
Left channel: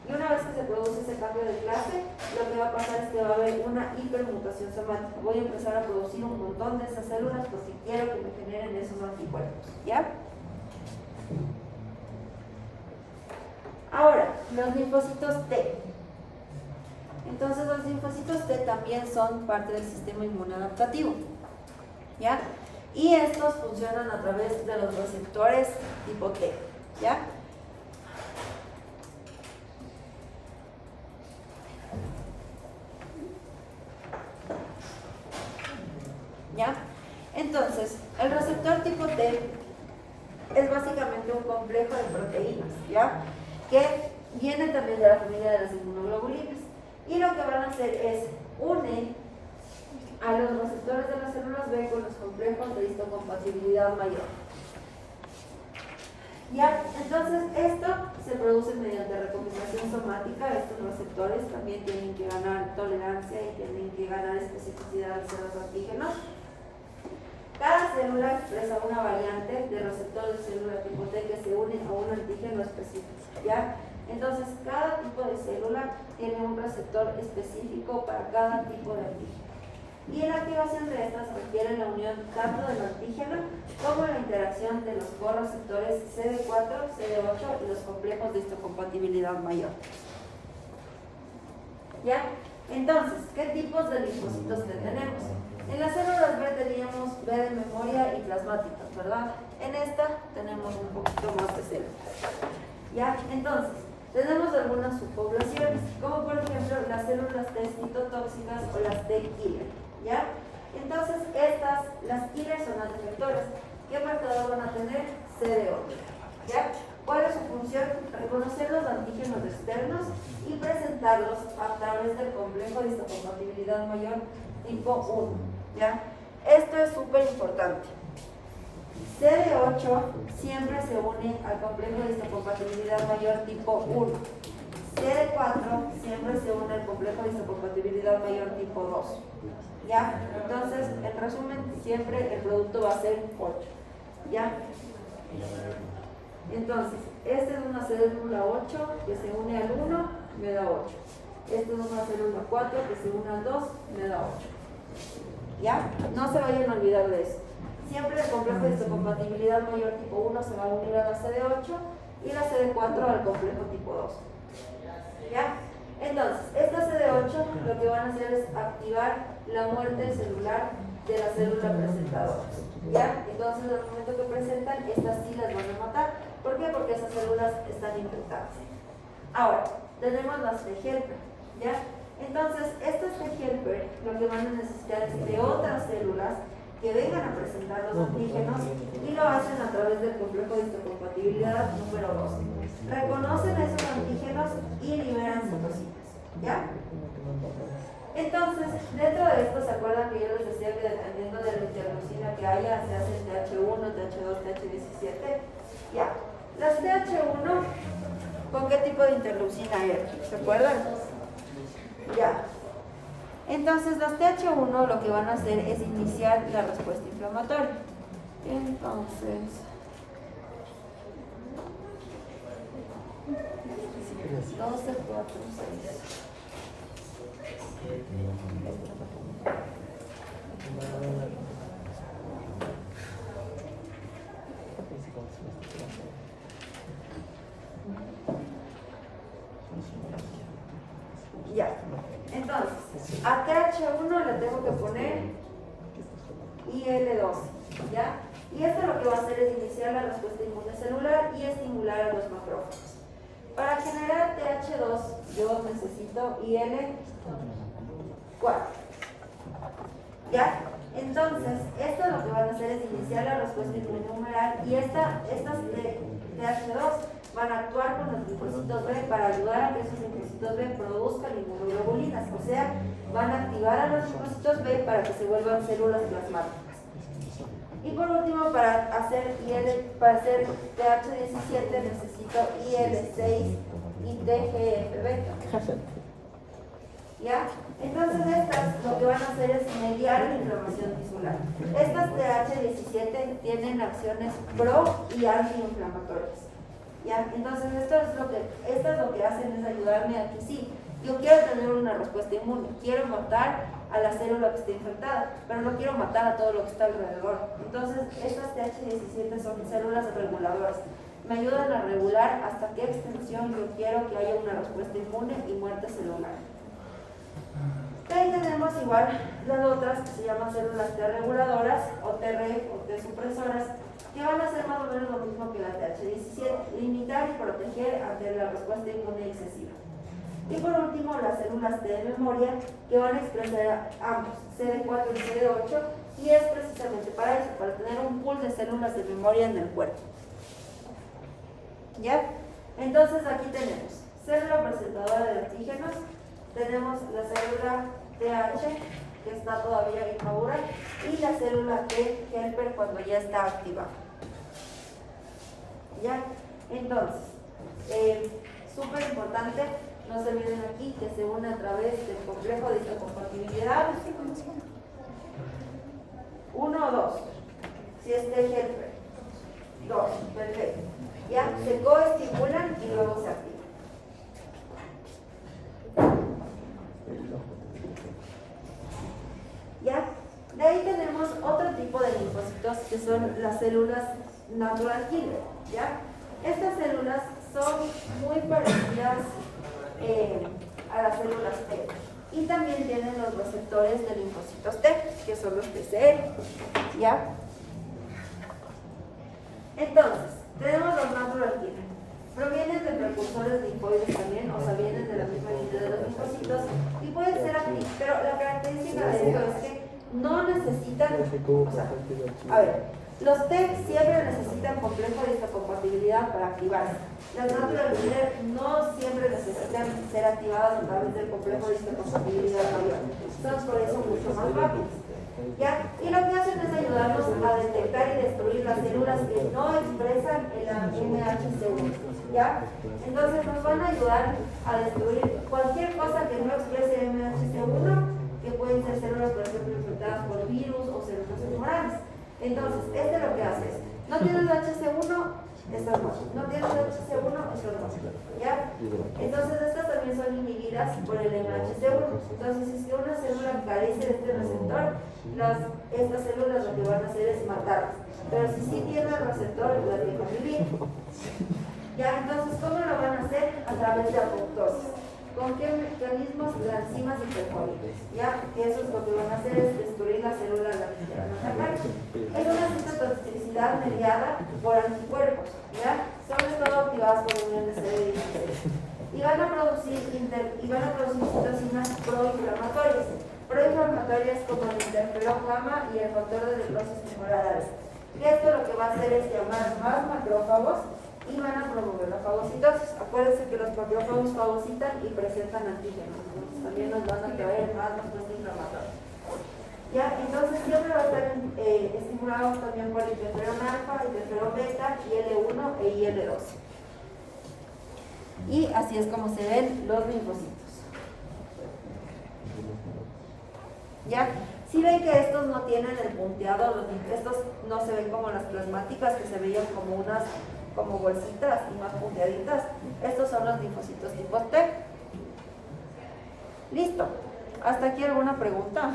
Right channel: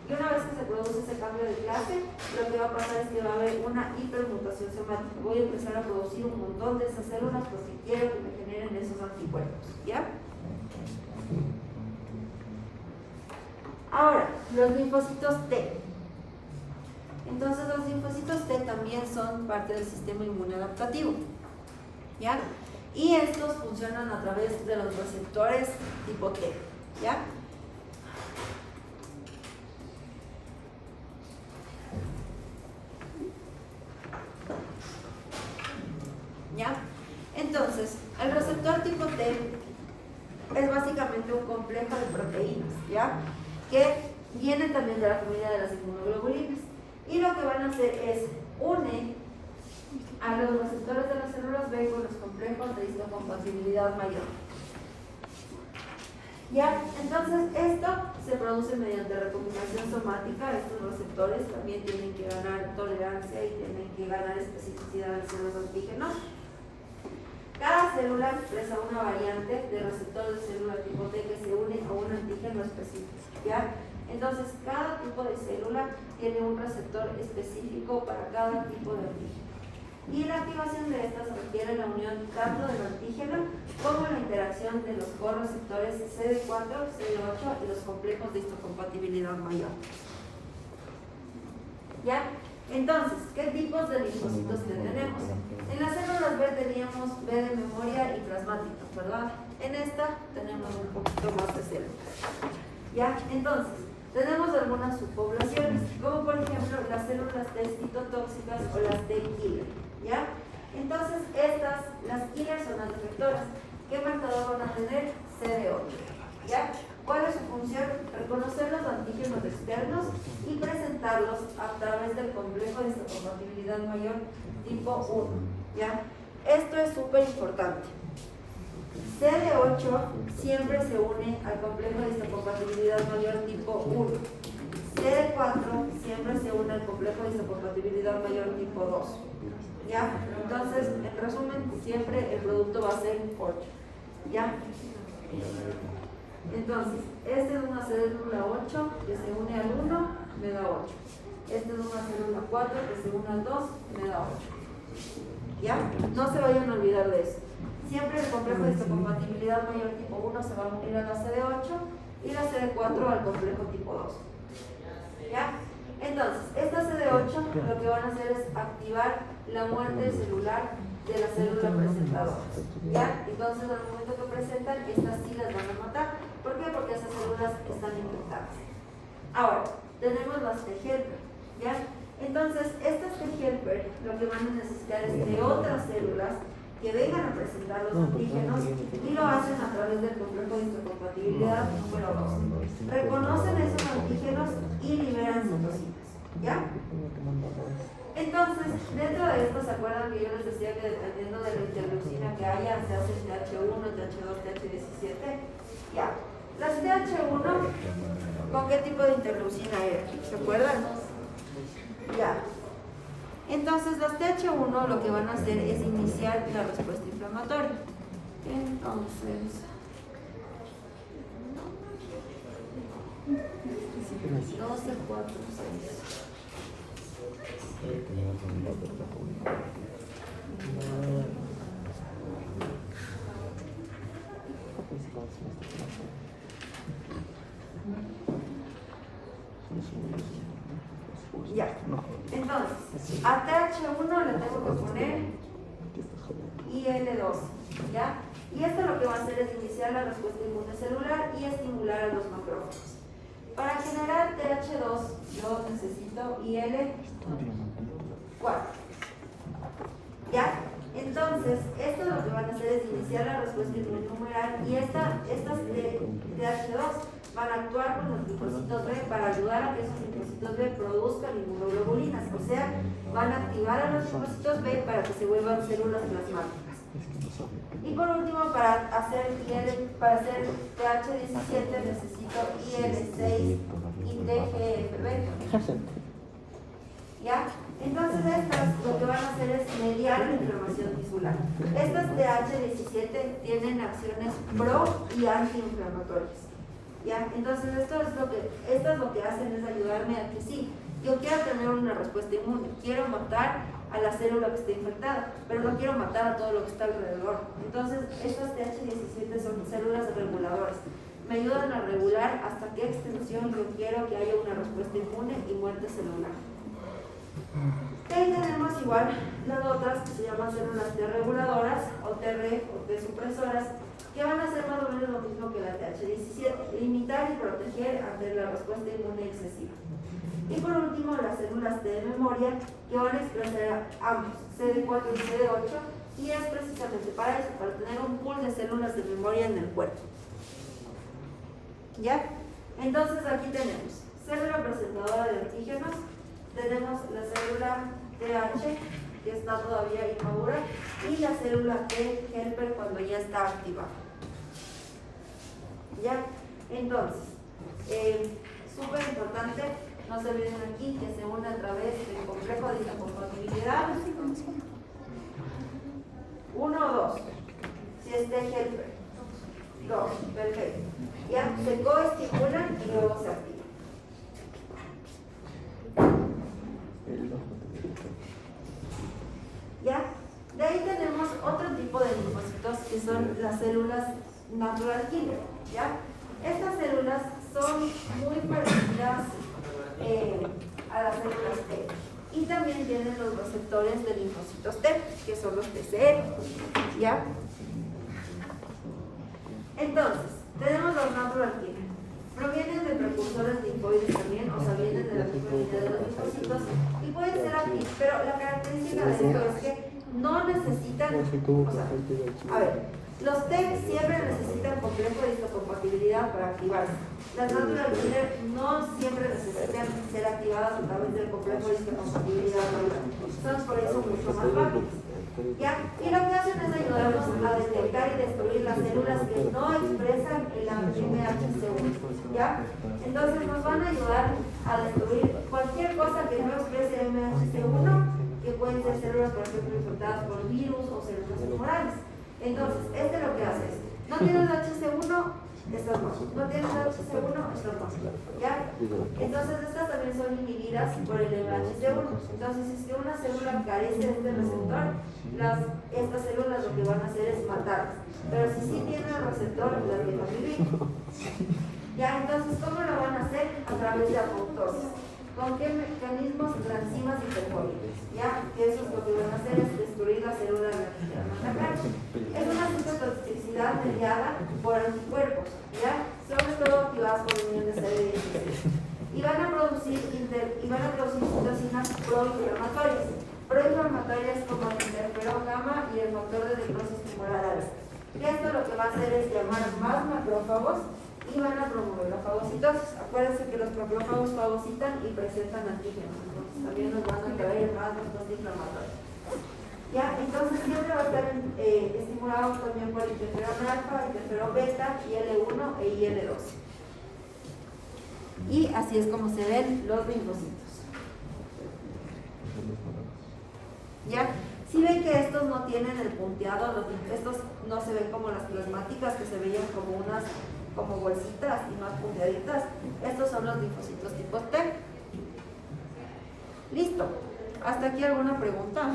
Y una vez que se produce ese cambio de clase, lo que va a pasar es que va a haber una hipermutación somática. Voy a empezar a producir un montón de esas células porque quiero que me generen esos anticuerpos. ¿Ya? Ahora, los linfocitos T. Entonces, los linfocitos T también son parte del sistema inmunadaptativo. ¿Ya? Y estos funcionan a través de los receptores tipo T. ¿Ya? ¿Ya? Entonces, el receptor tipo T es básicamente un complejo de proteínas, ¿ya? Que viene también de la familia de las inmunoglobulinas. Y lo que van a hacer es unir a los receptores de las células B con los complejos de histocompatibilidad mayor. ¿Ya? Entonces, esto se produce mediante recombinación somática. Estos receptores también tienen que ganar tolerancia y tienen que ganar especificidad de los antígenos. Cada célula expresa una variante de receptores de célula tipo T que se unen a un antígeno específico, ¿ya? Entonces, cada tipo de célula tiene un receptor específico para cada tipo de antígeno. Y la activación de estas requiere la unión tanto del antígeno como la interacción de los correceptores CD4, CD8 y los complejos de histocompatibilidad mayor. ¿Ya? Entonces, ¿qué tipos de linfocitos tenemos? En las células B teníamos B de memoria y plasmáticas, ¿verdad? En esta tenemos un poquito más de células. ¿Ya? Entonces, tenemos algunas subpoblaciones, como por ejemplo las células T citotóxicas o las T killer. ¿Ya? Entonces, las killer son las defectoras. ¿Qué marcador van a tener? CD8. ¿Ya? ¿Cuál es su función? Reconocer los antígenos externos y presentar presentarlos a través del complejo de histocompatibilidad mayor tipo 1, ¿ya? Esto es súper importante. CD8 siempre se une al complejo de histocompatibilidad mayor tipo 1. CD4 siempre se une al complejo de histocompatibilidad mayor tipo 2. ¿Ya? Entonces, en resumen, siempre el producto va a ser 8. ¿Ya? Entonces, esta es una célula 8 que se une al 1, me da 8. Esta es una célula 4 que se une al 2, me da 8. ¿Ya? No se vayan a olvidar de eso. Siempre el complejo de histocompatibilidad mayor tipo 1 se va a unir a la CD8 y la CD4 al complejo tipo 2. ¿Ya? Entonces, esta CD8 lo que van a hacer es activar la muerte celular de la célula presentadora. ¿Ya? Entonces, al momento que presentan, estas sí las van a matar. ¿Por qué? Porque esas células están infectadas. Ahora, tenemos las T-helper. ¿Ya? Entonces, estas T-helper lo que van a necesitar es de otras células que vengan a presentar los antígenos y lo hacen a través del complejo de histocompatibilidad número 2. Reconocen esos antígenos y liberan citocinas. ¿Ya? Entonces, dentro de esto, ¿se acuerdan que yo les decía que dependiendo de la interleucina que haya, se hace TH1, TH2, TH17? Ya. Las TH1, ¿con qué tipo de interleucina era? ¿Se acuerdan? Ya. Entonces, los TH1 lo que van a hacer es iniciar la respuesta inflamatoria. Entonces, 12, 4, 6. Ya. Entonces, a TH1 le tengo que poner IL-12, ¿ya? Y esto lo que va a hacer es iniciar la respuesta inmunecelular y estimular a los macrófagos. Para generar TH2, yo necesito IL-4, ¿ya? Entonces, esto lo que van a hacer es iniciar la respuesta inmunohumoral y estas TH2 van a actuar con los linfocitos B para ayudar a que esos linfocitos B produzcan inmunoglobulinas, o sea, van a activar a los linfocitos B para que se vuelvan células plasmáticas. Y por último, para hacer TH17 necesito IL-6 y TGF-beta. ¿Ya? Entonces estas lo que van a hacer es mediar la inflamación tisular. Estas TH17 tienen acciones pro y antiinflamatorias. ¿Ya? Entonces estas lo que hacen es ayudarme a que sí, yo quiero tener una respuesta inmune, quiero matar a la célula que está infectada, pero no quiero matar a todo lo que está alrededor. Entonces estas TH17 son células reguladoras. Me ayudan a regular hasta qué extensión yo quiero que haya una respuesta inmune y muerte celular. Ahí tenemos igual las otras que se llaman células T reguladoras o TRF o T supresoras, que van a hacer más o menos lo mismo que la TH17, limitar y proteger ante la respuesta inmune excesiva. Y por último, las células T de memoria, que van a expresar ambos, CD4 y CD8, y es precisamente para eso, para tener un pool de células de memoria en el cuerpo. ¿Ya? Entonces aquí tenemos célula presentadora de antígenos, tenemos la célula TH, que está todavía inmadura, y la célula T helper cuando ya está activada. ¿Ya? Entonces, súper importante, no se olviden aquí que se une a través del complejo de histocompatibilidad 1 o 2, si es T helper 2, perfecto. ¿Ya? Se coestimulan y luego se activan. ¿Ya? De ahí tenemos otro tipo de linfocitos que son las células natural killer. ¿Ya? Estas células son muy parecidas a las células T y también tienen los receptores de linfocitos T, que son los TCR. ¿Ya? Entonces, tenemos los natural killer. Provienen de precursores linfoides también, o sea, vienen de la misma línea de los linfocitos y pueden ser activos, pero la característica de esto es que no necesitan, o sea, a ver, los T siempre necesitan complejo de histocompatibilidad para activarse. Las natural killer no siempre necesitan ser activadas a través del complejo de histocompatibilidad mayor. Son por eso mucho más rápidos. ¿Ya? Y lo que hacen es ayudarnos a detectar y destruir las células que no expresan el MHC1. ¿Ya? Entonces nos van a ayudar a destruir cualquier cosa que no exprese MHC1, que pueden ser células, por ejemplo, infectadas por virus o células tumorales. Entonces, lo que hace es, no tienes HC1, estas no. No tienes HC1, estos no. ¿Ya? Entonces, estas también son inhibidas por el MHC1. Entonces, si es que una célula carece de este receptor, estas células lo que van a hacer es matarlas. Pero si sí tiene el receptor, las dejan vivir. ¿Ya? Entonces, ¿cómo lo van a hacer? A través de apoptosis. ¿Con qué mecanismos? Las enzimas hipercólicas, ¿ya? Que eso es lo que van a hacer es destruir la célula a la que van a atacar. Es una citotoxicidad mediada por anticuerpos, ¿ya? Sobre todo activadas por unión de CD16. Y van a producir citocinas proinflamatorias. Proinflamatorias como el interferón gamma y el factor de necrosis tumoral. Y esto lo que va a hacer es llamar más macrófagos y van a promover la fagocitosis. Acuérdense que los macrófagos fagocitan y presentan antígenos, entonces también nos van a traer más respuesta inflamatoria. ¿Ya? Entonces siempre va a estar estimulado también por interferón alfa, interferón beta, IL-1 e IL-2. Y así es como se ven los linfocitos. ¿Ya? Si ven que estos no tienen el punteado, estos no se ven como las plasmáticas que se veían como bolsitas y más punteaditas. Estos son los linfocitos tipo T. Listo. ¿Hasta aquí alguna pregunta?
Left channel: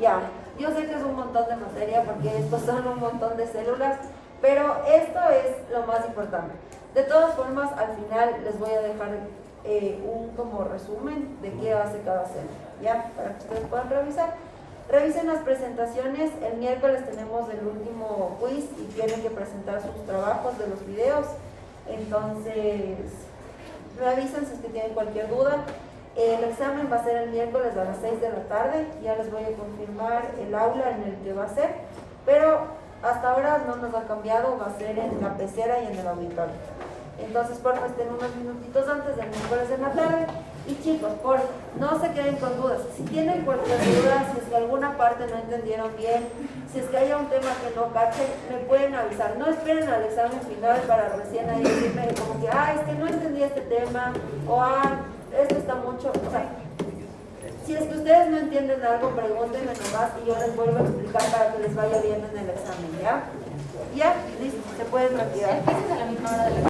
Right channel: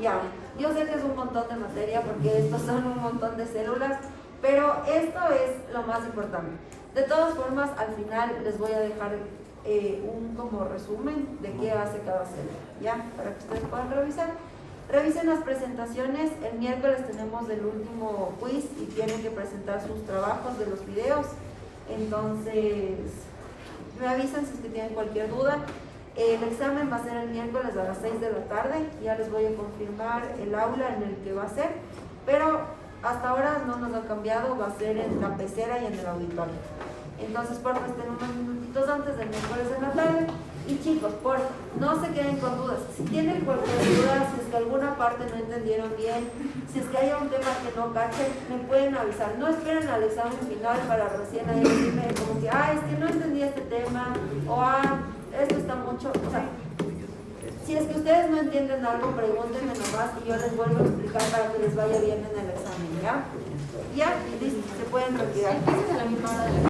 Ya, yo sé que es un montón de materia porque estos son un montón de células, pero esto es lo más importante. De todas formas, al final les voy a dejar un como resumen de qué hace cada célula, ¿ya? Para que ustedes puedan revisar. Revisen las presentaciones. El miércoles tenemos el último quiz y tienen que presentar sus trabajos de los videos. Entonces, revisen si es que tienen cualquier duda. El examen va a ser el miércoles a las 6 de la tarde. Ya les voy a confirmar el aula en el que va a ser. Pero hasta ahora no nos ha cambiado, va a ser en la pecera y en el auditorio. Entonces, por favor, estén unos minutitos antes del miércoles en la tarde. Y chicos, por no se queden con dudas. Si tienen cualquier duda, si es que alguna parte no entendieron bien, si es que hay un tema que no cachen, me pueden avisar. No esperen al examen final para recién ahí decirme como que, es que no entendí este tema, o esto está mucho. O sea, si es que ustedes no entienden algo, pregúntenme nomás y yo les vuelvo a explicar para que les vaya bien en el examen, ¿ya? Ya, listo, se pueden retirar. ¿Empiezas a la misma hora de la